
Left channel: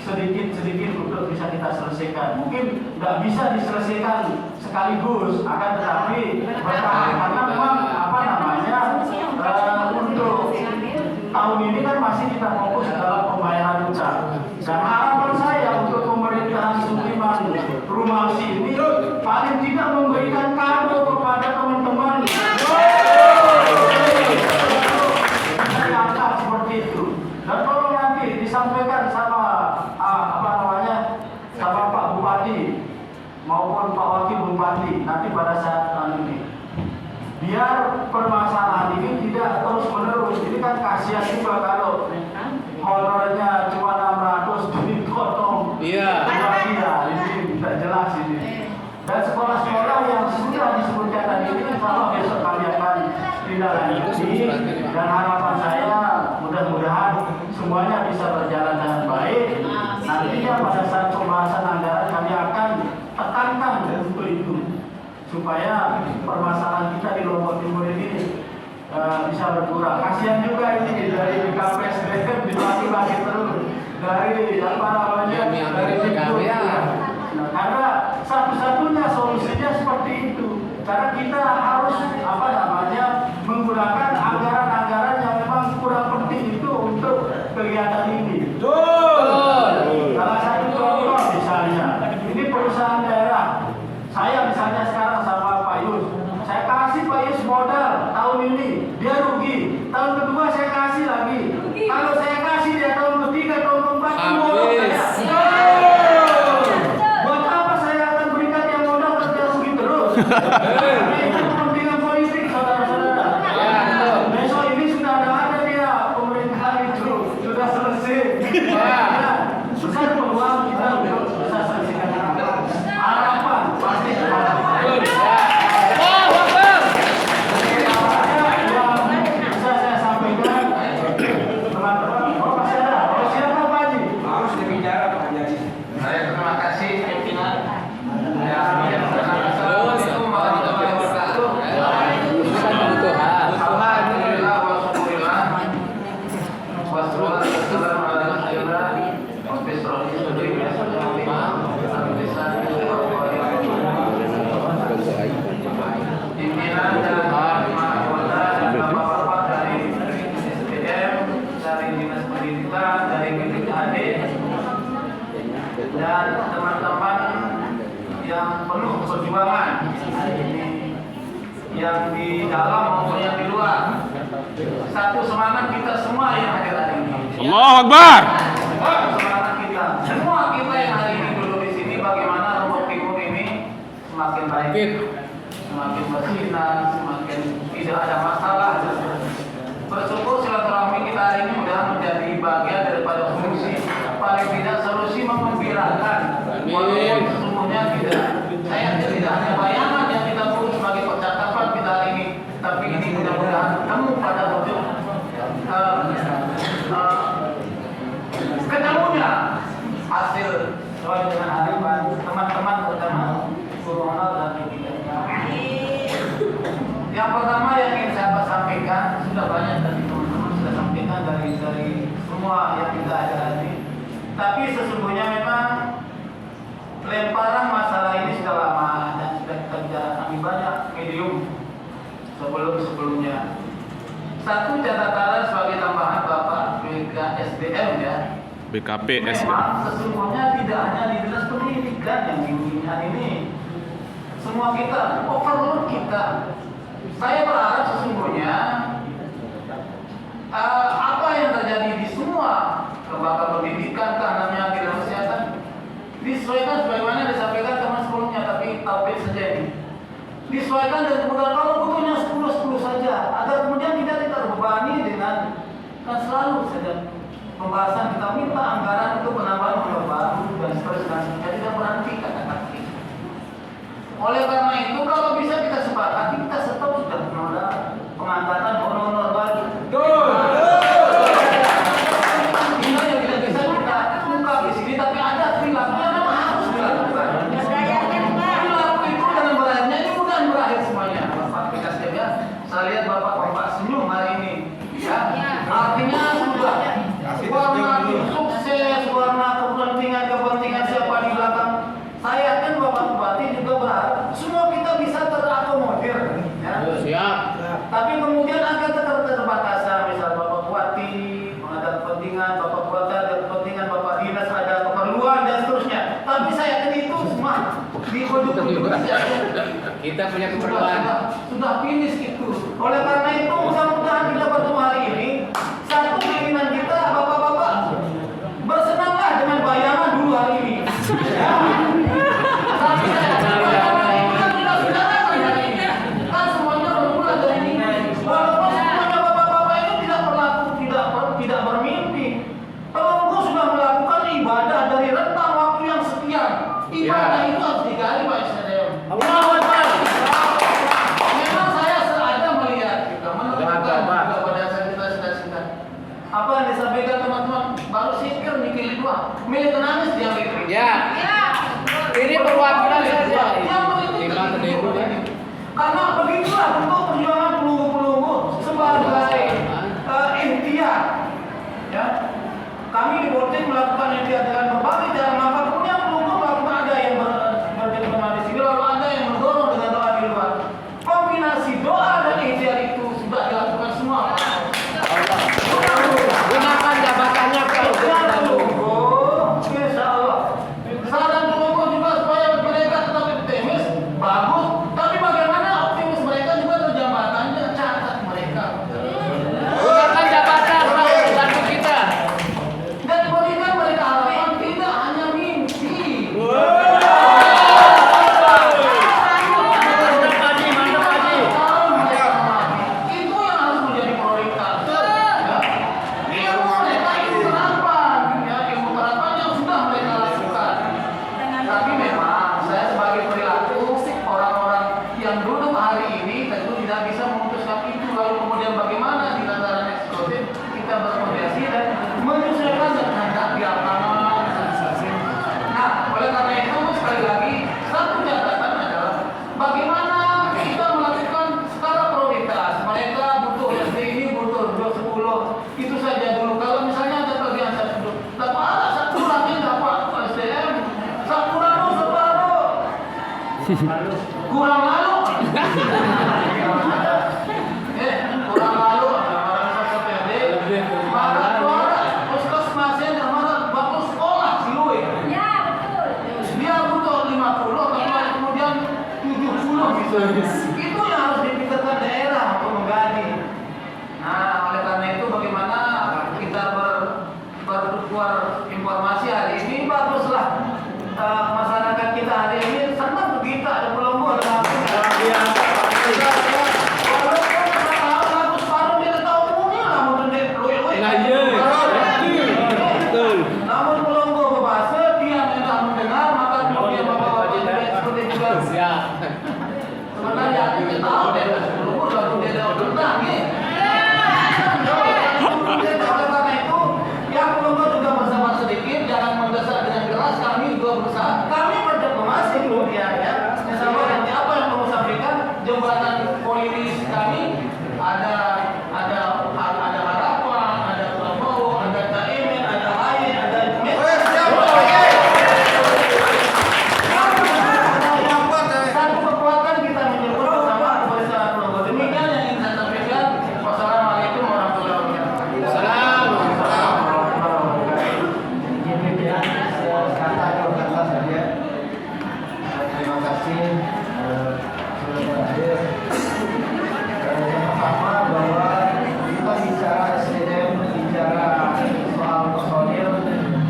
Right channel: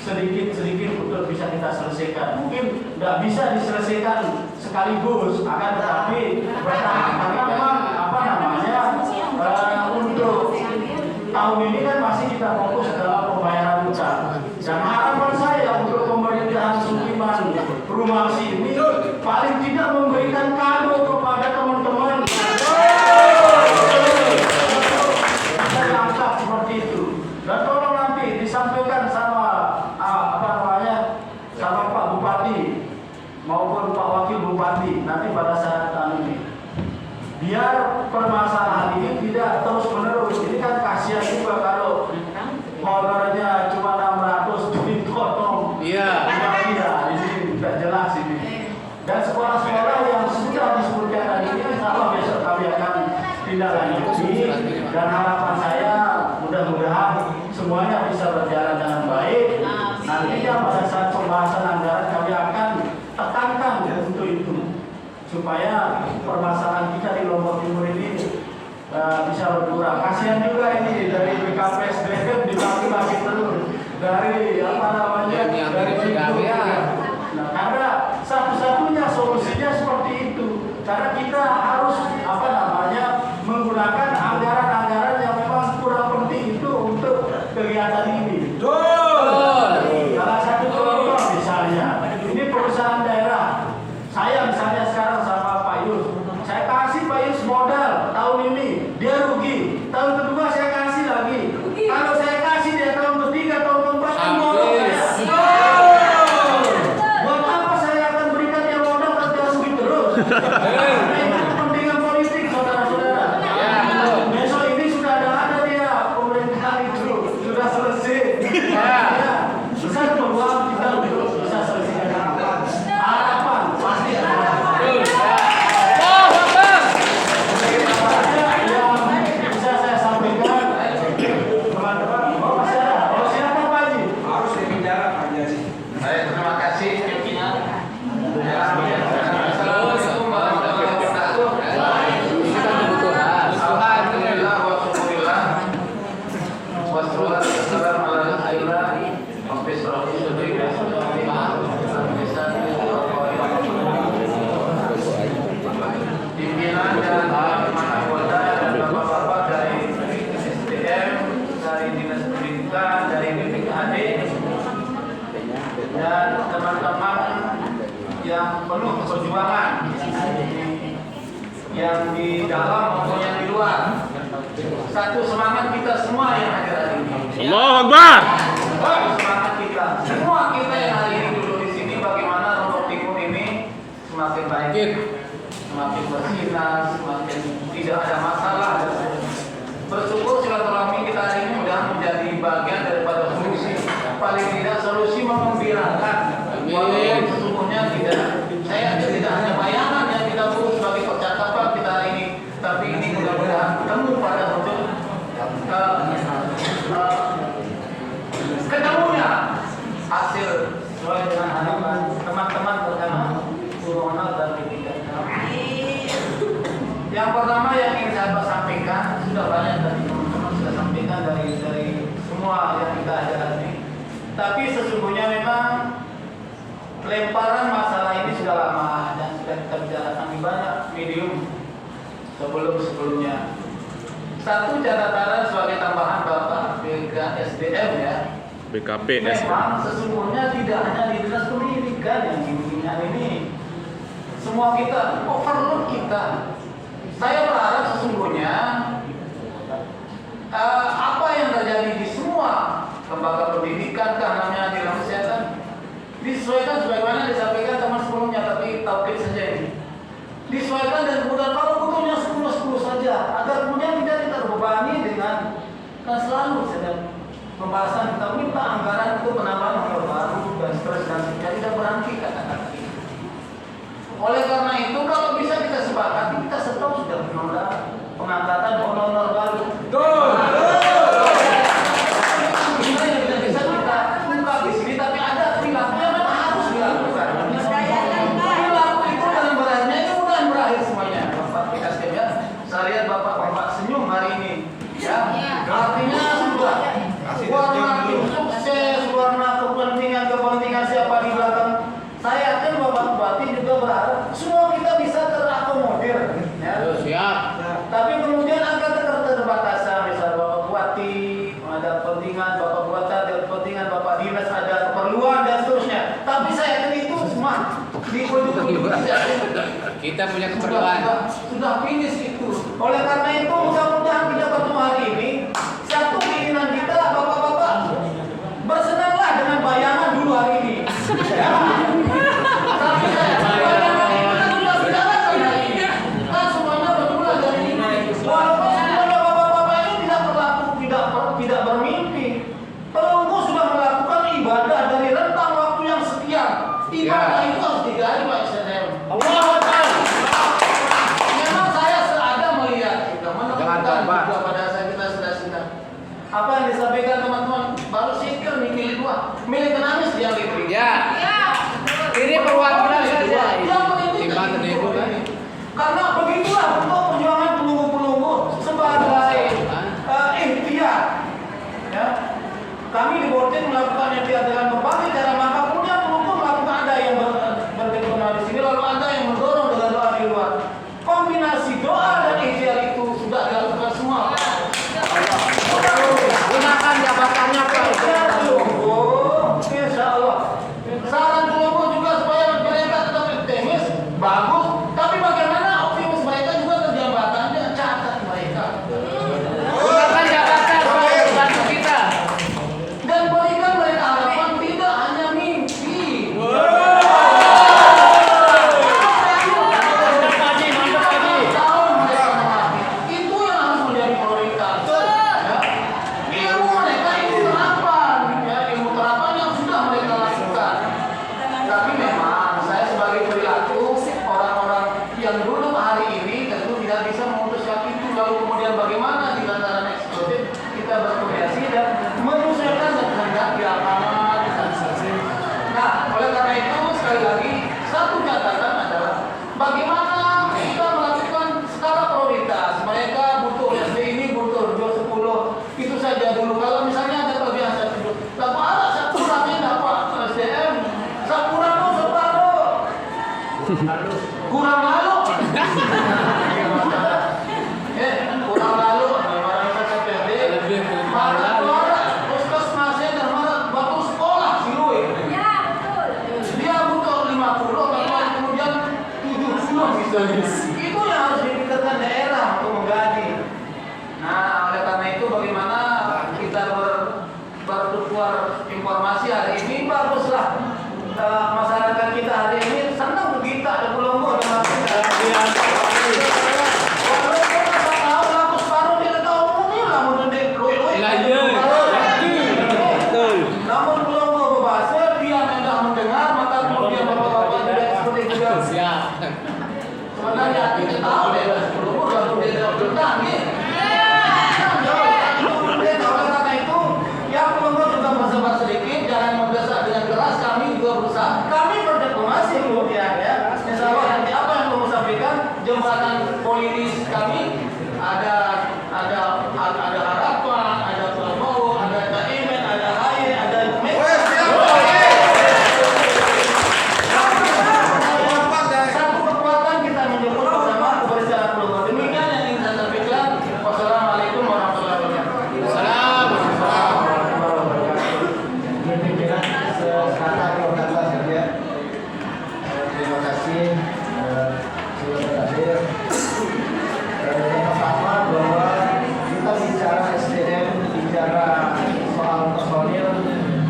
sedikit untuk bisa kita selesaikan. Mungkin nggak bisa diselesaikan sekaligus, akan tetapi bertahap karena memang untuk tahun ini kan masih kita fokus dalam pembayaran utang. Dan harapan saya untuk pemerintahan Sudirman Rumangsi ini paling tidak memberikan kado kepada teman-teman. Saya angkat seperti itu. Dan tolong nanti disampaikan sama sama Pak Bupati maupun Pak Wakil Bupati nanti pada saat ini. Biar permasalahan ini tidak terus menerus. Ini kan kasihan juga kalau honornya cuma 600 dipotong. Iya. Ini tidak jelas ini. Dan sekolah-sekolah yang sudah disebutkan tadi ini insya besok kami akan tindak lanjuti. Dan harapan saya mudah-mudahan semuanya bisa berjalan dengan baik. Nantinya pada saat pembahasan anggaran kami akan tekankan untuk itu, supaya permasalahan kita di Lombok Timur ini bisa berkurang. Kasihan juga ini dari BKPSDM dibagi-bagi terus dari dari itu. Nah, karena satu-satunya solusinya seperti itu. Karena kita harus menggunakan anggaran-anggaran yang memang kurang penting itu untuk kegiatan ini. Salah satu contoh misalnya, ini perusahaan daerah. Saya misalnya sekarang sama Pak Yus, saya kasih Pak Yus modal tahun ini, dia rugi. Tahun kedua saya kasih lagi. Kalau saya kasih dia tahun ketiga, tahun keempat, modal saya. Buat apa saya akan berikan dia modal kalau dia rugi terus? Karena itu kepentingan politik, saudara-saudara. Besok ini sudah ada dia pemerintahan itu sudah selesai. Besar peluang kita untuk bisa selesaikan harapan pasti harapan. Yang bisa saya sampaikan teman-teman, masih ada. Siapa Pak Haji? Harus dibicara Pak Haji. Saya terima kasih pimpinan. Pimpinan dan anggota dan bapak-bapak dari SDM, dari Dinas Pendidikan, dari BPKAD, dan teman-teman yang penuh perjuangan yang di dalam maupun yang di luar. Satu semangat kita semua yang hadir hari ini. Allahu Akbar. Semangat kita semua kita yang hari ini duduk di sini, bagaimana Lombok Timur ini semakin baik, semakin bersinar, semakin tidak ada masalah. Bersyukur silaturahmi kita hari ini mudah menjadi bagian daripada solusi, paling tidak solusi mengembirakan. Walaupun sesungguhnya saya tidak hanya bayangan yang kita buat sebagai percakapan kita hari ini, tapi ini mudah-mudahan ketemu pada bentuk ketemunya hasil sesuai dengan harapan teman-teman terutama guru honor dan pimpinan. Yang pertama yang ingin saya sampaikan, sudah banyak tadi teman-teman sudah sampaikan dari semua yang kita ada hari. Tapi sesungguhnya memang lemparan masalah ini sudah lama dan sudah kita bicarakan di banyak medium sebelumnya. Satu catatan sebagai tambahan Bapak BKSDM ya. BKP Memang sesungguhnya tidak hanya di Dinas Pendidikan yang pimpinan ini, semua kita overload kita. Saya berharap sesungguhnya apa yang terjadi di semua lembaga pendidikan, namanya dalam kesehatan, disesuaikan sebagaimana disampaikan teman sebelumnya, tapi taukid saja ini. Disesuaikan dan kemudian kalau butuhnya 10 saja, agar kemudian kita tidak terbebani dengan kan selalu sedang pembahasan kita minta anggaran itu penambahan modal baru dan seterusnya, kita tidak berhenti kata-kata itu. Oleh karena itu kalau bisa kita sepakati, kita stop sudah menolak pengangkatan honor baru. Ini yang tidak bisa kita ungkap di sini, tapi ada perilaku yang memang harus dilakukan. Perilaku itu dengan berakhirnya ini bukan berakhir semuanya. Pak PKSDM ya, Kita punya keperluan. Sudah finish itu. Oleh karena itu mudah-mudahan kita bertemu hari ini. Satu keinginan kita bapak-bapak, bersenanglah dengan bayangan dulu hari ini. Ya. Kan semuanya bermula dari ini. Walaupun semuanya bapak-bapak itu tidak bermimpi. Pelunggu sudah melakukan ibadah dari rentang waktu yang sekian. Ibadah itu harus digali Pak SDM. Allahu Akbar. Memang saya sengaja melihat juga menemukan juga pada saat kita sudah apa yang disampaikan teman-teman baru sikir nih pilih dua milih penangis dia pilih. Ya. Ini perwakilan saja. Yang begitu Timbang terdebu kan. karena begitulah bentuk perjuangan pelunggu-pelunggu sebagai ikhtiar. Ya. Kami di Borjen melakukan ikhtiar dengan berbagai cara, maka punya pelunggu melakukan ada yang berdebat di sini, lalu ada yang mendorong dengan doa di luar. Kombinasi doa dan ikhtiar itu sudah dilakukan semua. Gunakan jabatannya Pak. Pelunggu, insya Allah. Saran pelunggu juga supaya mereka tetap optimis, bagus. Tapi bagaimana optimis mereka juga terjambatannya, catat mereka. Gunakan jabatan Pak untuk bantu kita. Dan berikan mereka harapan tidak hanya mimpi. Itu yang harus menjadi prioritas. Ya. Ilmu mereka itu terapan, ya, ilmu terapan yang sudah mereka lakukan. Tapi memang saya sebagai perilaku orang-orang yang duduk hari ini tentu tidak bisa memutuskan itu, lalu kemudian bagaimana di tataran eksekutif kita berkoordinasi dan menyesuaikan dan kehendak di lapangan. Nah, oleh karena itu sekali lagi satu catatan adalah bagaimana kita melakukan skala prioritas. Mereka butuh SD ini butuh 10 itu saja dulu. Kalau misalnya ada kelebihan 10, lalu ada satu lagi dapat SDM, Sapuran dong separuh. Kurang lalu. Kurang lalu. Lebih kurang lalu. Puskesmasnya dan mana batu sekolah Siluwe. Dia butuh 50, tapi kemudian 70 gitu. Itu yang harus dipikirkan daerah untuk mengganti. Nah, oleh karena itu bagaimana kita bertukar informasi hari ini, baguslah masyarakat kita hari ini senang begitu ada pelunggu ada mati. Namun pelunggu berbahasa dia hendak mendengar, maka kemudian bapak-bapak yang seperti juga. Siap. Sebenarnya kita tahu deh, pelunggu lalu dia tahu tentang nih. Oleh karena itu, yang pelunggu juga bersabar sedikit, jangan mendesak dengan keras. Kami juga berusaha, kami berdiplomasi kemudian ya. Insya Allah nanti apa yang kamu sampaikan, jembatan politis kami ada harapan, ada Prabowo, ada Caimin, ada Haye, ada satu kekuatan kita menyebut bersama kebersamaan pelunggu. Demikian yang ingin saya sampaikan. Wassalamualaikum warahmatullahi wabarakatuh. Salam. Terima kasih sudah berhadir. Pertama bahwa kita bicara SDM, bicara soal personil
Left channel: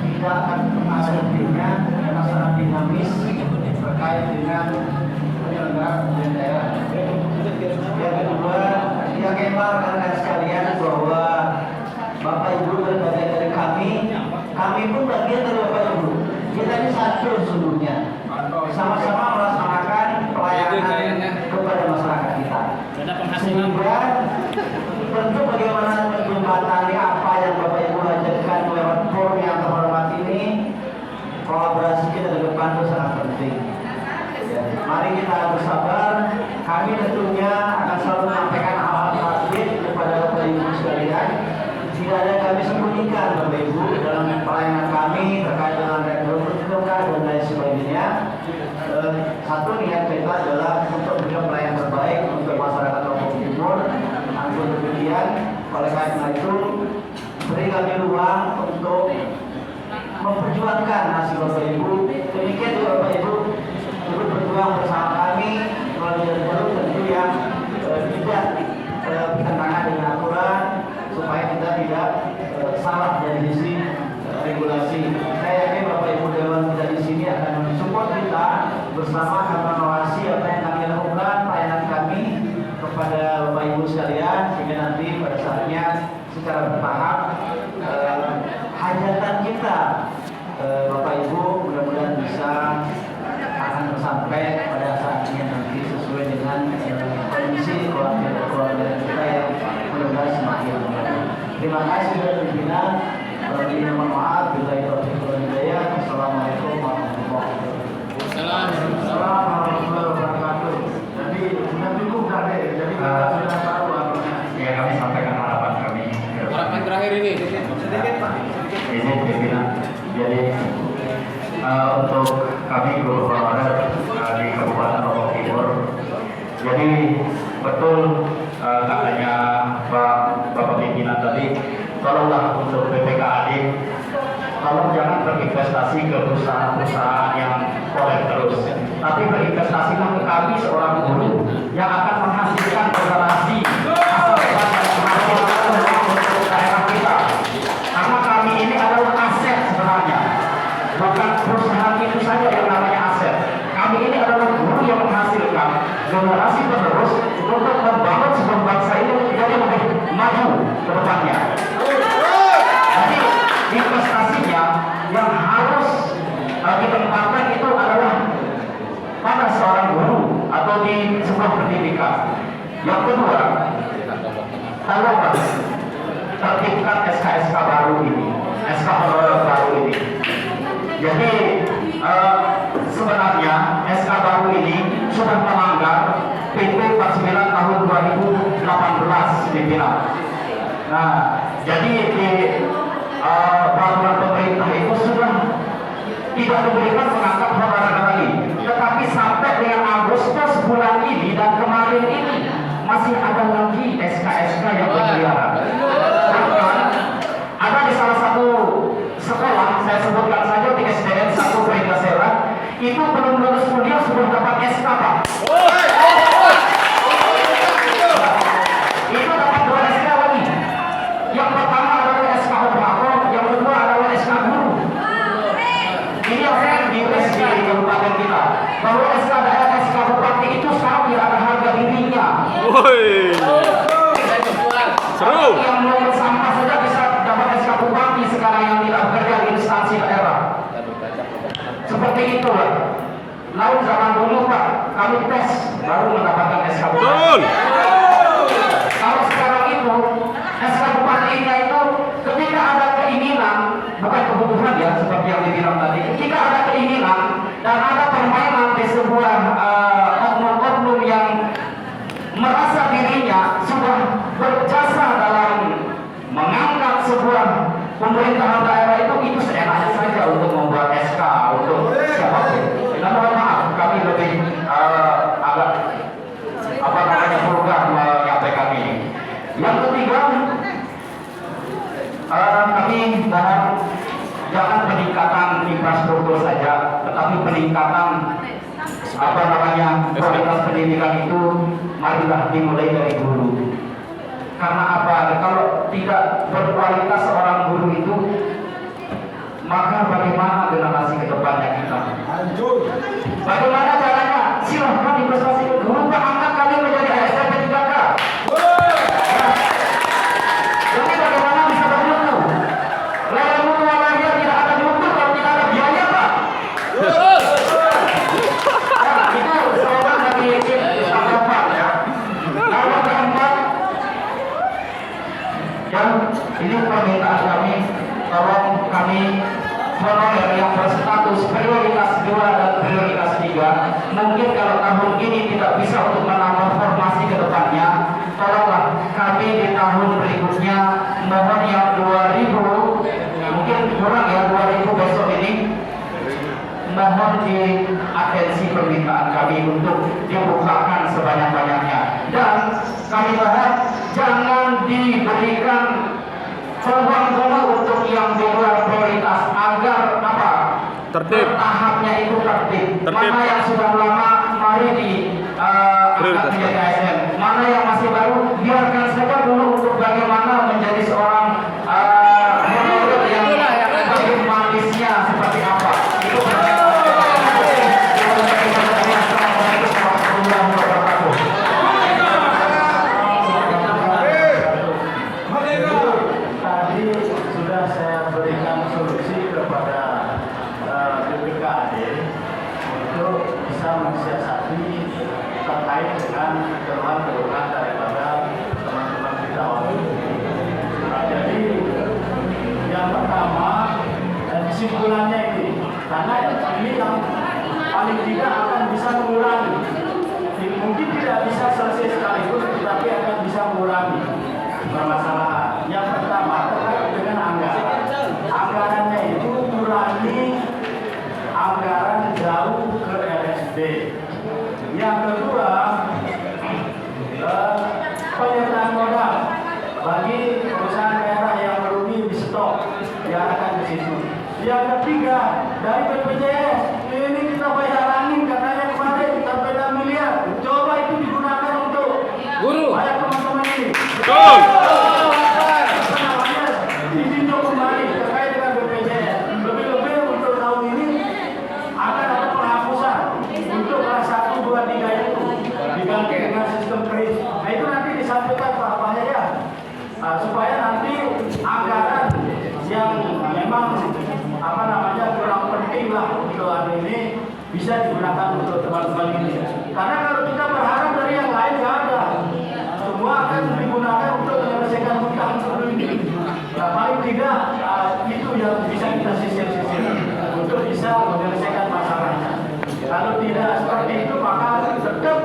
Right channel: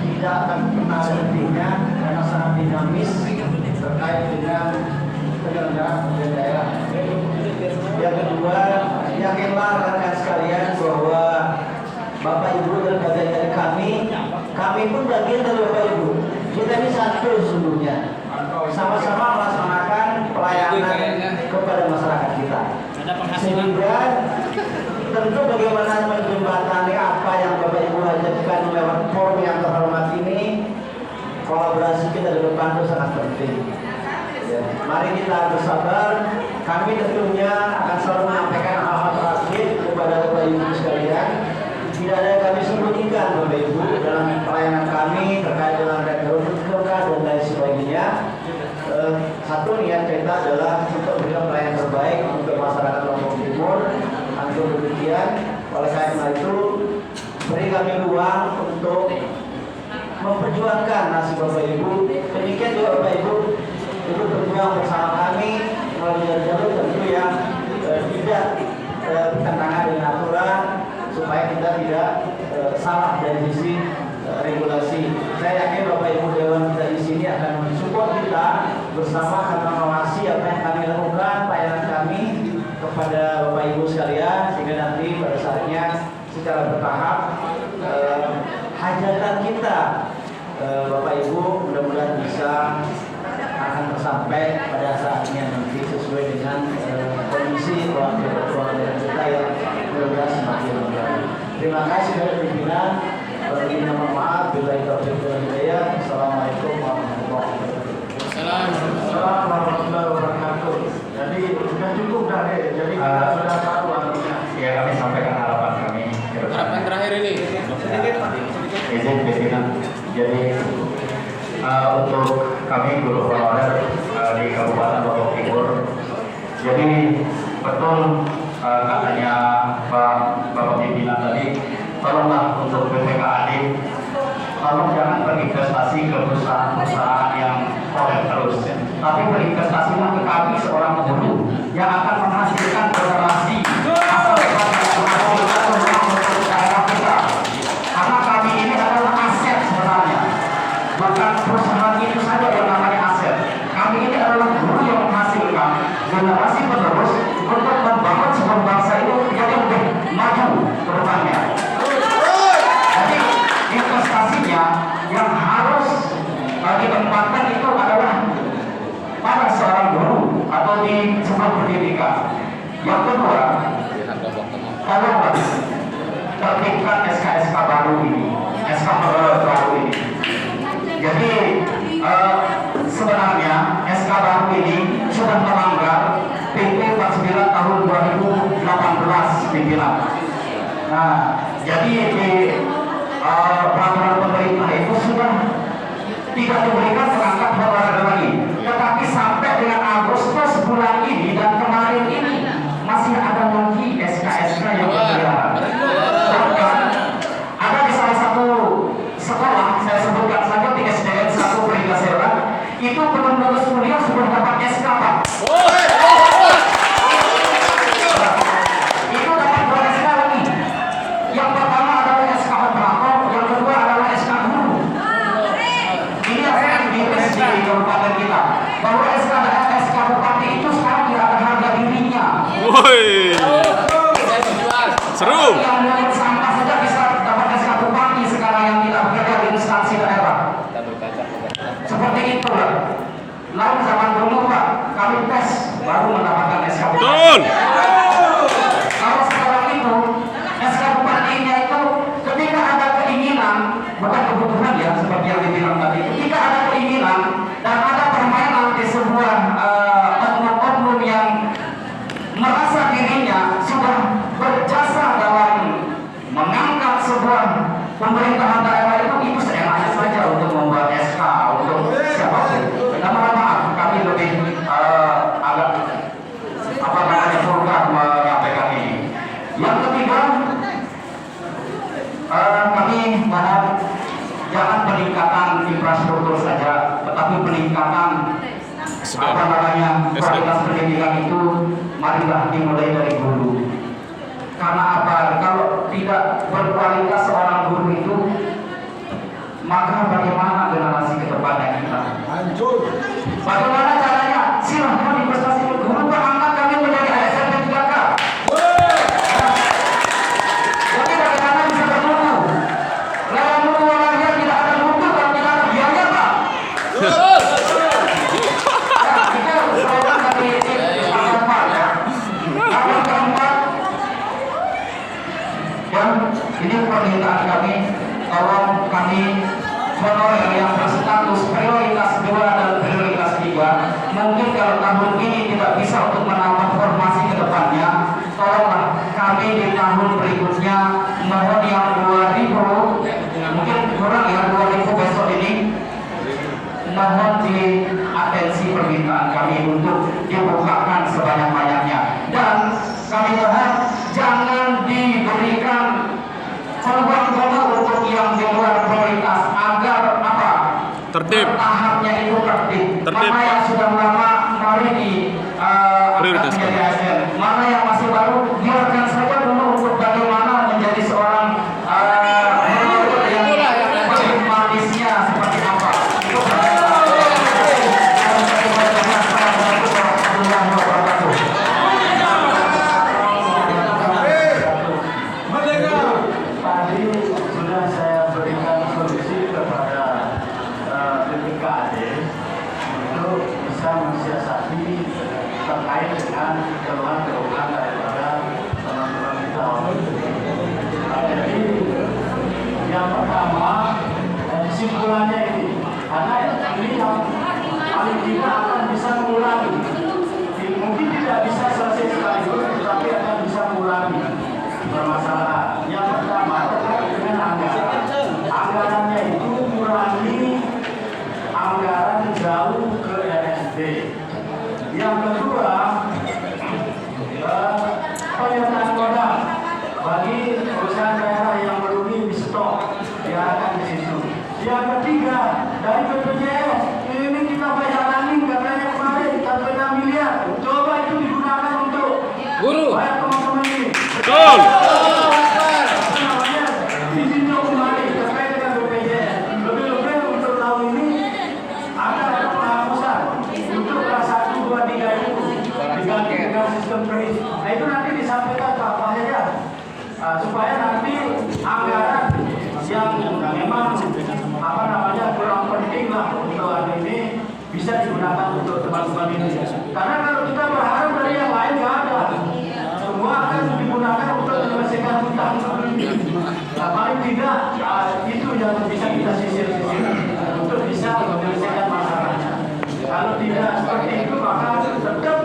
tidak akan pernah berhentinya karena sangat dinamis terkait dengan penyelenggaraan daerah. Yang kedua, yakinlah rekan sekalian bahwa Bapak Ibu dan bagian dari kami pun bagian dari Bapak Ibu. Kita ini satu sesungguhnya, sama-sama melaksanakan pelayanan kepada masyarakat kita. Sehingga tentu bagaimana menjembatani apa yang Bapak Ibu hadirkan lewat forum yang terhormat ini, kolaborasi kita ke depan itu sangat penting. Ya, mari kita bersabar. Kami tentunya akan selalu menyampaikan hal-hal terakhir kepada Bapak Ibu sekalian. Tidak ada yang kami sembunyikan Bapak Ibu dalam pelayanan kami terkait dengan rekrutmen dan lain sebagainya. Satu niat kita adalah untuk memberikan pelayanan terbaik untuk masyarakat Lombok Timur. Namun demikian, oleh karena itu beri kami ruang untuk memperjuangkan nasib Bapak Ibu. Demikian juga Bapak Ibu ikut berjuang bersama kami melalui jalur tentu yang tidak bertentangan dengan aturan supaya kita tidak salah dari sisi regulasi. Saya yakin Bapak Ibu Dewan kita di sini akan mensupport kita bersama akan mengawasi apa yang kami lakukan, pelayanan kami kepada Bapak Ibu sekalian, sehingga nanti pada saatnya secara bertahap hajatan kita Bapak Ibu mudah-mudahan bisa akan tersampai pada saatnya nanti sesuai dengan kondisi keluarga kita yang mudah-mudahan semakin baik. Terima kasih dari pimpinan. Mohon maaf bila itu hidayah. Assalamualaikum warahmatullahi wabarakatuh. Assalamualaikum warahmatullahi wabarakatuh. Jadi sudah cukup tadi. Jadi kita sudah tahu artinya. Ya, kami sampaikan harapan kami. Harapan terakhir ini. Izin pimpinan. Jadi untuk kami guru honorer di Kabupaten Lombok Timur. Jadi betul katanya Bapak pimpinan tadi, tolonglah untuk BPKAD, tolong jangan berinvestasi ke perusahaan-perusahaan yang kolek terus, tapi berinvestasilah ke kami seorang guru yang akan menghasilkan generasi masa depan yang berhasil untuk daerah kita. Karena kami ini adalah aset sebenarnya, bukan perusahaan itu saja yang namanya aset. Kami ini adalah guru yang menghasilkan generasi penerus untuk membangun sebuah bangsa itu yang lebih maju ke depannya. Jadi investasinya yang harus ditempatkan itu adalah pada seorang guru atau di sebuah pendidikan. Yang kedua, tolonglah terbitkan SK-SK baru ini, SK baru ini. Jadi sebenarnya SK baru ini sudah melanggar PP 49 tahun 2018 pimpinan. Nah, jadi di peraturan pemerintah itu sudah tidak diberikan perangkat honorer lagi, tetapi sampai dengan Agustus bulan ini dan kemarin ini masih ada lagi SK-SK yang berkeliaran. Bahkan ada di salah satu sekolah, saya sebutkan saja di SDN 1 Peringasera, itu belum lulus kuliah sudah dapat SK, Pak. Itu dapat 2 SK lagi. Yang pertama adalah SK operator, yang kedua adalah SK guru. Ini yang saya diulis di kabupaten kita, bahwa SK bupati itu sekarang tidak ada harga dirinya. Seru. Yang menurut sampah saja bisa dapat SK bupati sekarang yang tidak bekerja di instansi daerah. Seperti itu, Pak. Lalu zaman dulu, Pak, kami tes baru mendapatkan SK bupati. Kalau sekarang itu SK bupatinya itu ketika ada keinginan, bukan kebutuhan ya seperti yang dibilang tadi, ketika ada keinginan dan ada permainan di sebuah oknum-oknum yang merasa dirinya sudah berjasa dalam mengangkat sebuah pemerintahan daerah itu seenaknya saja untuk membuat SK untuk siapapun. Nah, mohon maaf, kami lebih agak vulgar menyampaikan ini. Yang ketiga, kami mohon jangan peningkatan infrastruktur saja, tetapi peningkatan kualitas pendidikan itu marilah dimulai dari guru. Karena apa? Kalau tidak berkualitas seorang guru itu, maka bagaimana generasi ke depannya kita? Bagaimana caranya? Silahkan investasi ke guru, Pak, angkat kami menjadi ASN P3K. Jadi bagaimana bisa bermutu? Lewat mutu warnanya tidak ada mutu kalau tidak ada biaya, Pak. Nah, itu slogan dari Pak ya. Lalu keempat, dan ini permintaan kami, tolong kami honorer yang berstatus prioritas 2 dan prioritas 3, mungkin kalau tahun ini tidak bisa untuk menambah formasi ke depannya, tolonglah kami di tahun berikutnya, mohon yang 2000, mungkin kurang ya 2000 besok ini, mohon di atensi permintaan kami untuk dibukakan sebanyak-banyaknya. Dan kami mohon jangan diberikan peluang-peluang untuk yang di luar prioritas agar apa? Tertib. Tahapnya itu tertib. Titip. mana yang sudah lama mari di Prioritaskan. ASN, mana yang masih baru biarkan saja dulu untuk bagaimana menjadi seorang yang manisnya seperti apa. Itu Tadi sudah saya berikan solusi kepada BPKAD untuk bisa mensiasati terkait dengan keluhan-keluhan daripada teman-teman kita orang itu. Jadi yang pertama kesimpulannya ini, karena ini yang paling tidak akan bisa mengurangi. Mungkin tidak bisa selesai sekaligus, tetapi akan bisa mengurangi permasalahan. Yang pertama terkait dengan anggaran. Anggarannya itu kurangi anggaran jauh ke RSD. Yang kedua, penyertaan modal bagi perusahaan daerah yang merugi di stok diarahkan di situ. Yang ketiga, dari BPJS ini kita bayar angin katanya kemarin 6 miliar. Coba itu digunakan untuk bayar teman-teman ini. Betul. Apa namanya? Ditinjau kembali terkait dengan BPJS. Lebih-lebih untuk tahun ini ada penghapusan untuk kelas 1, 2, 3 itu diganti dengan sistem kredit. Nah itu nanti disampaikan Pak Yaya supaya nanti anggaran yang memang apa namanya kurang penting lah untuk hari ini bisa digunakan untuk teman-teman ini. Karena kalau kita berharap dari yang lain nggak ada, semua akan digunakan untuk menyelesaikan hutang ini. Nah, paling tidak itu yang bisa kita sisir-sisir untuk bisa menyelesaikan masalahnya. Kalau tidak seperti itu maka tetap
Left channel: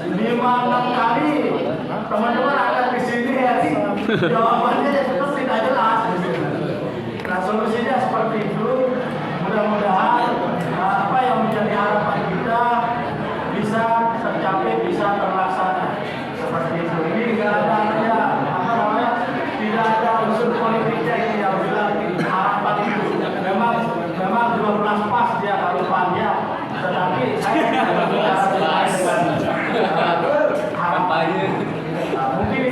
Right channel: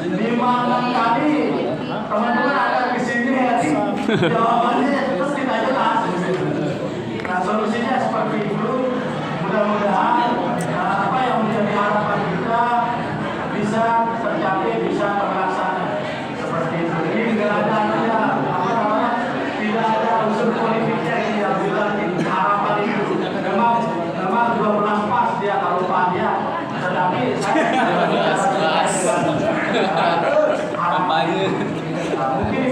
5-6 kali teman-teman akan kesini ya sih jawabannya tetap tidak jelas. Nah solusinya seperti itu. Mudah-mudahan apa yang menjadi harapan kita bisa tercapai, bisa terlaksana seperti itu. Ini tidak ada apa namanya, tidak ada unsur politiknya yang bilang harapan itu. Memang 12 pas dia harapannya, tetapi saya tidak kampanye. Mungkin